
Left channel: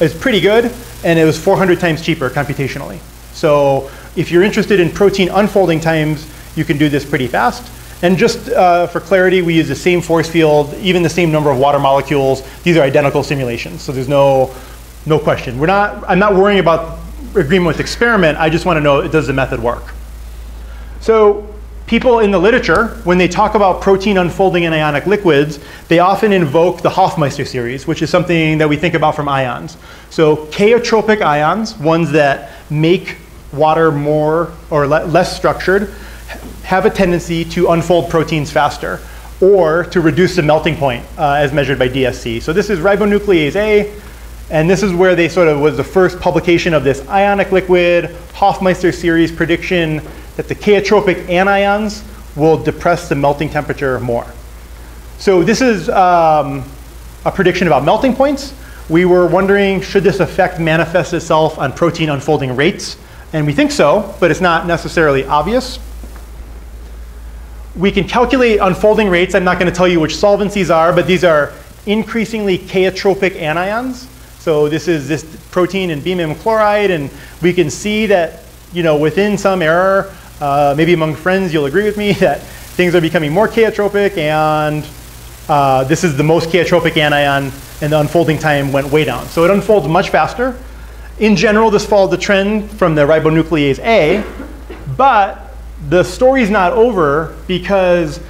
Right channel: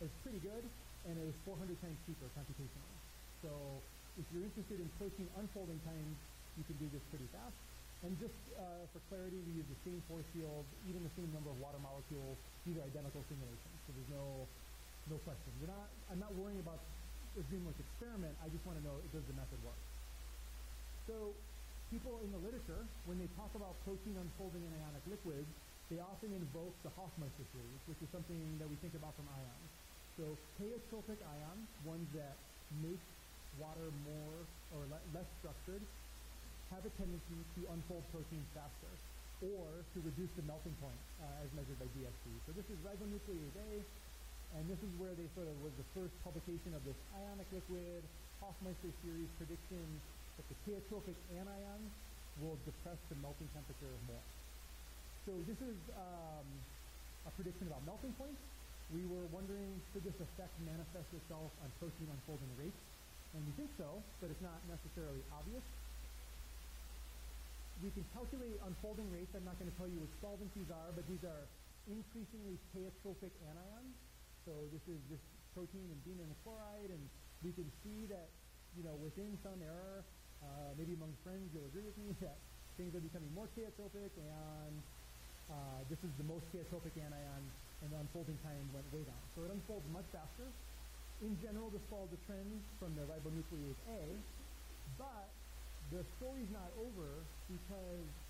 is pretty good, and it was 400 times cheaper computationally. So if you're interested in protein unfolding times, you can do this pretty fast. And just for clarity, we use the same force field, even the same number of water molecules. These are identical simulations, so there's no question. I'm not worrying about agreement with experiment. I just want to know, does the method work? So people in the literature, when they talk about protein unfolding in ionic liquids, they often invoke the Hofmeister series, which is something that we think about from ions. So chaotropic ions, ones that make water more or less structured, have a tendency to unfold proteins faster or to reduce the melting point as measured by DSC. So this is ribonuclease A, and this is where they sort of was the first publication of this ionic liquid Hofmeister series prediction that the chaotropic anions will depress the melting temperature more. So this is a prediction about melting points. We were wondering, should this effect manifest itself on protein unfolding rates? And we think so, but it's not necessarily obvious. We can calculate unfolding rates. I'm not going to tell you which solvents these are, but these are increasingly chaotropic anions. So this is this protein in BEMM chloride, and we can see that, within some error, maybe among friends you'll agree with me that things are becoming more chaotropic, and this is the most chaotropic anion, and the unfolding time went way down. So it unfolds much faster. In general, this followed the trend from the ribonuclease A, but the story's not over because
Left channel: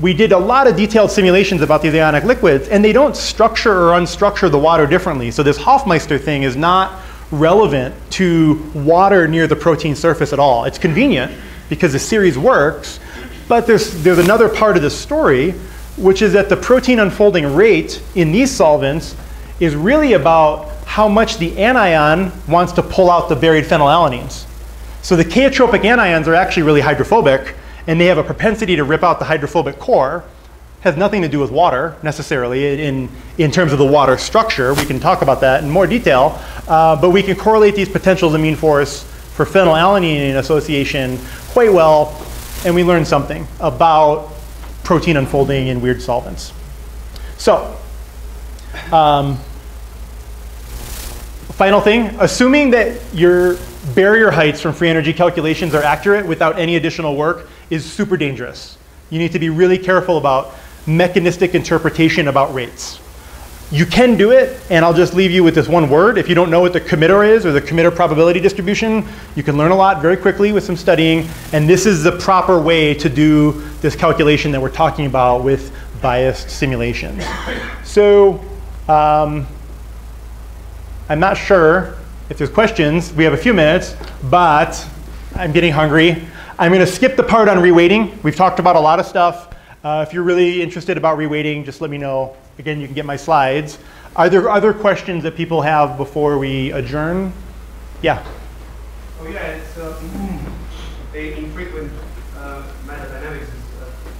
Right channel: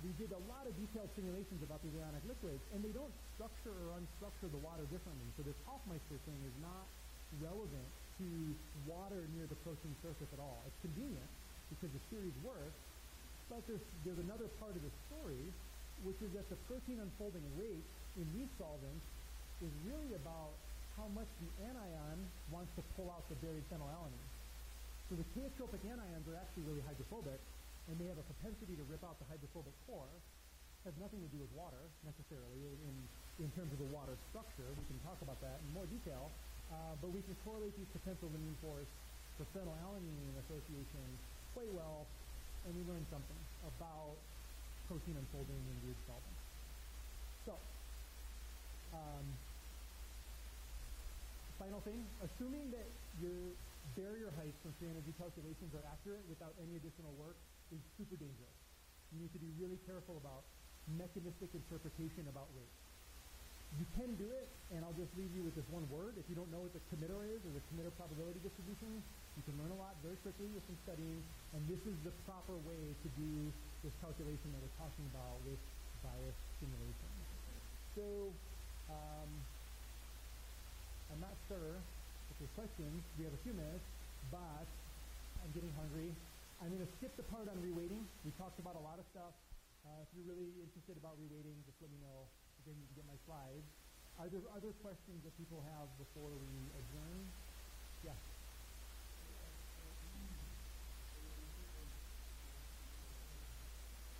we did a lot of detailed simulations about these ionic liquids, and they don't structure or unstructure the water differently. So this Hofmeister thing is not relevant to water near the protein surface at all. It's convenient because the series works, but there's another part of the story, which is that the protein unfolding rate in these solvents is really about how much the anion wants to pull out the buried phenylalanines. So the chaotropic anions are actually really hydrophobic, and they have a propensity to rip out the hydrophobic core. Has nothing to do with water necessarily in terms of the water structure. We can talk about that in more detail, but we can correlate these potentials of mean force for phenylalanine association quite well, and we learned something about protein unfolding in weird solvents. So, final thing, assuming that your barrier heights from free energy calculations are accurate without any additional work is super dangerous. You need to be really careful about mechanistic interpretation about rates. You can do it, and I'll just leave you with this one word. If you don't know what the committer is or the committer probability distribution, you can learn a lot very quickly with some studying, and this is the proper way to do this calculation that we're talking about with biased simulations. So I'm not sure if there's questions. We have a few minutes, but I'm getting hungry. I'm going to skip the part on reweighting. We've talked about a lot of stuff. If you're really interested about reweighting, just let me know. Again, you can get my slides. Are there other questions that people have before we adjourn? Yeah. Oh yeah, it's infrequent metadynamics is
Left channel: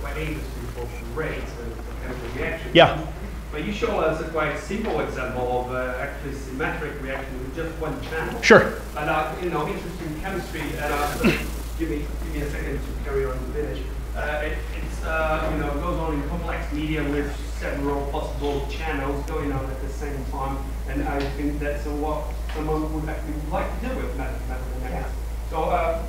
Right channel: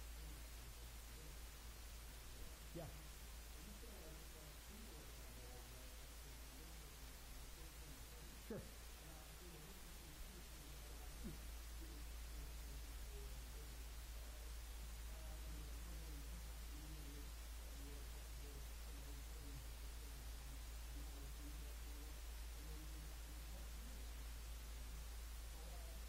quite interesting for rates and chemical reactions. Yeah. But you show us a quite simple example of actually symmetric reaction with just one channel. Sure. And you know, interesting chemistry. And give me a second to carry on and finish. You know, goes on in complex media with several possible channels going on at the same time, and I think that's what someone would actually like to do with metadynamics. So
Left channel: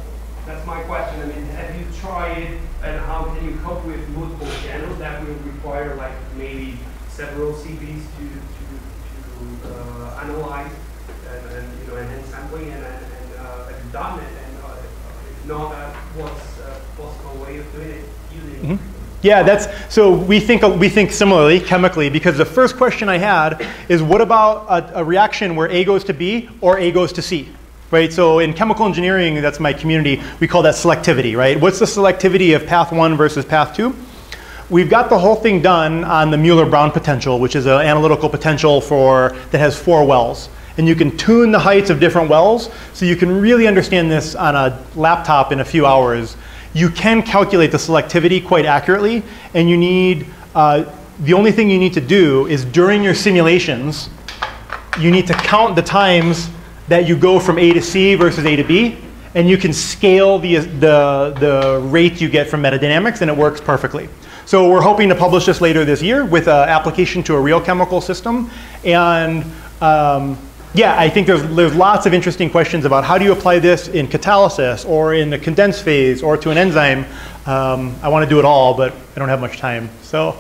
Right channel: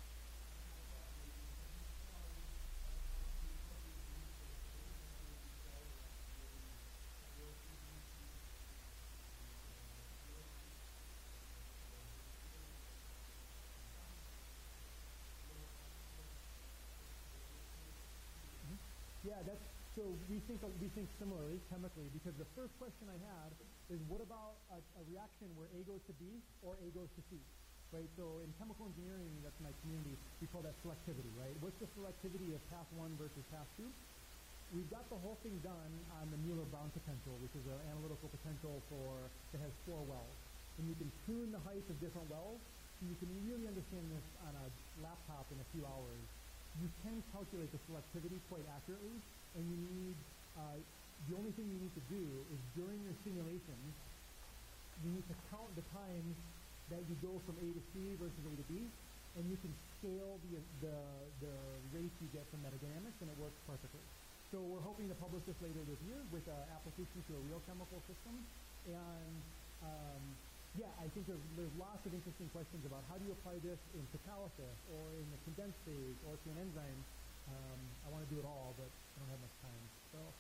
that's my question. I mean, have you tried, and how can you cope with multiple channels that will require like maybe several CVs to analyze and you know, enhance sampling and have you done it, and if not, what's a possible way of doing it using? Yeah, so we think similarly chemically, because the first question I had is what about a reaction where A goes to B or A goes to C, right? So in chemical engineering, that's my community, we call that selectivity, right? What's the selectivity of path 1 versus path 2? We've got the whole thing done on the Mueller-Brown potential, which is an analytical potential that has 4 wells. And you can tune the heights of different wells, so you can really understand this on a laptop in a few hours. You can calculate the selectivity quite accurately, and you need, the only thing you need to do is during your simulations, you need to count the times that you go from A to C versus A to B, and you can scale the rate you get from metadynamics, and it works perfectly. So we're hoping to publish this later this year with an application to a real chemical system. And yeah, I think there's lots of interesting questions about how do you apply this in catalysis or in the condensed phase or to an enzyme. I want to do it all, but I don't have much time. So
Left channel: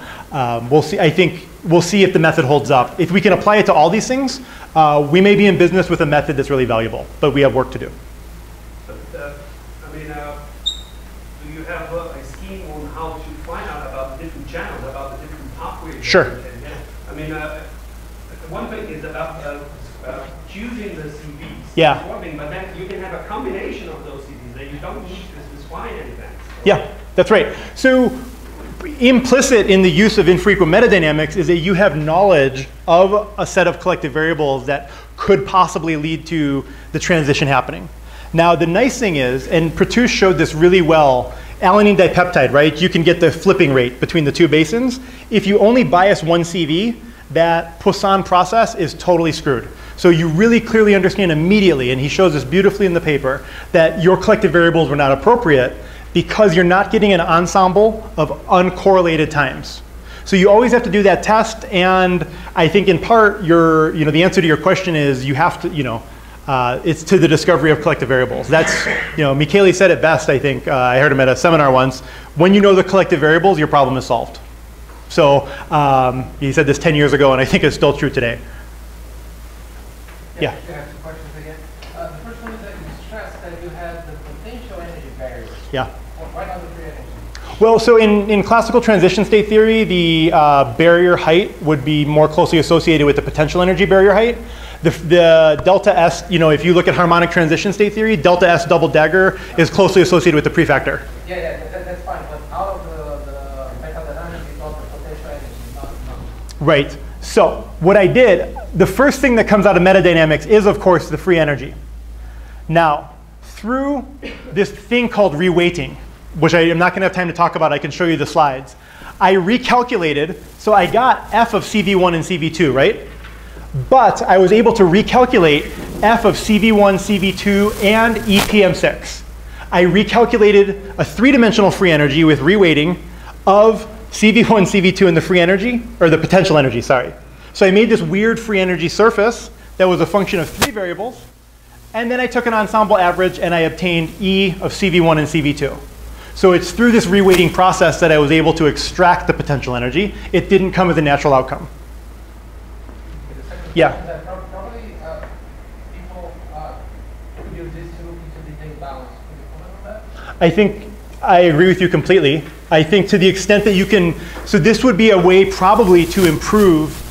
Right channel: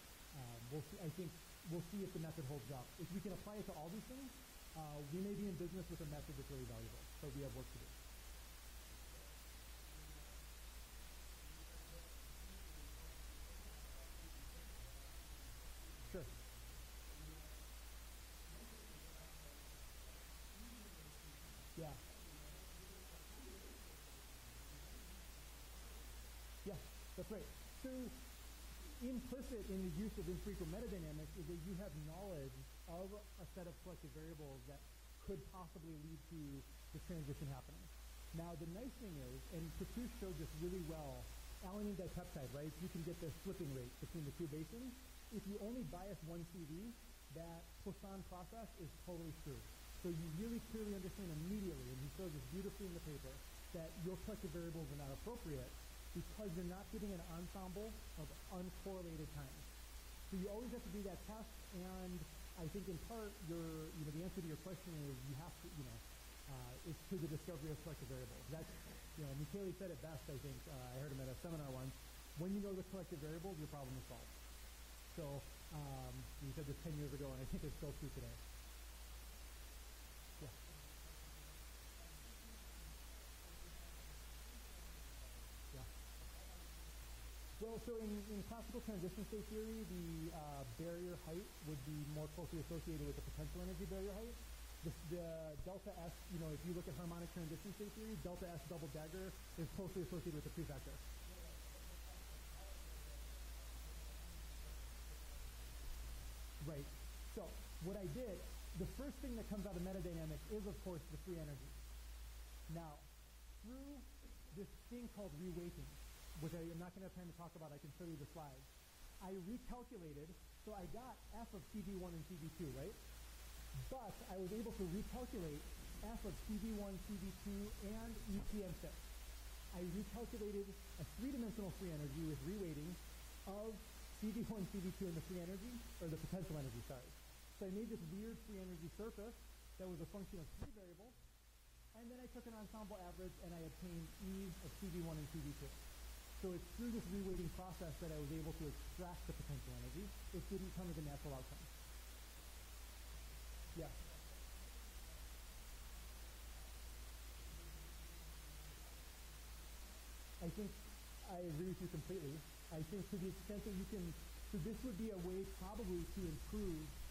we'll see. I think we'll see if the method holds up. If we can apply it to all these things, we may be in business with a method that's really valuable, but we have work to do. But I mean, do you have a scheme on how to find out about the different channels, about the different pathways? Sure. I mean, one thing is about choosing the CVs. Yeah. One thing, but then you can have a combination of those CVs that you don't need to define anything. Yeah, that's right. So implicit in the use of infrequent metadynamics is that you have knowledge of a set of collective variables that could possibly lead to the transition happening. Now, the nice thing is, and Pratouche showed this really well, alanine dipeptide, right? You can get the flipping rate between the 2 basins. If you only bias one CV, that Poisson process is totally screwed. So you really clearly understand immediately, and he shows this beautifully in the paper, that your collective variables were not appropriate because you're not getting an ensemble of uncorrelated times. So you always have to do that test, and I think in part, the answer to your question is you have to, it's to the discovery of collective variables. That's, Michele said it best, I think. I heard him at a seminar once. When you know the collective variables, your problem is solved. So he said this 10 years ago, and I think it's still true today. Yeah. I have 2 questions again. The first one is that you stressed that you had the potential energy barriers. Yeah. Why not the free energy? Well, so in classical transition state theory, the barrier height would be more closely associated with the potential energy barrier height. The delta S, if you look at harmonic transition state theory, delta S double dagger is closely associated with the prefactor. Yeah, that's fine. But out of the metadynamics, you got the potential energy, not. Right. So what I did, the first thing that comes out of metadynamics is, of course, the free energy. Now, through this thing called reweighting, which I am not going to have time to talk about. I can show you the slides. I recalculated, so I got f of CV1 and CV2, right? But I was able to recalculate f of CV1, CV2, and EPM6. I recalculated a three-dimensional free energy with reweighting of CV1, CV2, and the free energy, or the potential energy, sorry. So I made this weird free energy surface that was a function of three variables. And then I took an ensemble average, and I obtained E of CV1 and CV2. So it's through this reweighting process that I was able to extract the potential energy. It didn't come as a natural outcome. Yeah. Probably people use this to look into the data balance. Can you comment on that? I think I agree with you completely. I think to the extent that you can, so this would be a way probably to improve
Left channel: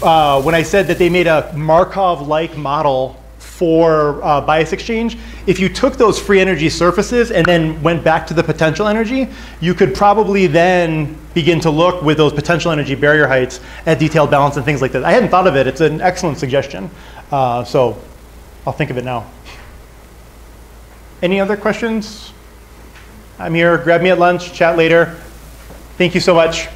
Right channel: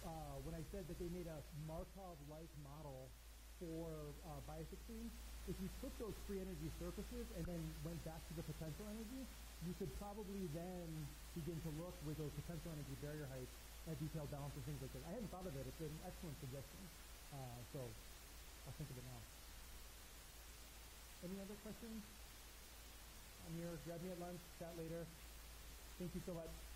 when I said that they made a Markov-like model for bias exchange. If you took those free energy surfaces and then went back to the potential energy, you could probably then begin to look with those potential energy barrier heights at detailed balance and things like that. I hadn't thought of it. It's an excellent suggestion. So I'll think of it now. Any other questions? I'm here. Grab me at lunch. Chat later. Thank you so much.